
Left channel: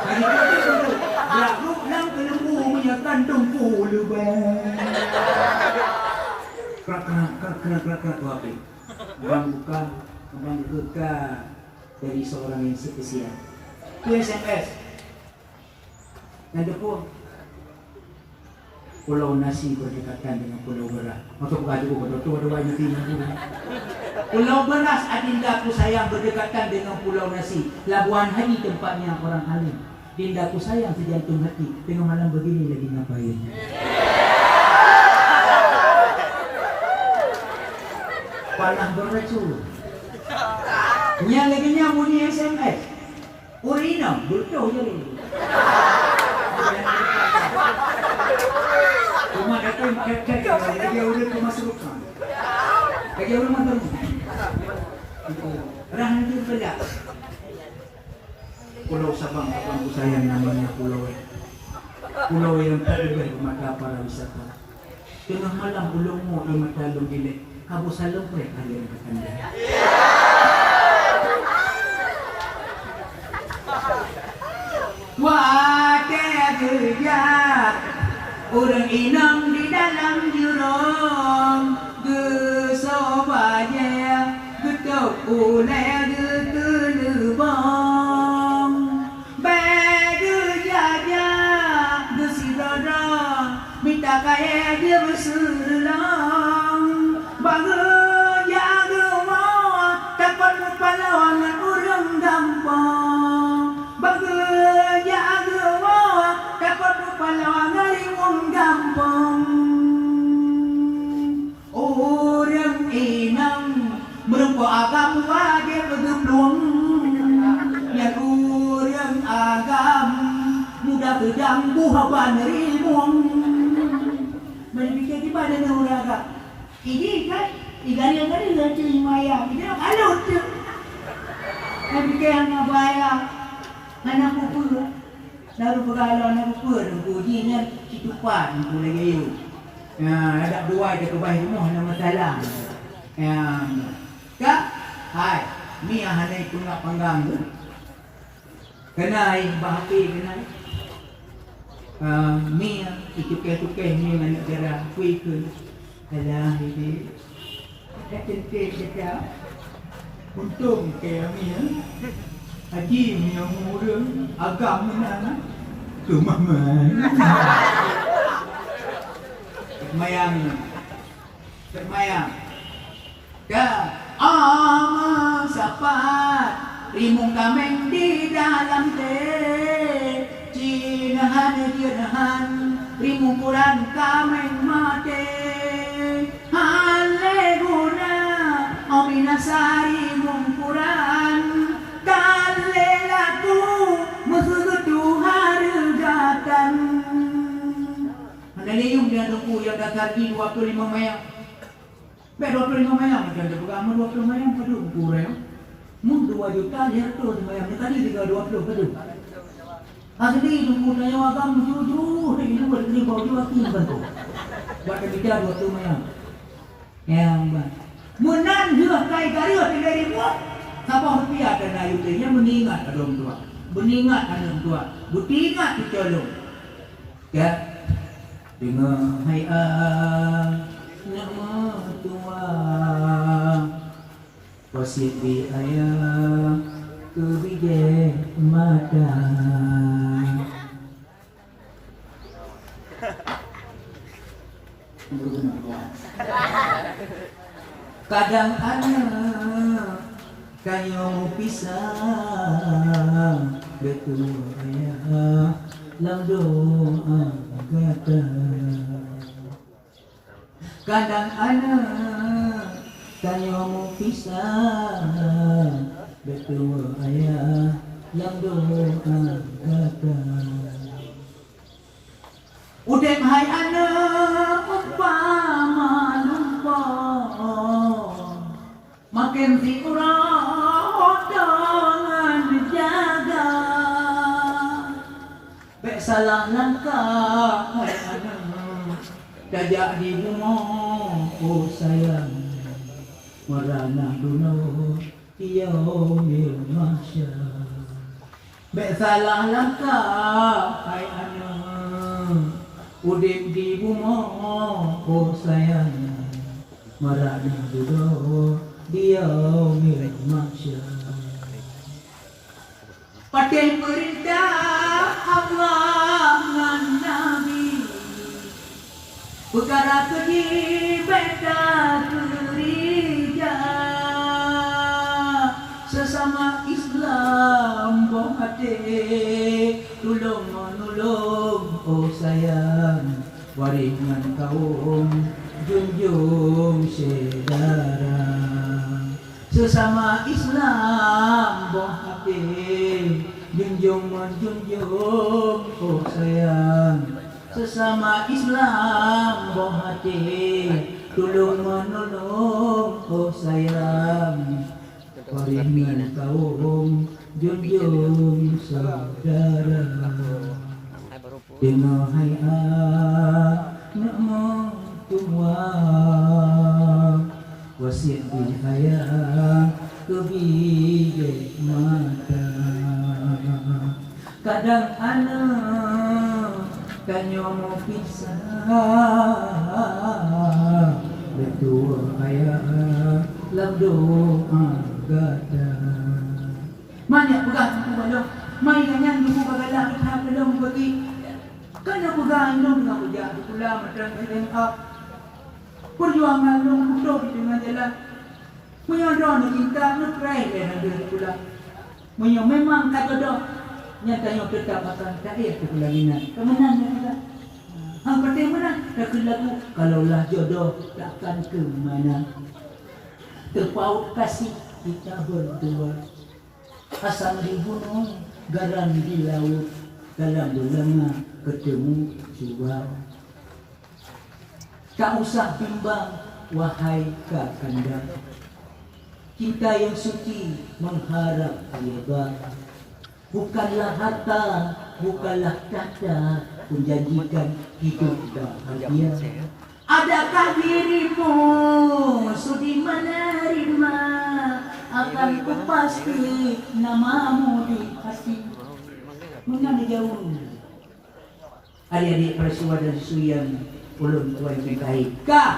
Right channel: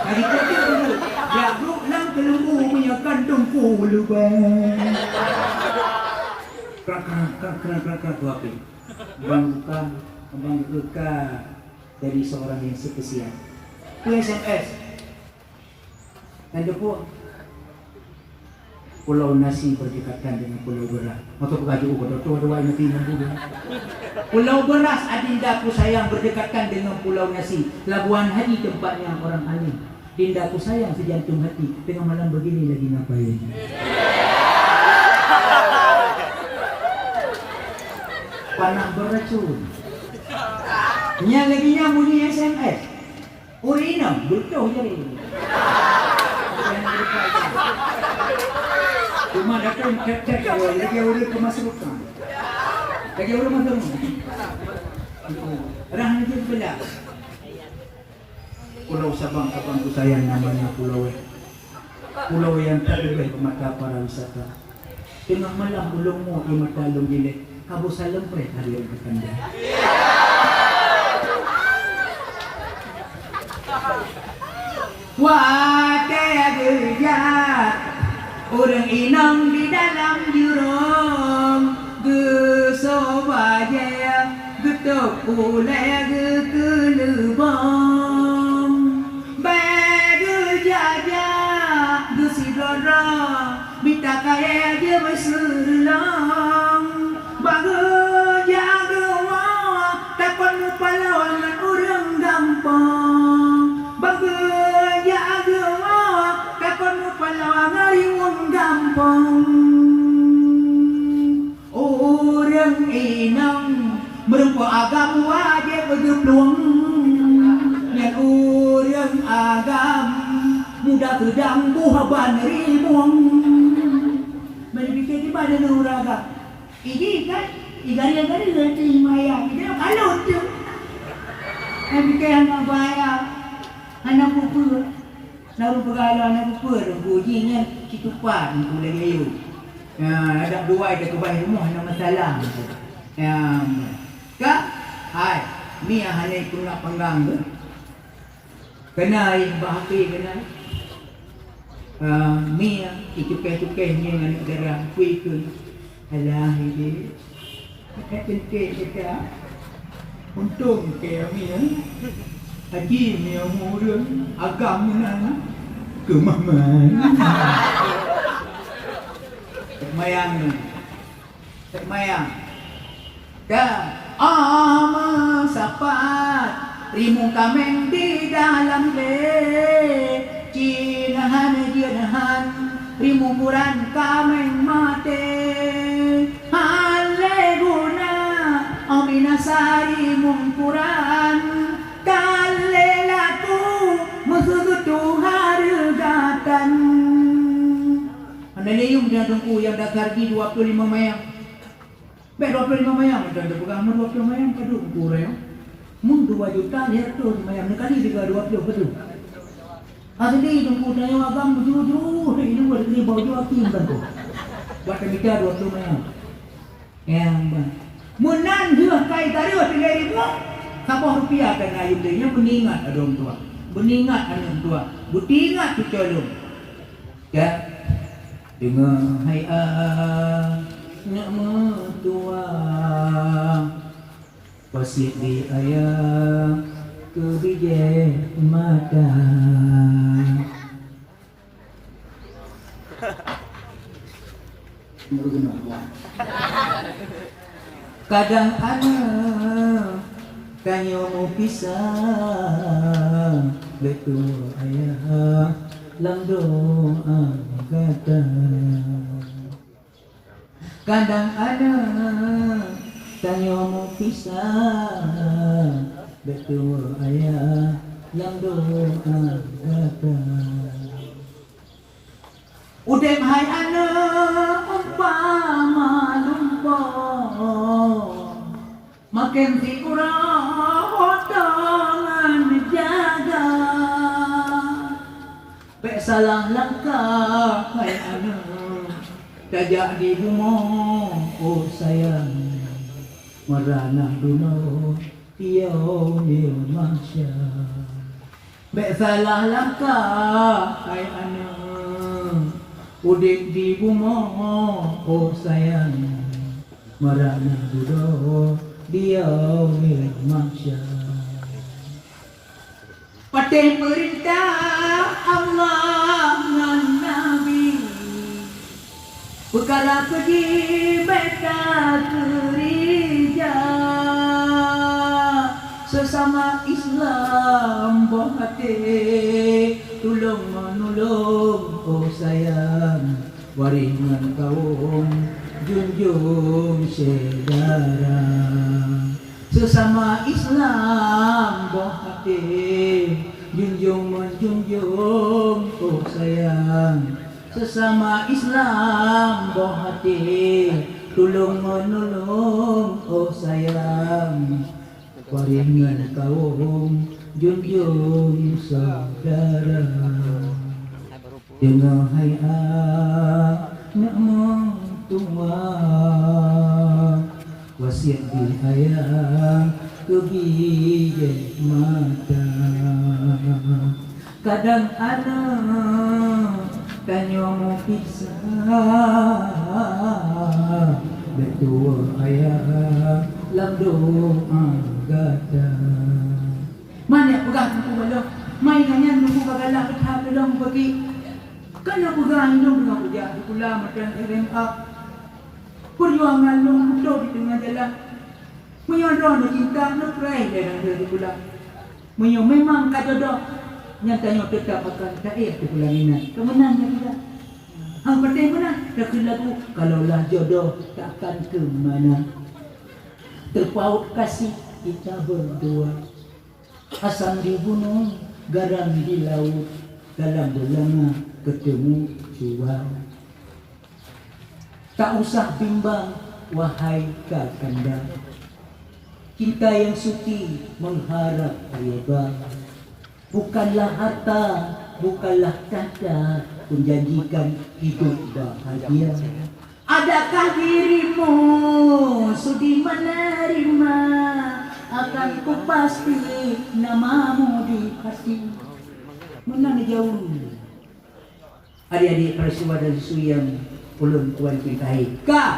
Hari tu bulu ulam kelembu menyakan dengku lubang. Kerak tu apa? Abang buka dari seorang yang spesial. Itu SMS. Dan depo Pulau Nasi berdekatan dengan Pulau Beras. Atau bukan juga dua nanti. Pulau Beras adindaku sayang berdekatan dengan Pulau Nasi. Labuan Hadi tempatnya orang alim. Dindaku sayang sejantung hati. Tengah malam begini lagi ngapain? Panah beracun. Yang lagi bunyi SMS. Urina, betul jadi. Cuma datang cek lagi udah kemasukan. Lagi udah masuk. Rahan itu beda. Pulau Sabang apa sayang namanya pulau yang terbaik mata para wisata. Tengah malam belum mau di mata lu jelek. Kamu salam pre hari yang kekanda. Wategejak orang inang di dalam jurang gesobaya getok oleh gekelebang begejajak gesidora minta kaya dia berselang bahagia takkan mempalawangan orang gampang bahagia takkan mempalawangan orang gampang orang inang merempuh agam wajib bergeblong yang orang agam mudah terganggu haban ribuang berfikir di badan orang agam ini kan igari ganti maya dia kalau tu fikir yang abaya anak pupu lalu bergalau anak pupu dong bujinya kitupan boleh gayu ada dua dia kebaik rumah ada masalah kak hai ni hanya itu nak panggang tu kena bahagi kena mi itu ni anak darah kui alah ini kita untung kami haji yang muda agama kemaman termayang dah ama sapat rimung kameng di dalam bed jinahan rimung kuran kameng mati Aminasari mungkuran Dalelaku Musugutu harugatan Anda nium dia tunggu yang dasar di 25 mayang 25 mayang Dan dia pegang 20 mayang Padu kurang Mun 2 juta dia tu mayang Nekali juga 20 betul Asli tunggu saya agam jujur Ini berdiri bau jua tim tentu buat kerja 20 Mei. Yang menan dia kai tario tinggal di rumah. Kapal rupiah dan ayu dia meningat orang tua. Meningat orang tua. Butingat tu colong. Ya. Dengar hai nak mertua. Wasik di ayah kebijak mata. Kadang anak kanyo mau pisah betul ayah lam doa kata. Kadang anak kanyo mau pisah betul ayah lam doa kata. Udem hai anak umpama lupa makin dikurang dengan dijaga. Bek salah langkah hai anak dajak di rumah oh sayang merana dulu tiao masya. Bek salah langkah hai anak udin di rumah oh sayang merana dulu dia masya. Paten perintah Allah dan Nabi perkara pergi beta gereja sesama Islam boh hati tolong menolong oh sayang waringan kaum junjung saudara sesama Islam boh hati junjung menjunjung oh sayang sesama Islam boh hati tolong menolong oh sayang waringan kaum junjung saudara. Dengar hai nak mertua wasiat di ayah kebijak mata. Kadang anak kanyo mau pisah betul ayah lam doa gada. Mana pegang buku balong mai kanyan buku bagalak tahap belum bagi kana pegang belum dengan kerja pula macam SMA perjuangan lu mudah di tengah jalan menyodor nak cinta nak perai dengan dia pula menyo memang kata dah nyatanya tetap akan cair tu pula minat kemenannya kita hang penting mana dah lagu kalaulah jodoh takkan ke mana terpaut kasih kita berdua asam di gunung garam di laut dalam belanga ketemu jual. Tak usah bimbang wahai kakanda, cinta yang suci mengharap lebar. Bukanlah harta, bukanlah tahta menjanjikan hidup bahagia. Adakah dirimu sudi menerima? Akan ku pasti namamu di hati. Mengenai jauh adik-adik peristiwa dan isu yang ulun tuan cintai. Kak,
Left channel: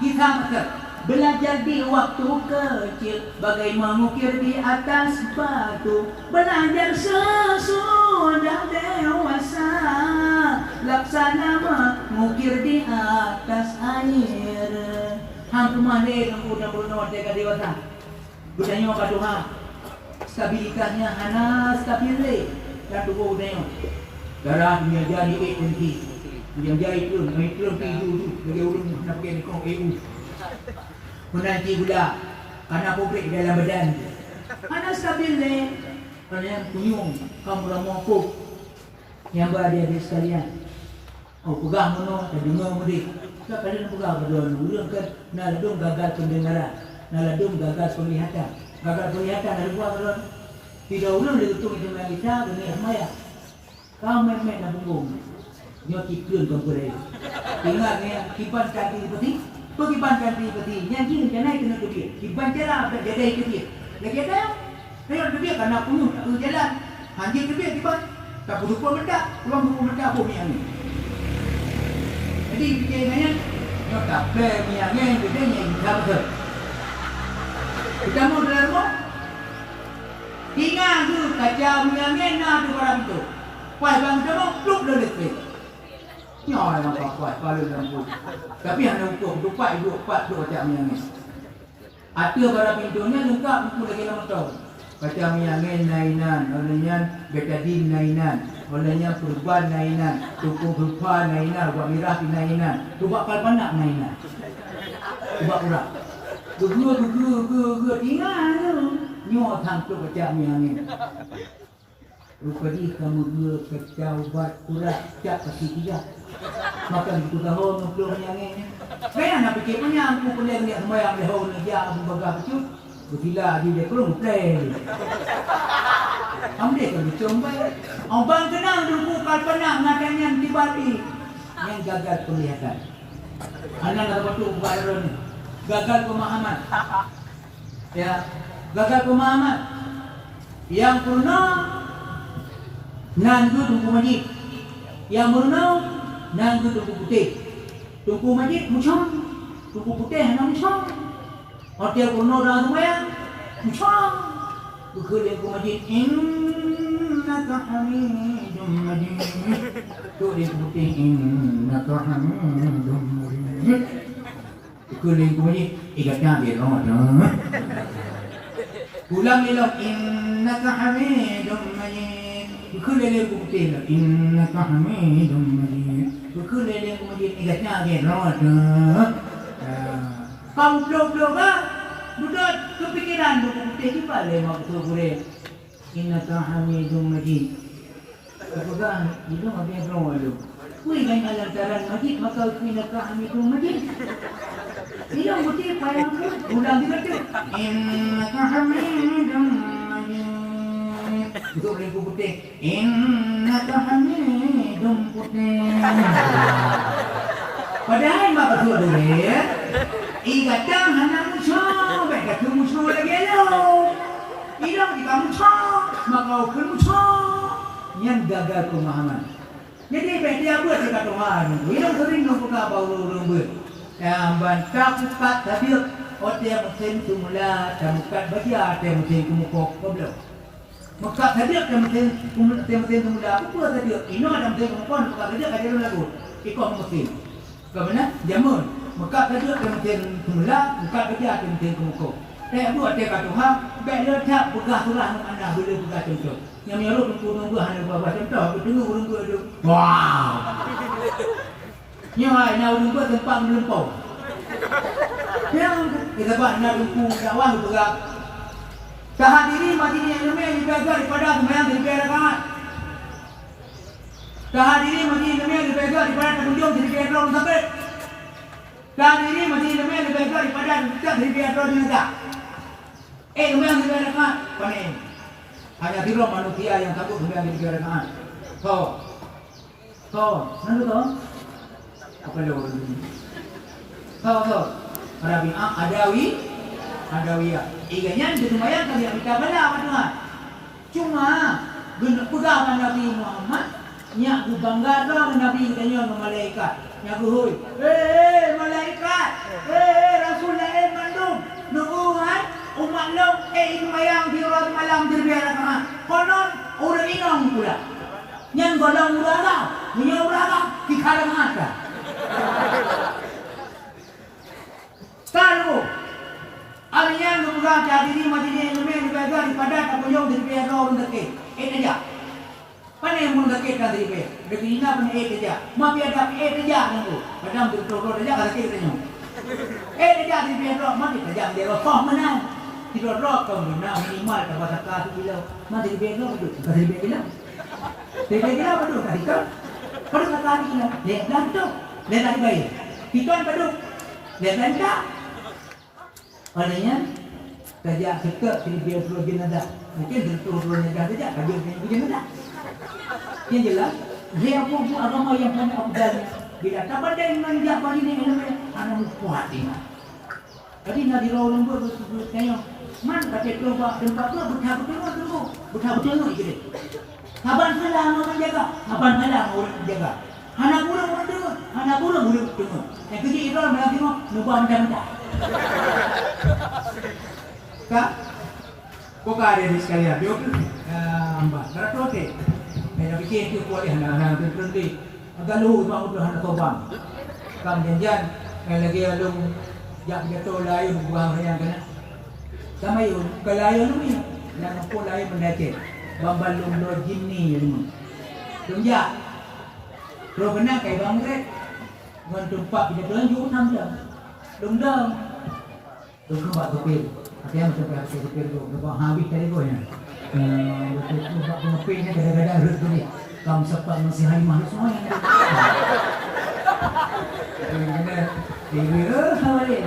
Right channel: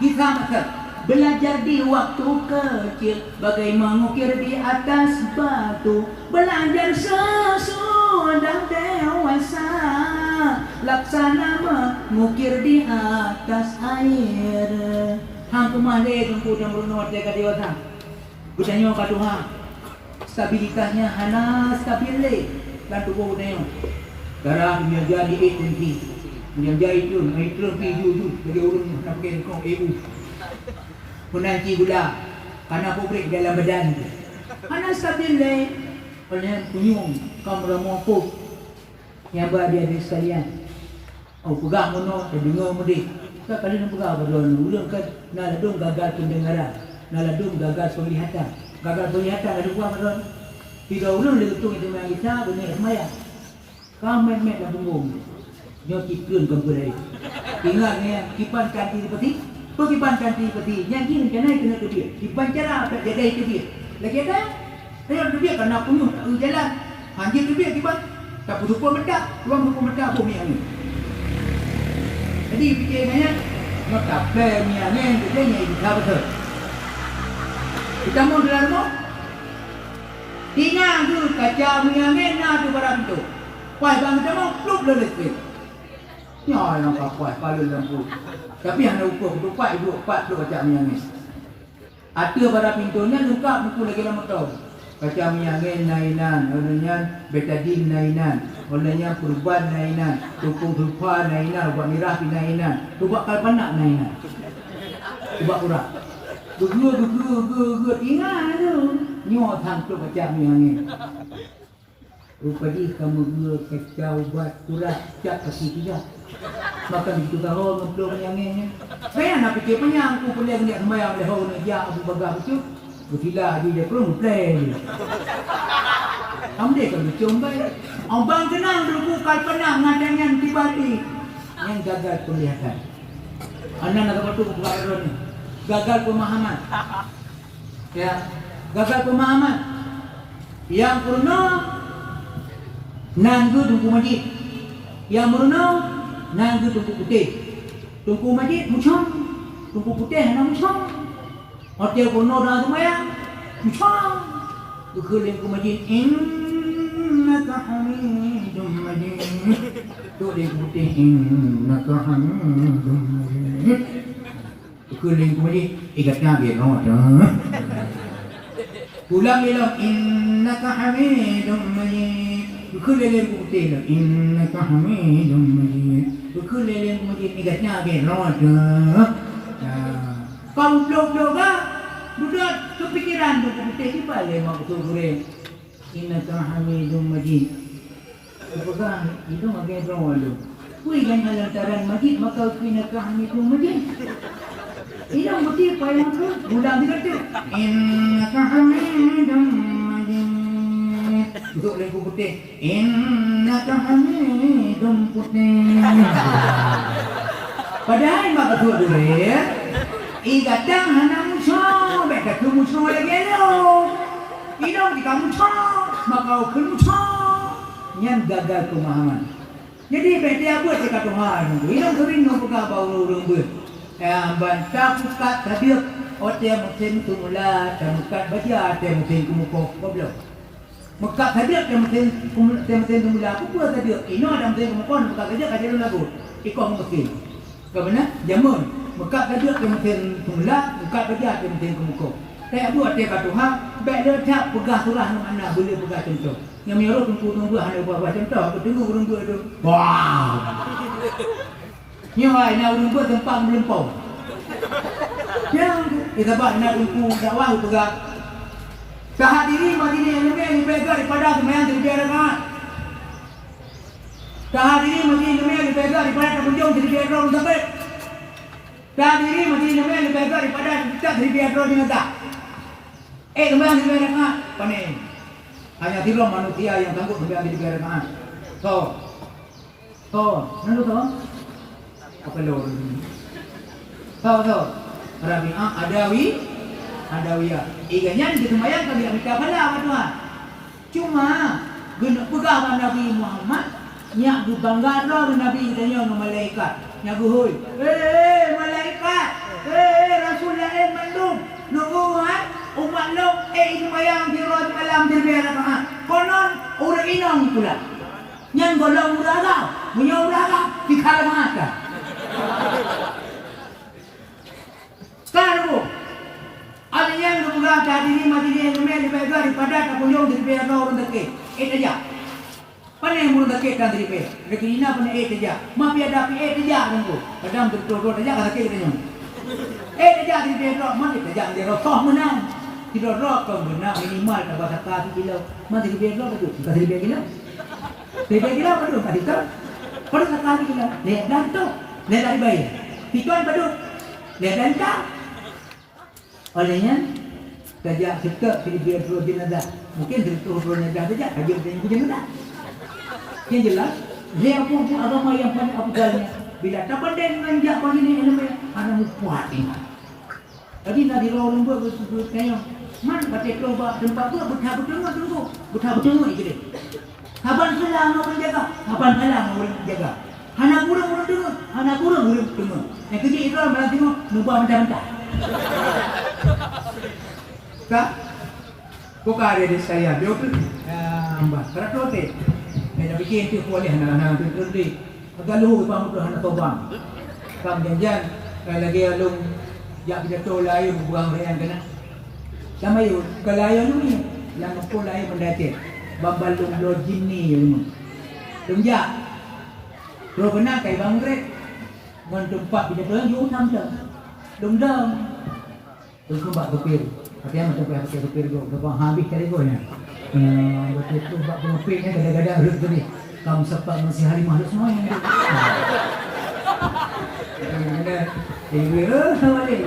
kita maka belajar di waktu kecil bagai mengukir di atas batu. Belajar sesudah dewasa laksana mengukir di atas air. Hang kemana kau dah berumur dekat dewasa? Bertanya kat Tuhan, stabilitasnya hana stabil lalu kau tengok darah dia jadi ATP yang jadi tu piju jadi urun nak pergi kau menanti gula karena publik dalam badan hana stabil kerana kunyung kamu ramah yang berada sekalian pegang mono dan dengar mudik tak kali nak pegang berdua ulun kan nak ladung gagal pendengaran naladung gagal penglihatan ada buah belum tidak ulun diutung itu dengan kita dunia semaya kau met dah bunggung nyo tikun kau berdaya Ingat ni, kipan kanti seperti, kipan kanti seperti, yang kini kena kena ke dia. Kipan cara apa jaga ke dia. Lagi ada, ayo ke dia kena punya tak jalan. Anjir ke dia kipan, tak perlu pun mendak, ruang pun mendak pun yang ni. Jadi fikirnya, nak tak play yang ni, dia ni dah betul. Kita mau dalam rumah, tinggal tu kaca yang ni nak tu barang tu. Pai bang kita mau luk le listrik. Nyawa nak kuat kalau lampu. Tapi hanya ukur dupai 24 tu kaca yang ni. Ada barang pintunya lengkap buku lagi nama tahu. Kaca yang ni nainan, olehnya betadine nainan, olehnya perubahan nainan, tukung lupa nainan, buat mirah nainan, buat kalpanak nainan. Buat urat. Gua ingat tu. Nyawa tang tu kaca yang ni. Rupanya kamu dua kacau buat urat jak kasih tiga. Maka itu kalau ngeblur yang ini. Saya nak fikir punya aku boleh niat sembahyang oleh orang ni dia Abu Bakar itu. Gila dia perlu play. Ambil kalau coba. Abang kenang dulu kalpana ngadanya tiba-tiba yang gagal kelihatan. Anak nak betul buat error ni. Gagal pemahaman. Ya, gagal pemahaman. Yang purna nan tu tunggu majid. Yang murna nan tu tunggu putih. Tunggu majid musang. Tunggu putih hanya musang. Hotel purna dah semayang musang. Tukul tunggu majid innaka hamidum majid. Tukul putih innaka hamidum majid. Tukul tunggu majid ikatnya dia dah. Ulang elok innaka hamidum majid. Bukul leleng bukti lah innaka hamidum majid. Bukul leleng kemudian igatnya agak roda. Kau blok-blok lah. Duduk kepikiran tu bukti ni paling mak betul boleh. Innaka hamidum majid. Apakah itu agak roda. Kui kan lantaran majid maka innaka hamidum majid. Ini bukti payah tu. Ulang juga tu. Innaka hamidum majid. Duduk lembu putih. Innaka hamidum putih. Padahal mak betul dulu ya. Igatang hana musuh. Beka tu musuh lagi lo. Inong di kamu musuh. Maka ukul musuh. Yang gagal pemahaman. Jadi benda apa cakap Tuhan. Inong sering buka bau rumbut. Bantah buka tadi. Otak musim semula. Bukan baca. Otak musim kemukuk. Goblok. Maka hadir kemudian semula aku tu tadi ini ada kemudian kemukon maka hadir ada lagu ikut mesti bagaimana jamun maka hadir kemudian semula maka hadir kemudian kemukon saya buat dia kata Tuhan bela tak pegah surah mana boleh pegah contoh yang menyuruh tunggu hanya buat contoh tunggu itu wow ni ai nak tunggu tempat melimpau yang kita buat nak tunggu dakwah pegah Kehadirin majlis yang lebih berbeza daripada semayang di rakaat. Kehadirin majlis yang lebih berbeza daripada pengunjung di rakaat sampai. Kehadirin majlis yang lebih berbeza daripada tidak di rakaat jenazah. Semayang di rakaat panen. Hanya 3 manusia yang sanggup semayang di rakaat. So, nanti tahu? Apa lo? So, Arabi Adawiyah. Iganya di semayang kami minta bala Tuhan. Cuma guna pegang Nabi Muhammad nyak bangga dah Nabi tanya dengan malaikat. Nyak hoi. Malaikat. Rasulullah mandum. Nubuat umat lo semayang di ruang malam di biara. Konon orang inong pula. Yang golong uraga, punya uraga di kalamata. Kalau ada yang mengurang jadi majlis yang lebih berbeza daripada kapuyong daripada orang dekat. Saja. Mana yang orang dekat dan daripada? Dekat ini apa ni saja. Maaf ada saja nunggu. Kadang betul-betul saja kalau kita tanya. Saja daripada mana saja dia roh menang. Tidak roh kau menang minimal dapat satu kilo. Mana daripada betul? Daripada kilo. Daripada kilo betul tadi tu. Perlu satu kilo. Lihat dah tu. Lihat dari bayi. Pituan betul. Lihat dan tak. Olehnya saja kita pilih dua jenazah. Mungkin dua jenazah saja. Kajian jenazah. Yang jelas, dia pun agama yang paling afdalnya. Bila tak pandai dengan dia pagi ni anak kuat ingat. Jadi nak dirau lembut bertanya, man batik keluar tempat tu bertahap-tahap tunggu. Bertahap-tahap ikut. Kapan salah orang jaga, kapan salah orang jaga. Anak burung orang tengok, anak burung orang tengok. Yang kerja itu orang tengok, numpah mentah-mentah. Kak, kok ada di saya, dia pun ambas. Kerana tu, saya bikin tu boleh anak-anak tu terus. Agak luar bang tu anak tobang. Kam janjian, lagi alung jak pidato lain buang rayang kena. Sama yun, kalayo lu ni, yang aku lain mendace. Bambal lung lo jinni ni. Tunjak. Ro kena kai bang rek. Ngon tumpak pidato yu nam dah. Lung dah. Tunggu bak kepil. Apa yang macam apa kepil tu, bang habis kali go nya. Betul bak kepil ni kadang-kadang rut tu ni. Kamu sebab masih hari mahluk semua yang ada dia sama dia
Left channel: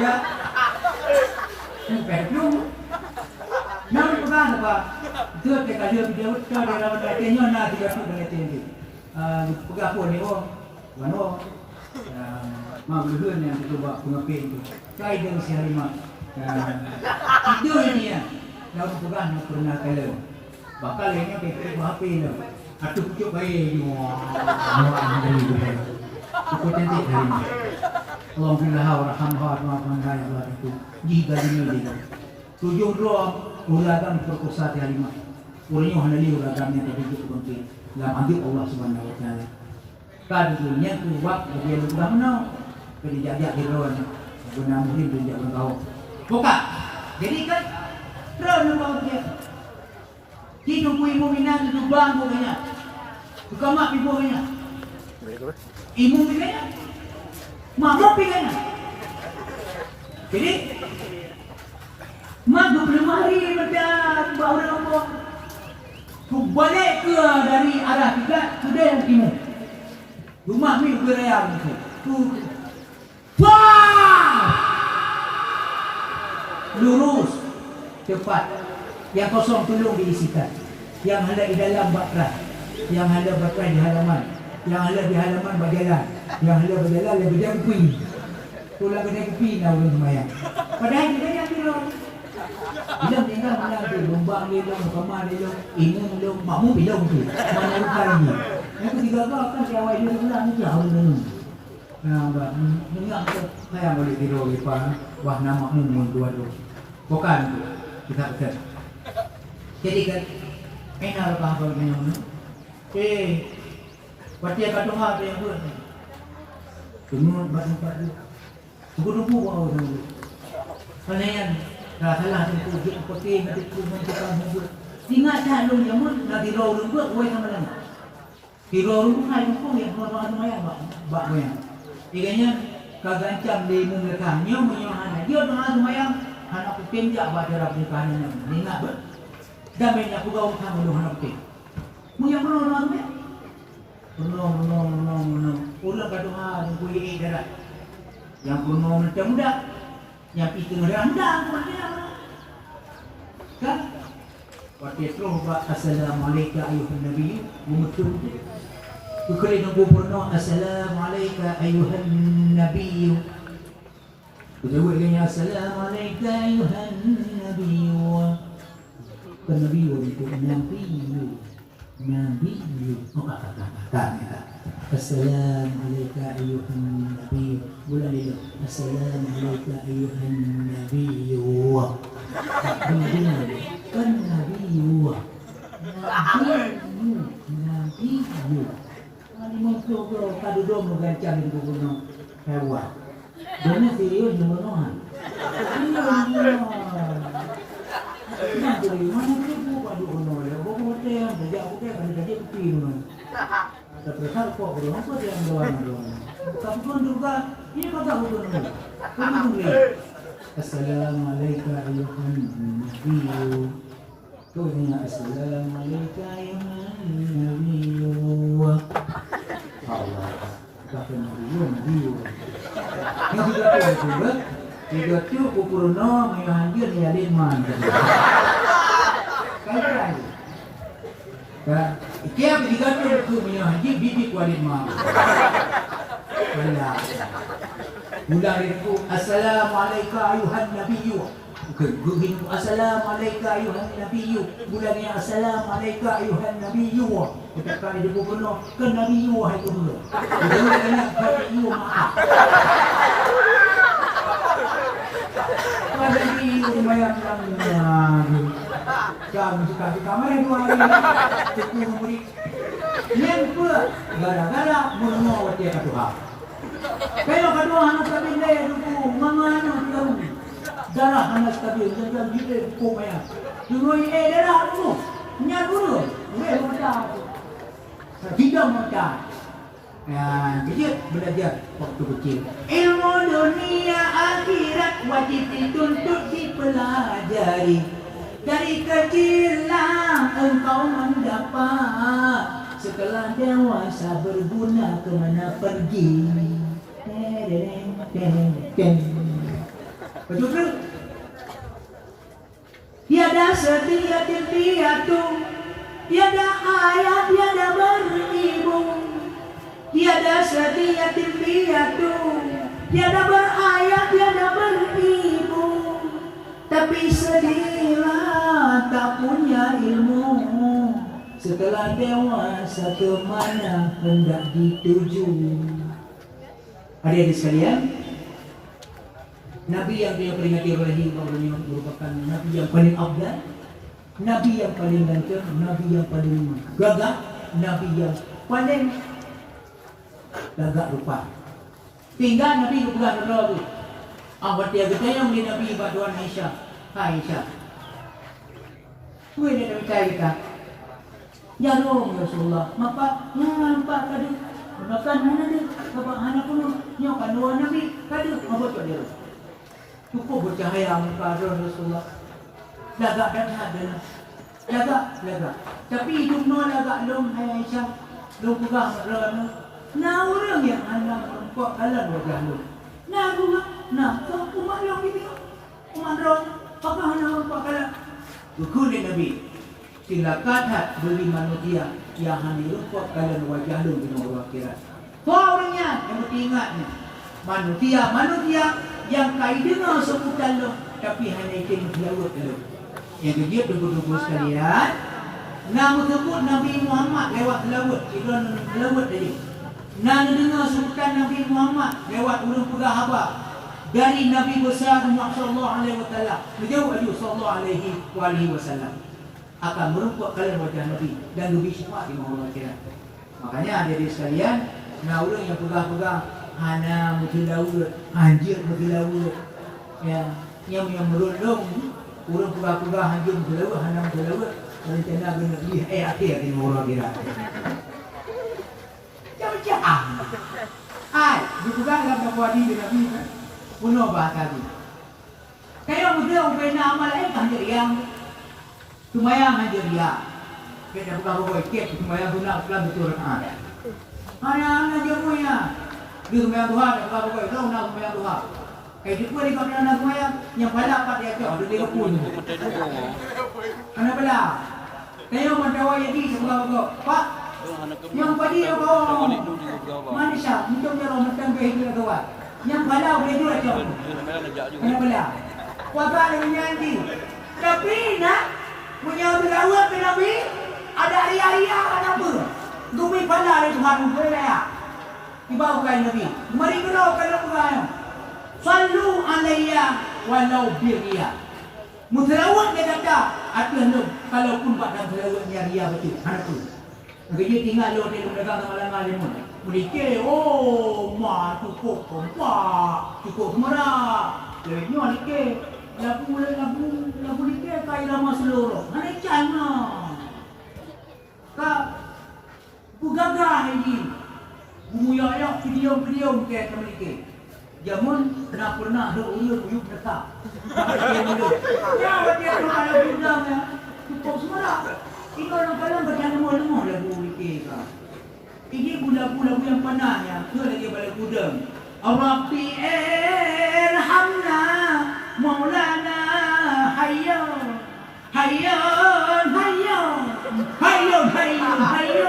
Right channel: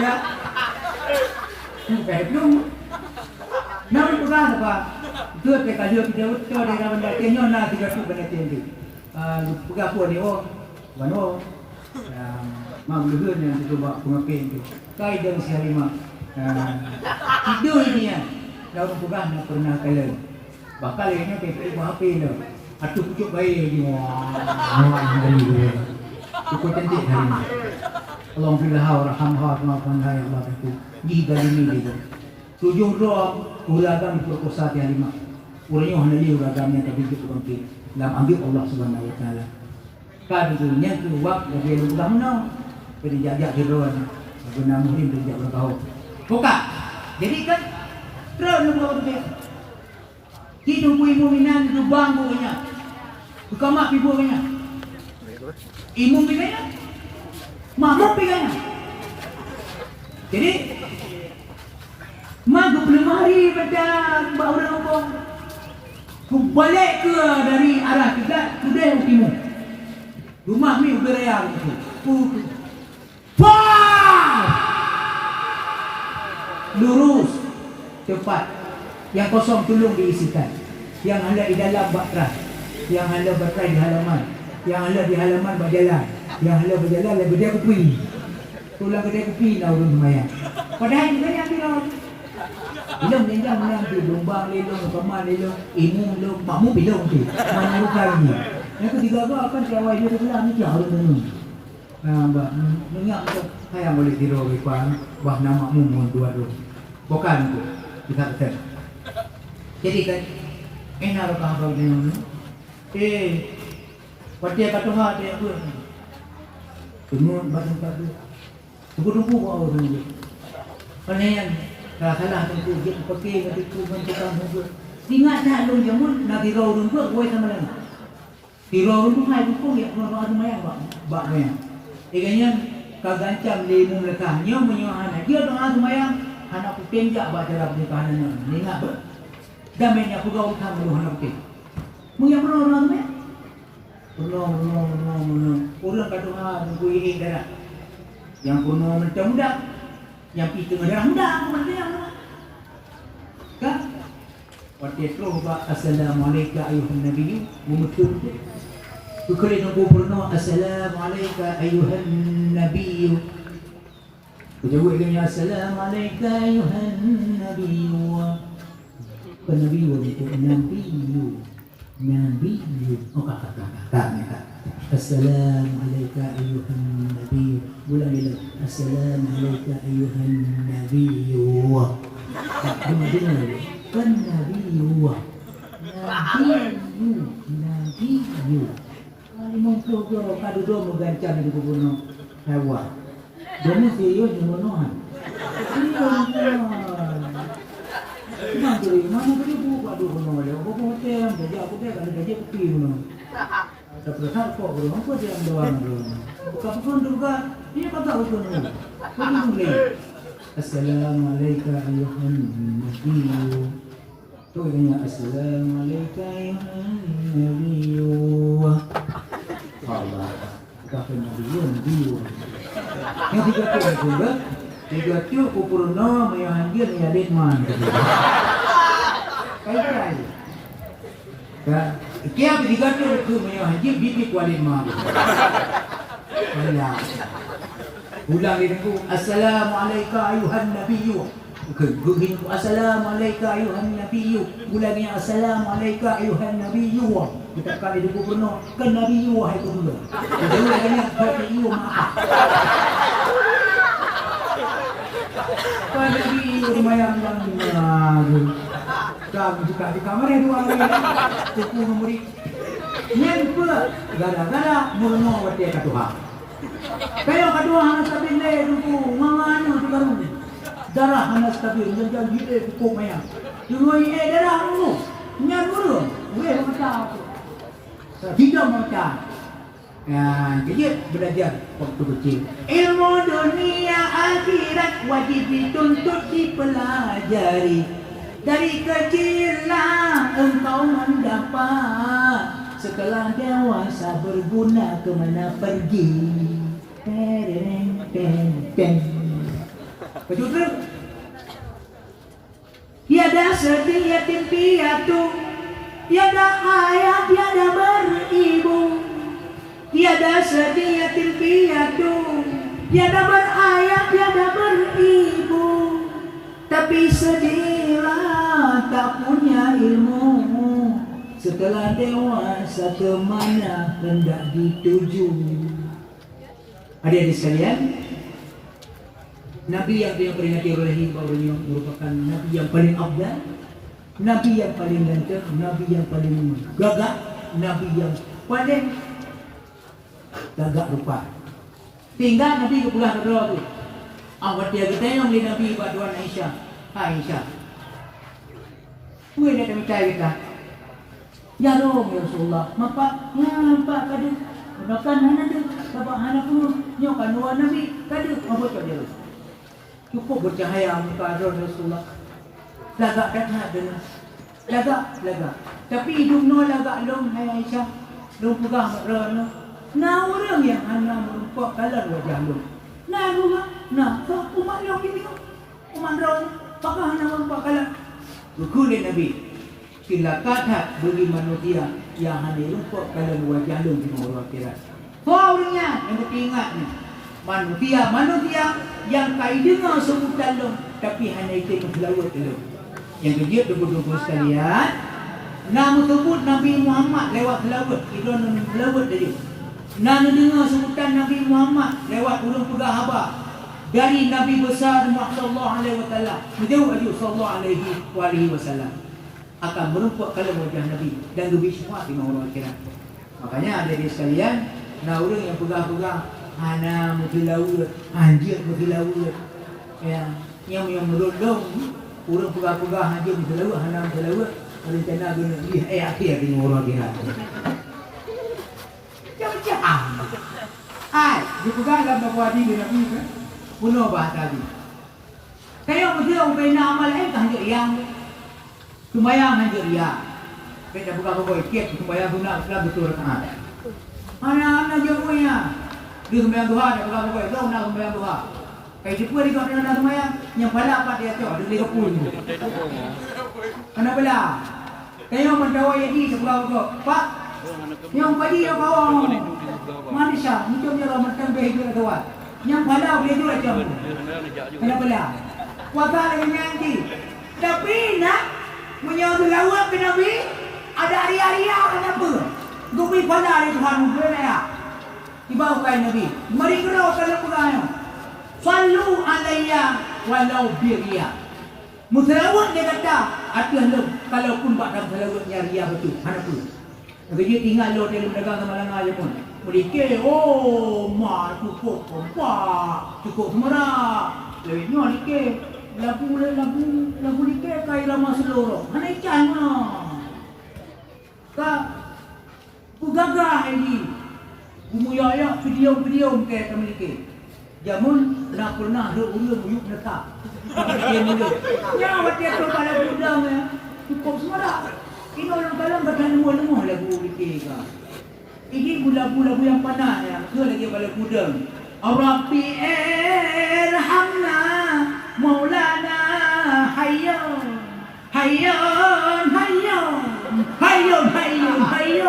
ya belum namun pernah apa itu mereka dia video itu dia lawan dia nyona dia tu dengan tinggi buka pun ni oh wano mau luhur yang itu bawa pengapin tu kai dia masih hari mak itu ini ya dalam bukan pernah kalau bakal ini PPI HP ni. Atuh pucuk baik ni. Wah, ini dia. Itu cantik hari ni. Allah billah rahmah maafkan hai Allah itu. Di dalam ini dia. Tujuh roh ulagam berkosa di lima. Urangnya hanya dia ulagam yang terbentuk penting. Dalam ambil Allah Subhanahu Wa Taala. Kadulnya tu waktu dia ulagam no. Beri jaga hidupnya. Guna mungkin dia jaga tahu. Buka. Jadi kan terus nombor dia. Hidup ibu minang itu bangku banyak. Bukan mak ibu banyak. Ibu banyak. Mak banyak. Jadi mak 25 hari macam baru ngomong. Ku balik ke dari arah kita sudah yang timur. Rumah ni beraya itu. Lurus cepat. Yang kosong tolong diisikan. Yang ada di dalam bakran, yang ada bakran di halaman, yang ada di halaman berjalan, yang ada berjalan lebih dia kupi. Tulang dia kupi dah urus mayat. Padahal kita yang bilang, bilang tinggal mana tu, lomba bilang, sama bilang, imu bilang, makmu bilang tu, mana bukan ni. Yang ketiga kan siapa dia bilang ni jauh ni. Nampak, dengar tu, saya boleh tidur di depan, wah nama mu dua tu, bukan tu, kita betul. Jadi kan, enak bangkau ni. Parti kata ngah dia pun. Tunggu batu. Tunggu awak dulu. Kalian dah salah tu dia pakai nanti tu mencakap mulut. Ingat dah lu jamun nak dirau rumah kau sama mana. Dirau rumah hai tu yang orang tu maya bak maya. Iganya kagancam di mumlekah nyo menyohana. Dia doa maya anak penjak baca Rabb kanan ni nak ber. Damai aku kau tak mahu nak pergi. Mungkin orang ni, orang kata yang kuih darah, yang kuno macam dah, yang itu rendah macam kan? Waktu itu bapak Assalamualaikum ayuhan Nabi, muncul. Tukar Nabi pernah Assalamualaikum ayuhan Nabi. Kujawab dia Assalamualaikum ayuhan Nabi. Nabi itu Nabi oh kakak Assalamualaikum ayuhan Nabi ulang itu Assalamualaikum ayuhan Nabi dengar kan Nabi ali muncul ke kado domo gancang di kuburan hewan dan dia jualan yang tu mana beri buku aduh mana dia buku hotel yang kerja aku dia kan kerja kopi mana terus kok belum apa dia yang doang tapi pun juga ini kata aku pun boleh Assalamualaikum ayuhan Nabi tu ini Assalamualaikum ayuhan Nabi Allah kata Nabi yang juga tiga tu pupurno ayuhan dia ni ada mana kan Kia digantung tu punya haji bibi kualin mak. Alah. Ulang dia tu assalamualaikum ayuhan nabiyyu. Gugin assalamualaikum ayuhan nabiyyu. Ulangnya assalamualaikum ayuhan nabiyyu. Kita kali dia penuh ke nabiyyu wahai dulu. Dia ulangnya nabiyyu maaf. Nabiyyu lumayan kami suka di kamar yang dua lagi. Sepuluh murid. Yang pula gara-gara mengenal wajah kedua. Kaya kedua anak tabi le dulu mangano di baru. Darah anak tabi jangan gile hukum ya. Dulu darah dulu. Nyar dulu. Weh macam. Tidak macam. Ya, jadi belajar waktu kecil. Ilmu dunia akhirat wajib dituntut dipelajari. Dari kecillah engkau mendapat, setelah dewasa berguna kemana pergi. Betul tak? Tiada sedih yatim piatu, tiada ayah tiada beribu. Tiada sedih yatim piatu, tiada berayah tiada beribu. Tapi sedihlah tak punya ilmu, setelah dewasa kemana hendak dituju. Adik-adik sekalian, Nabi yang diperingati oleh Ibrahim merupakan Nabi yang paling afdal, Nabi yang paling ganteng, Nabi yang paling gagah, Nabi yang paling gagah rupa. Tinggal Nabi kepegang kedua tu. Awak dia bertanya oleh Nabi Baduan Aisyah. Aisyah, gue nak minta kita. Ya Rasulullah, maka nampak kadu. Makan mana tu? Bapak anak pun nyokan dua Nabi kadu. Apa tu dia? Cukup bercahaya muka Rasulullah. Lagak dah dulu. Lagak. Tapi hidung no lagak long hai Aisyah. Long pegang long. Nah orang yang anak kok kalah wajah long. Nah bunga, nah kau umat long itu. Umat long. Apakah nama Pak Kalah? Kulit Nabi. Silakan bagi manusia yang hanya lupa kalau wajah lu di orang akhirat. Orangnya yang mesti ingat ni. Manusia yang kaya dengar sebutan lu tapi hanya ikut melawat lu. Yang kedua dua-dua sekalian. Nama sebut Nabi Muhammad lewat melawat. Ibrahim melawat tadi. Nama dengar sebutan Nabi Muhammad lewat ulung pegah habar. Dari Nabi besar Muhammad sallallahu alaihi wasallam, beliau sallallahu alaihi wasallam akan merupakan kalau wajah Nabi dan lebih syafaat di mahkamah akhirat. Makanya ada di sekalian, nah orang yang pegang-pegang ana mutilaut, anjir mutilaut, ya, yang merundung orang pegang-pegang anjir mutilaut, ana mutilaut, rencana guna di akhir di mahkamah akhirat. Jangan. Dipegang dalam wadi di Nabi kan? Punuh bahasa tadi. Kaya beliau kena amal hanya yang sembahyang hanya dia. Kita buka buka ikut sembahyang guna kelam betul kan. Anak-anak je punya. Dia sembahyang Tuhan, dia buka buka tahu nak sembahyang Tuhan. Kayak dia pun dia nak sembahyang yang pada apa dia tu dia pun. Anak bela. Kaya mendawa ini buka buka. Pak, yang padi dia bawa. Manusia, untuk dia orang macam begitu tuan. Yang pada boleh dua jam. Kenapa? Kuasa dengan nanti. Tapi nak menyambut lawat ke Nabi ada hari-hari apa? Gubi pada hari Tuhan boleh. Dibawa ke Nabi. Mari kita kalau berani. Sallu alayya walau biria. Mutlawat dia kata, ada lu kalau pun tak ada mutlawatnya ria betul. Anak tu. Dia tinggal lo dia mendagang malangan dia pun. Mereka, ma cukup kompak, cukup merah. Lebihnya mereka, lagu mereka kaya lama seluruh. Mana ikan mana? Kak, aku gagah ini. Umuyaya video mereka mereka. Jamun, pernah ada uyuk letak. Nyawa dia tu kalau gudang ya, cukup semarah. Ini orang kalang kata lemah lagu mereka. Ini lagu-lagu yang panas ya. Itu lagi balik gudang. Rabbi irhamna Maulana hayyan hayyan hayyan hayyan hayyan hayyan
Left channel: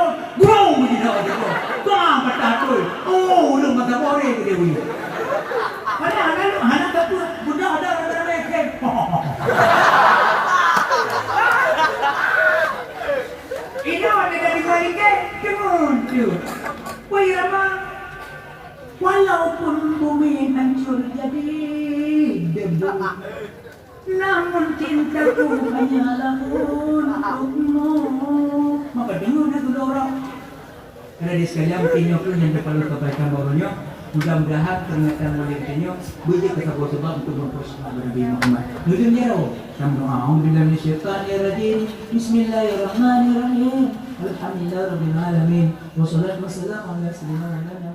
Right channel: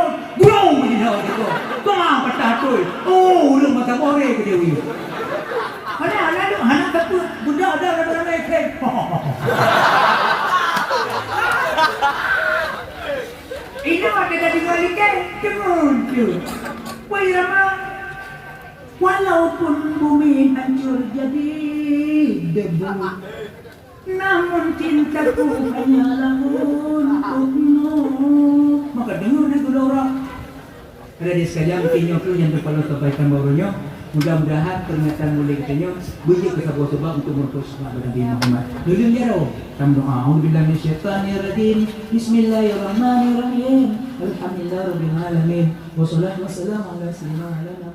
Walaupun bumi hancur jadi debu, namun cintaku hanyalah untukmu. Maka dengar lagu orang. Ada di sekalian kinyo pun yang berpaling kebaikan barunya. Mudah-mudahan peringatan mulai katanya biji kesabut sebab untuk memutus Nabi Muhammad. Dulu dia sama Alhamdulillah minasyaitanirrajim. Bismillahirrahmanirrahim. Alhamdulillah rabbil alamin. Wassalatu wassalamu ala sayyidina